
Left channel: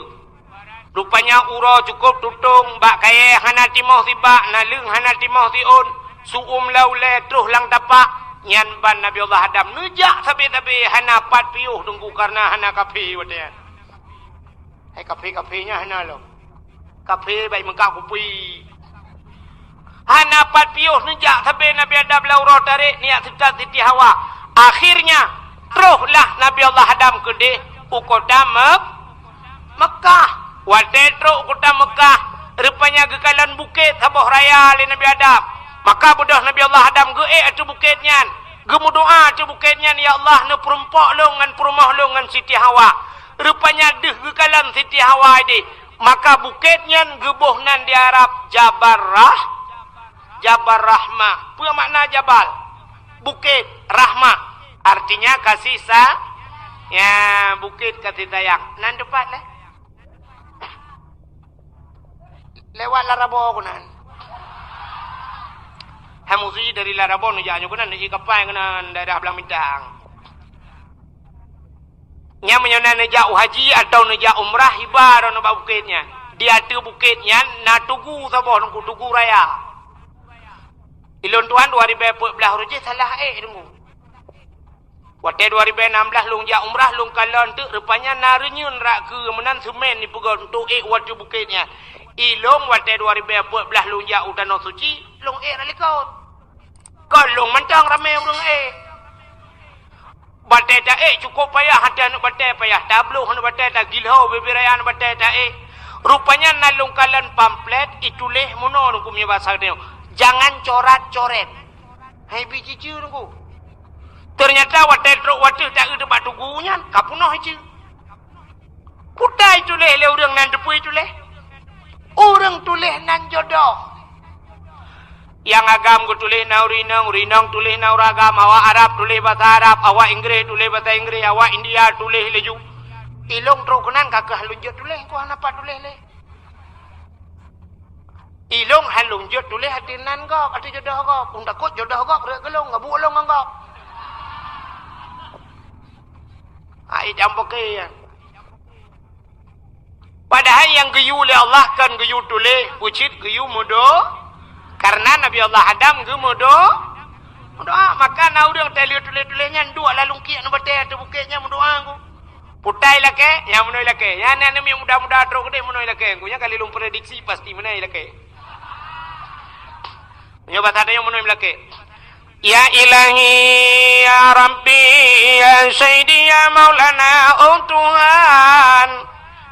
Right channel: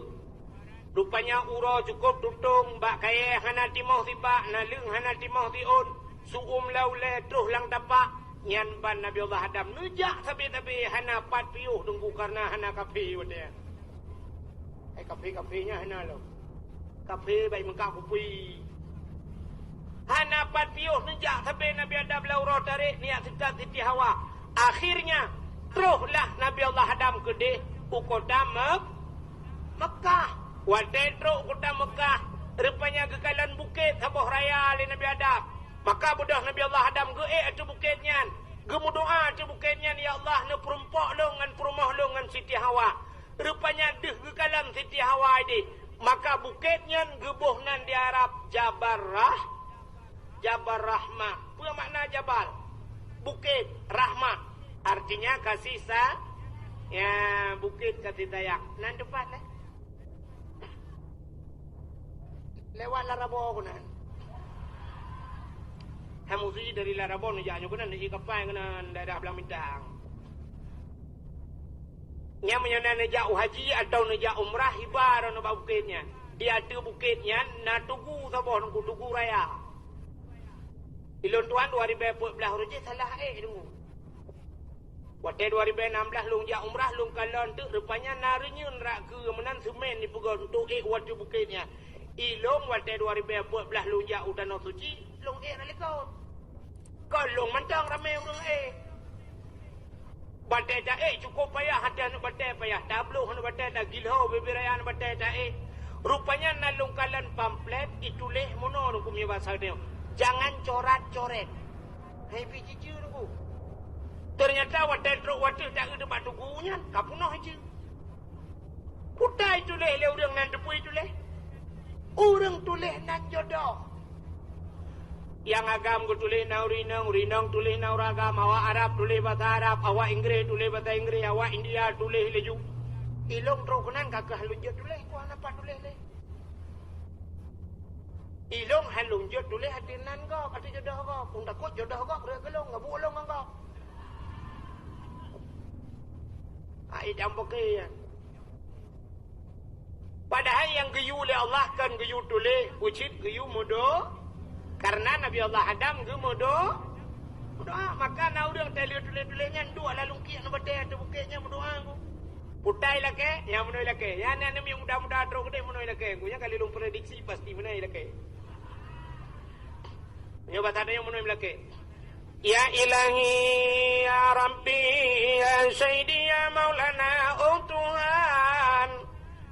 Rupanya uro cukup tutung bak kaya hana timoh tiba nalung hana timoh tiun suum laule terus lang tapak nyan ban Nabi Allah Adam nejak tapi hana pat piuh tunggu karena hana kafe wadian. Hai kafe-kafenya hana lo. Kafe baik mengkak kupi. Hana pat piuh nejak tapi Nabi Adam lauro tarik niat sedang Siti Hawa. Akhirnya teruslah Nabi Allah Adam ke di Ukoda Mekah. Wadetro Ukoda Mekah. Rupanya kekalan bukit Saboh Raya oleh Nabi Adam. Maka budak Nabi Allah Adam ke atu bukitnya. Gemu doa atu bukitnya. Ya Allah ne perumpok lo ngan perumah lo ngan Siti Hawa. Rupanya deh kekalan Siti Hawa ini. Maka bukitnya gebuhnan di Arab Jabal Rahmah. Apa makna Jabal? Bukit Rahmah. Artinya kasih ya bukit kasih sayang. Nan depan lah. Lewat Larabo aku nan. Hamuzi dari Larabo nujanya aku nan. Dari kapal nan daerah Belang Bintang. Nya menyana nejak haji atau nejak umrah hibar nubak bukitnya. Dia tu bukitnya na tugu saboh nunggu tugu raya. Ilon Tuhan 2014 rujuk salah tunggu. Waktu 2016 lung jak umrah lung kalon tu rupanya narunyun rak ke menan semen ni pegol untuk waktu bukitnya. Ilong waktu 2014 lung jak Danau Suci lung ralikot. Kau lung mentang ramai lung Batai tak cukup payah hati anak batai payah tabluh anak batai tak gilhau bebiraya anak batai tak rupanya nalung kalan pamflet ituleh mono nunggu punya bahasa dia. Jangan coret-coret. Hai biji ciu nunggu. Ternyata waktu tak ada batu gunyan kapunoh ciu. Putai tuleh le orang nan depui tuleh. Orang tuleh nan jodoh. Yang agam ku tulis na urinang tulis na uragam, awak Arab tulis bahasa Arab, awak Inggeris tulis bahasa Inggeris, awak India tulis leju. Ilong trokunan kakak halunjut tulis, ku apa tulis le. Ilong halunjut tulis hatinan kau, hati jodoh kau, pun takut jodoh kau, kerja gelong, ngabu olong kau. Ai jampo ke. Padahal yang geyu oleh Allah kan geyu tulis, ucit geyu mudo. Karena Nabi Allah Adam gemudoh doa maka na urang tali tulis-tulisnya dua lalung kian batai tu bukitnya mendoa aku putai lake yang menoi lake ya nan yang muda-muda tro gede menoi lake gunya kali lung prediksi pasti menoi lake nyoba tadi yang menoi lake ya ilahi ya rabbi ya sayyidi ya maulana oh Tuhan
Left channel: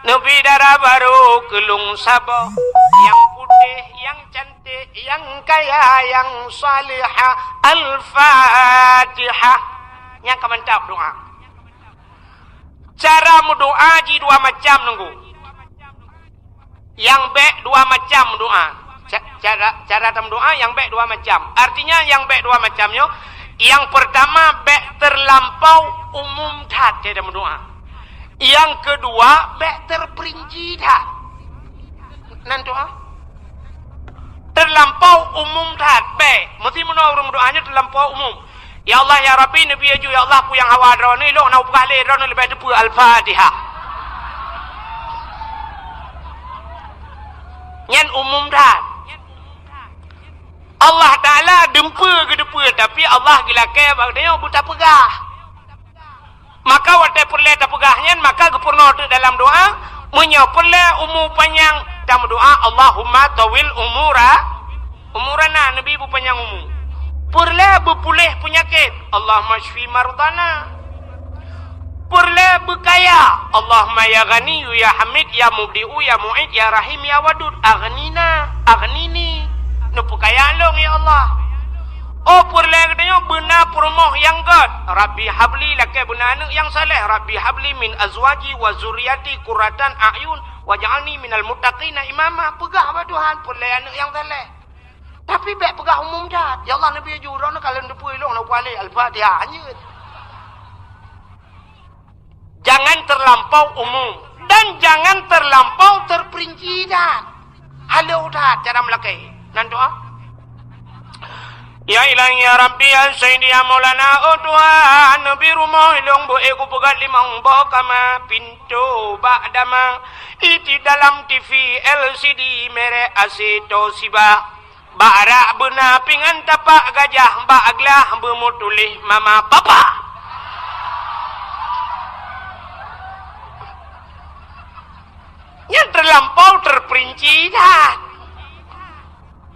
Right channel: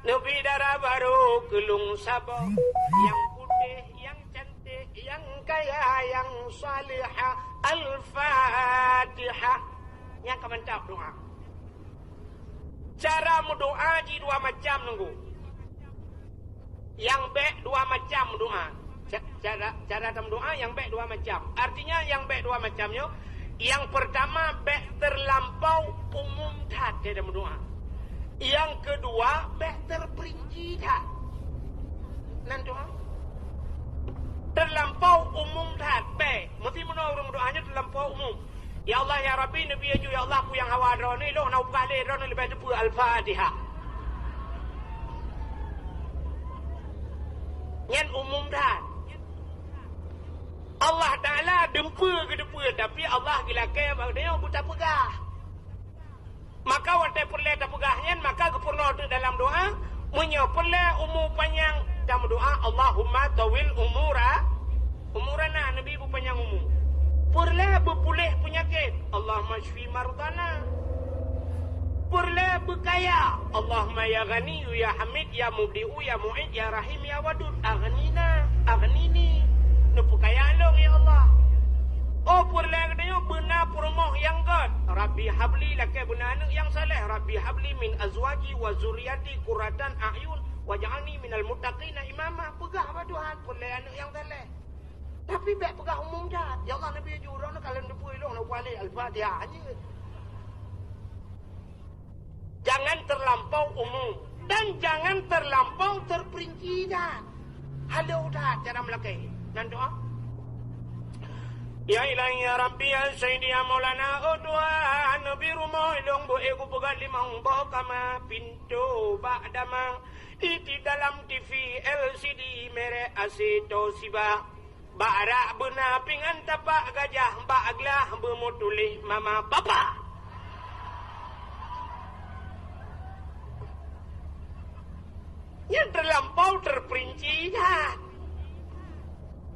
Nabi kelung sabar, yang putih, yang cantik, yang kaya, yang salihah. Al-Fatihah. Yang mantap doa. Cara berdoa di dua macam nunggu. Yang baik dua macam doa. Cara doa yang baik dua macam. Artinya yang baik dua macamnya. Yang pertama baik terlampau umum tat dalam doa. Yang kedua baik terperinci tat. Nan doa terlampau umum tat baik. Mesti menurut doanya terlampau umum. Ya Allah ya Rabbi Nabi aju ya Allah pu yang hawa drone lo nak buka le drone lebih depu Al-Fatihah. Nyan umum tat. Allah Ta'ala dempa ke depa tapi Allah gilakai bagdanya buta pegah. Maka waktu perle tak pegahnya maka gepurno dalam doa menyoperle umur panjang dalam doa Allahumma tawil umurana Nabi bu panjang umur. Perle berpulih penyakit Allahumma shfi mardana. Perle berkaya Allahumma ya ghani ya hamid ya mubdi'u ya mu'id ya rahim ya wadud aghnini nupu kaya long ya Allah. Oh perle katanya benar perumoh yang god. Rabbi habli laka benar anak yang saleh. Rabbi habli min azwaji wa zuriyati qurratan a'yun waj'alni minal muttaqina imama. Pegah apa Tuhan perle anak yang saleh. Tapi baik pegah umum dah. Ya Allah Nabi jurang kalau depu elok nak balik Al-Fatihah hanya. Jangan terlampau umum dan jangan terlampau terperinci dah. Halo dah cara melakai. Nan doa. Ya ilahi ya Rabbi ya Sayyidi ya Maulana oh Tuhan Nabi rumah ilong bo ego pegat limang bo kama pintu ba'dama iti dalam TV LCD mere asito siba ba'ra bena pingan tapak gajah ba'aglah bermutulih mama papa. Yang terlampau terperinci dah.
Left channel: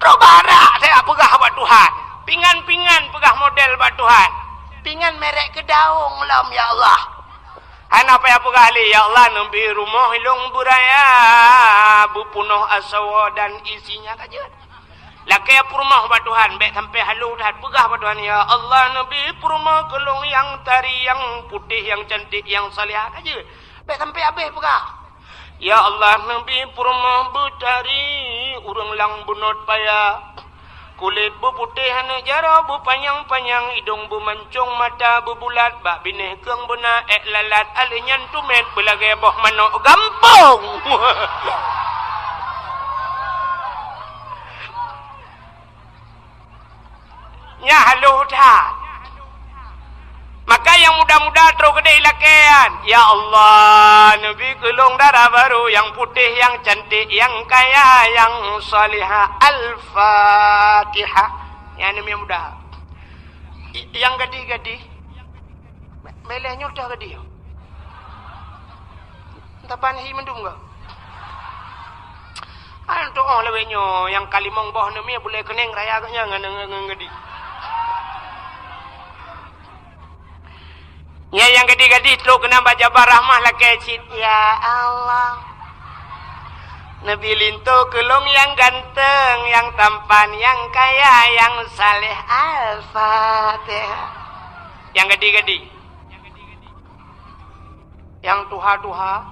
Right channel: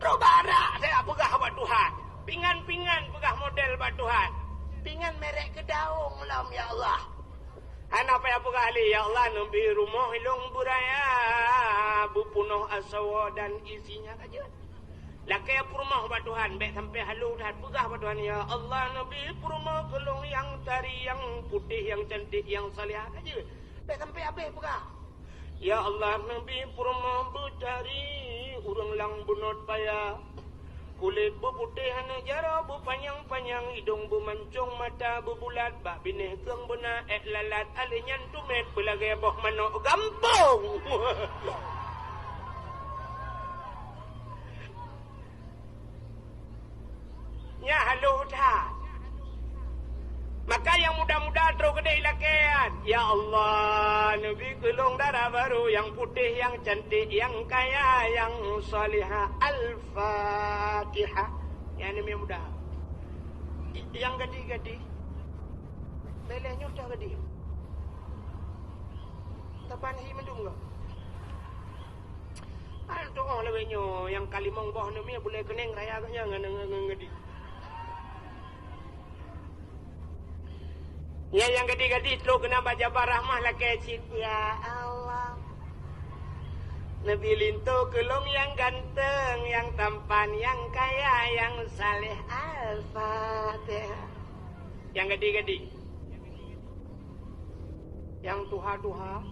Robara saya pegah buat Tuhan. Pingan-pingan pegah model buat Tuhan. Pingan merek kedaung lam ya Allah. Ana apa ya pegah li ya Allah nabi rumah hilung buraya bupunuh asawa dan isinya kaja. Lakai rumah buat Tuhan baik sampai halu dah pegah buat Tuhan ya Allah nabi rumah kelung yang tari yang putih yang cantik yang salihah kaja. Baik sampai habis pegah. Ya Allah Nabi purma betari urang lang bunot paya kulit berputih hana jara berpanjang-panjang hidung bermancung mata berbulat bak binih keung bena ek lalat alinyan tumet belagai boh manok gampong. Nya halo dah. Maka yang muda-muda terus gede lakian. Ya Allah, Nabi kelung darah baru yang putih, yang cantik, yang kaya, yang salihah. Al-Fatihah. Yang ini muda. Yang gede-gede. Melehnya udah gede. Tapan hi mendung enggak? Antuk oh lewenya yang kalimong boh nami boleh keneng raya agaknya ngan gede. Ya yang gede-gede tu kena baca barahmah lah kecil. Ya Allah. Nabi lintu kelung yang ganteng, yang tampan, yang kaya, yang saleh. Al-Fatihah. Yang gede-gede. Yang tuha-tuha.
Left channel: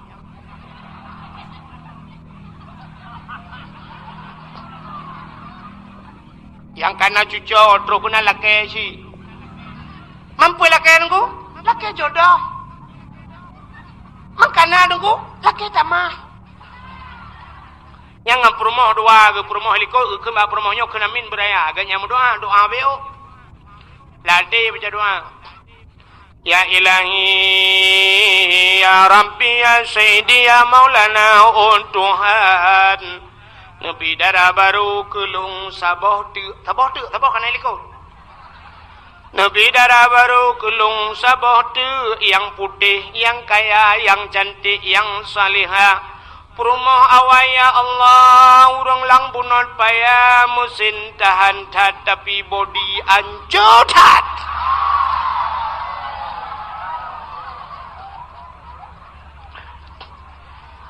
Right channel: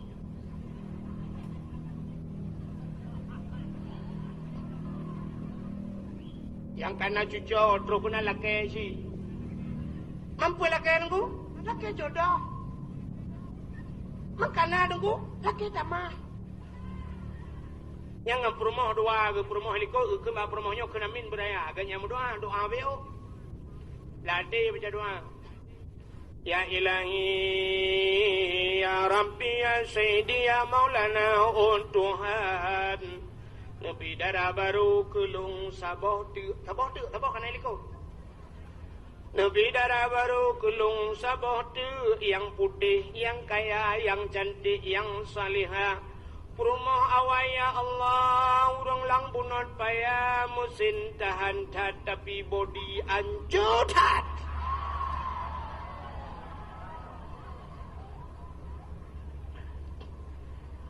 Yang kana cucu terus kena lah kecil. Mampu lah kecil laki jodoh. Makana nunggu laki tamah. Yang ngam rumah dua ke rumah liko ke mbak rumahnya kena min beraya agaknya doa beo. Lade baca doa. Ya ilahi ya Rabbi ya Sayyidi ya Maulana oh Tuhan. Nabi darah baru kelung saboh kana liko. Nabi darah baru kelung saboh tu yang putih, yang kaya, yang cantik, yang salihah. Perumah awaya Allah urang lang bunot paya musin tahan tat tapi body anjotat.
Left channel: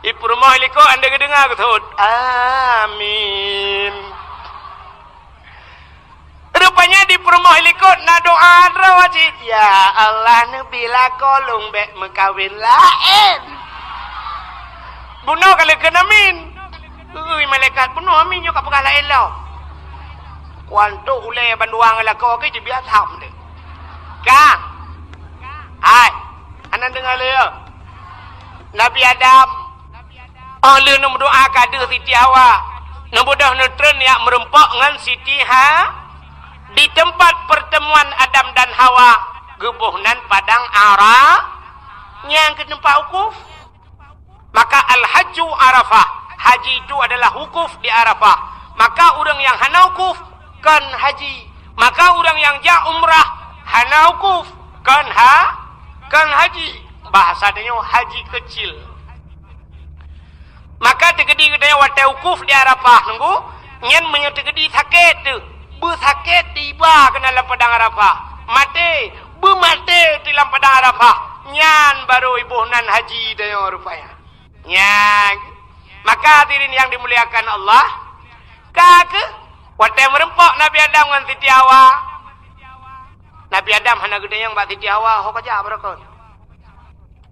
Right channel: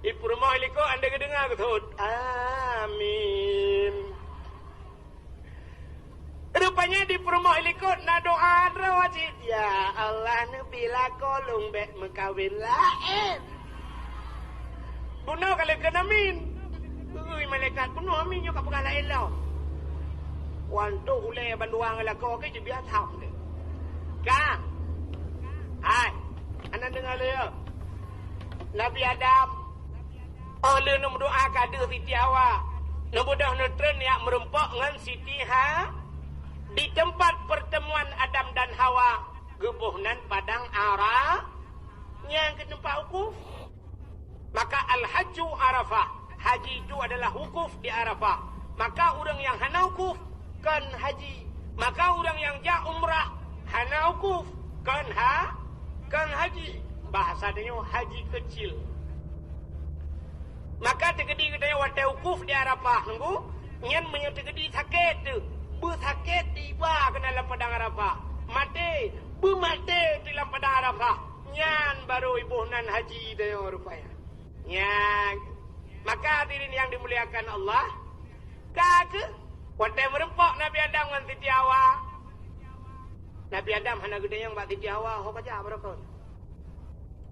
Iprumah liko anda kedengar ketut. Amin. Rupanya di perumah liko na doa rawajid. Ya Allah nebila kolong bek mekawin lain. Bunuh kali kenamin. Malaikat bunuh amin juga perkara lain lah. Wantu ulai banduang lako ke je biar tham de. Kang. Hai. Anak dengar le. Nabi Adam. Allah nak berdoa kada Siti Hawa. Nak bodoh neutron yang merempak dengan Siti di tempat pertemuan Adam dan Hawa. Gebuhnan padang Arafah. Yang ke tempat wukuf. Maka al-hajju Arafah. Haji itu adalah wukuf di Arafah. Maka orang yang hana wukuf kan haji. Maka orang yang ja umrah hana wukuf kan haji. Bahasanya haji kecil. Maka tegedi kita watai wukuf di Arafah nunggu nyen menyetegedi sakit tu. Bersakit tiba ke dalam padang Arafah. Mati, bermati di dalam padang Arafah. Nyan baru ibu nan haji dia rupanya. Nyan. Maka hadirin yang dimuliakan Allah, kake watai merempok Nabi Adam dengan Siti Hawa. Nabi Adam hana gede yang bak Siti Hawa ho kaja berakon.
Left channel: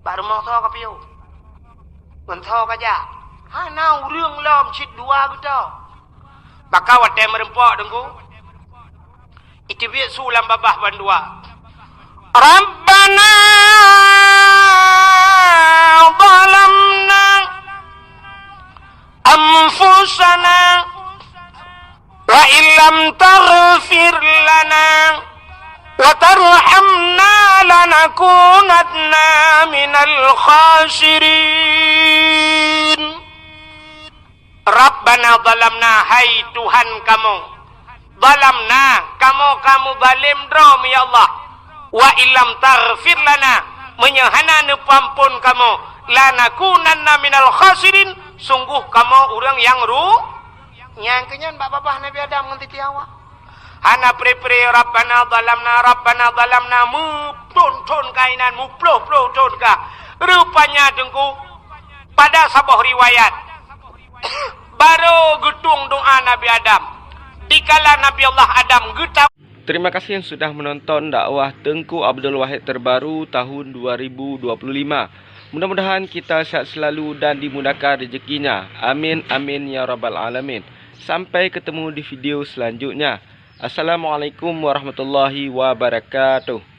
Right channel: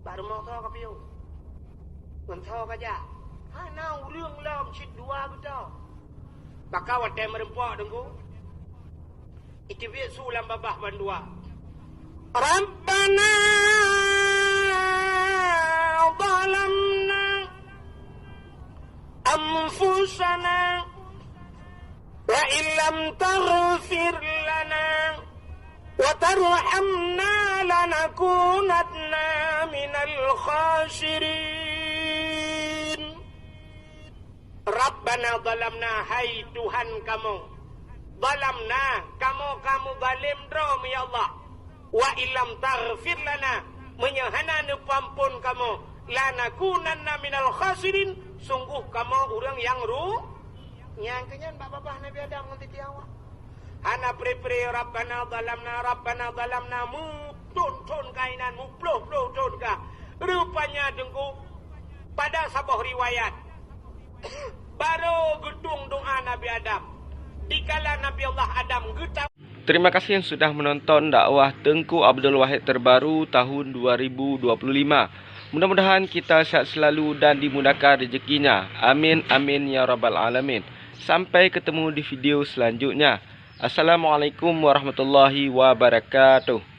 Baru mau tho kapiu. Ngan tho kaja. Hana urang lom cit dua gitu. Maka watai merempok dengku. Itu biar sulam babah bandua. Rabbana zalamna anfusana wa illam taghfir lana wa tarhamna lanakunanna minal khasirin. Rabbana zalamna, hai Tuhan kamu, zalamna, kamu zalim drom ya Allah. Wa illam taghfir lana, menyahana nepampun kamu, lanakunanna minal khasirin, sungguh kamu orang yang nyangkenyan bapak Nabi Adam dengan Siti Hawa. Hana pre-pre Rabbana zalamna mu ton kainan mu ploh ton ka. Rupanya dengku pada sebuah riwayat baru gedung doa Nabi Adam. Dikala Nabi Allah Adam getah. Terima kasih yang sudah menonton dakwah Tengku Abdul Wahid terbaru tahun 2025. Mudah-mudahan kita sehat selalu dan dimudahkan rezekinya. Amin amin ya rabbal alamin. Sampai ketemu di video selanjutnya. Assalamualaikum warahmatullahi wabarakatuh.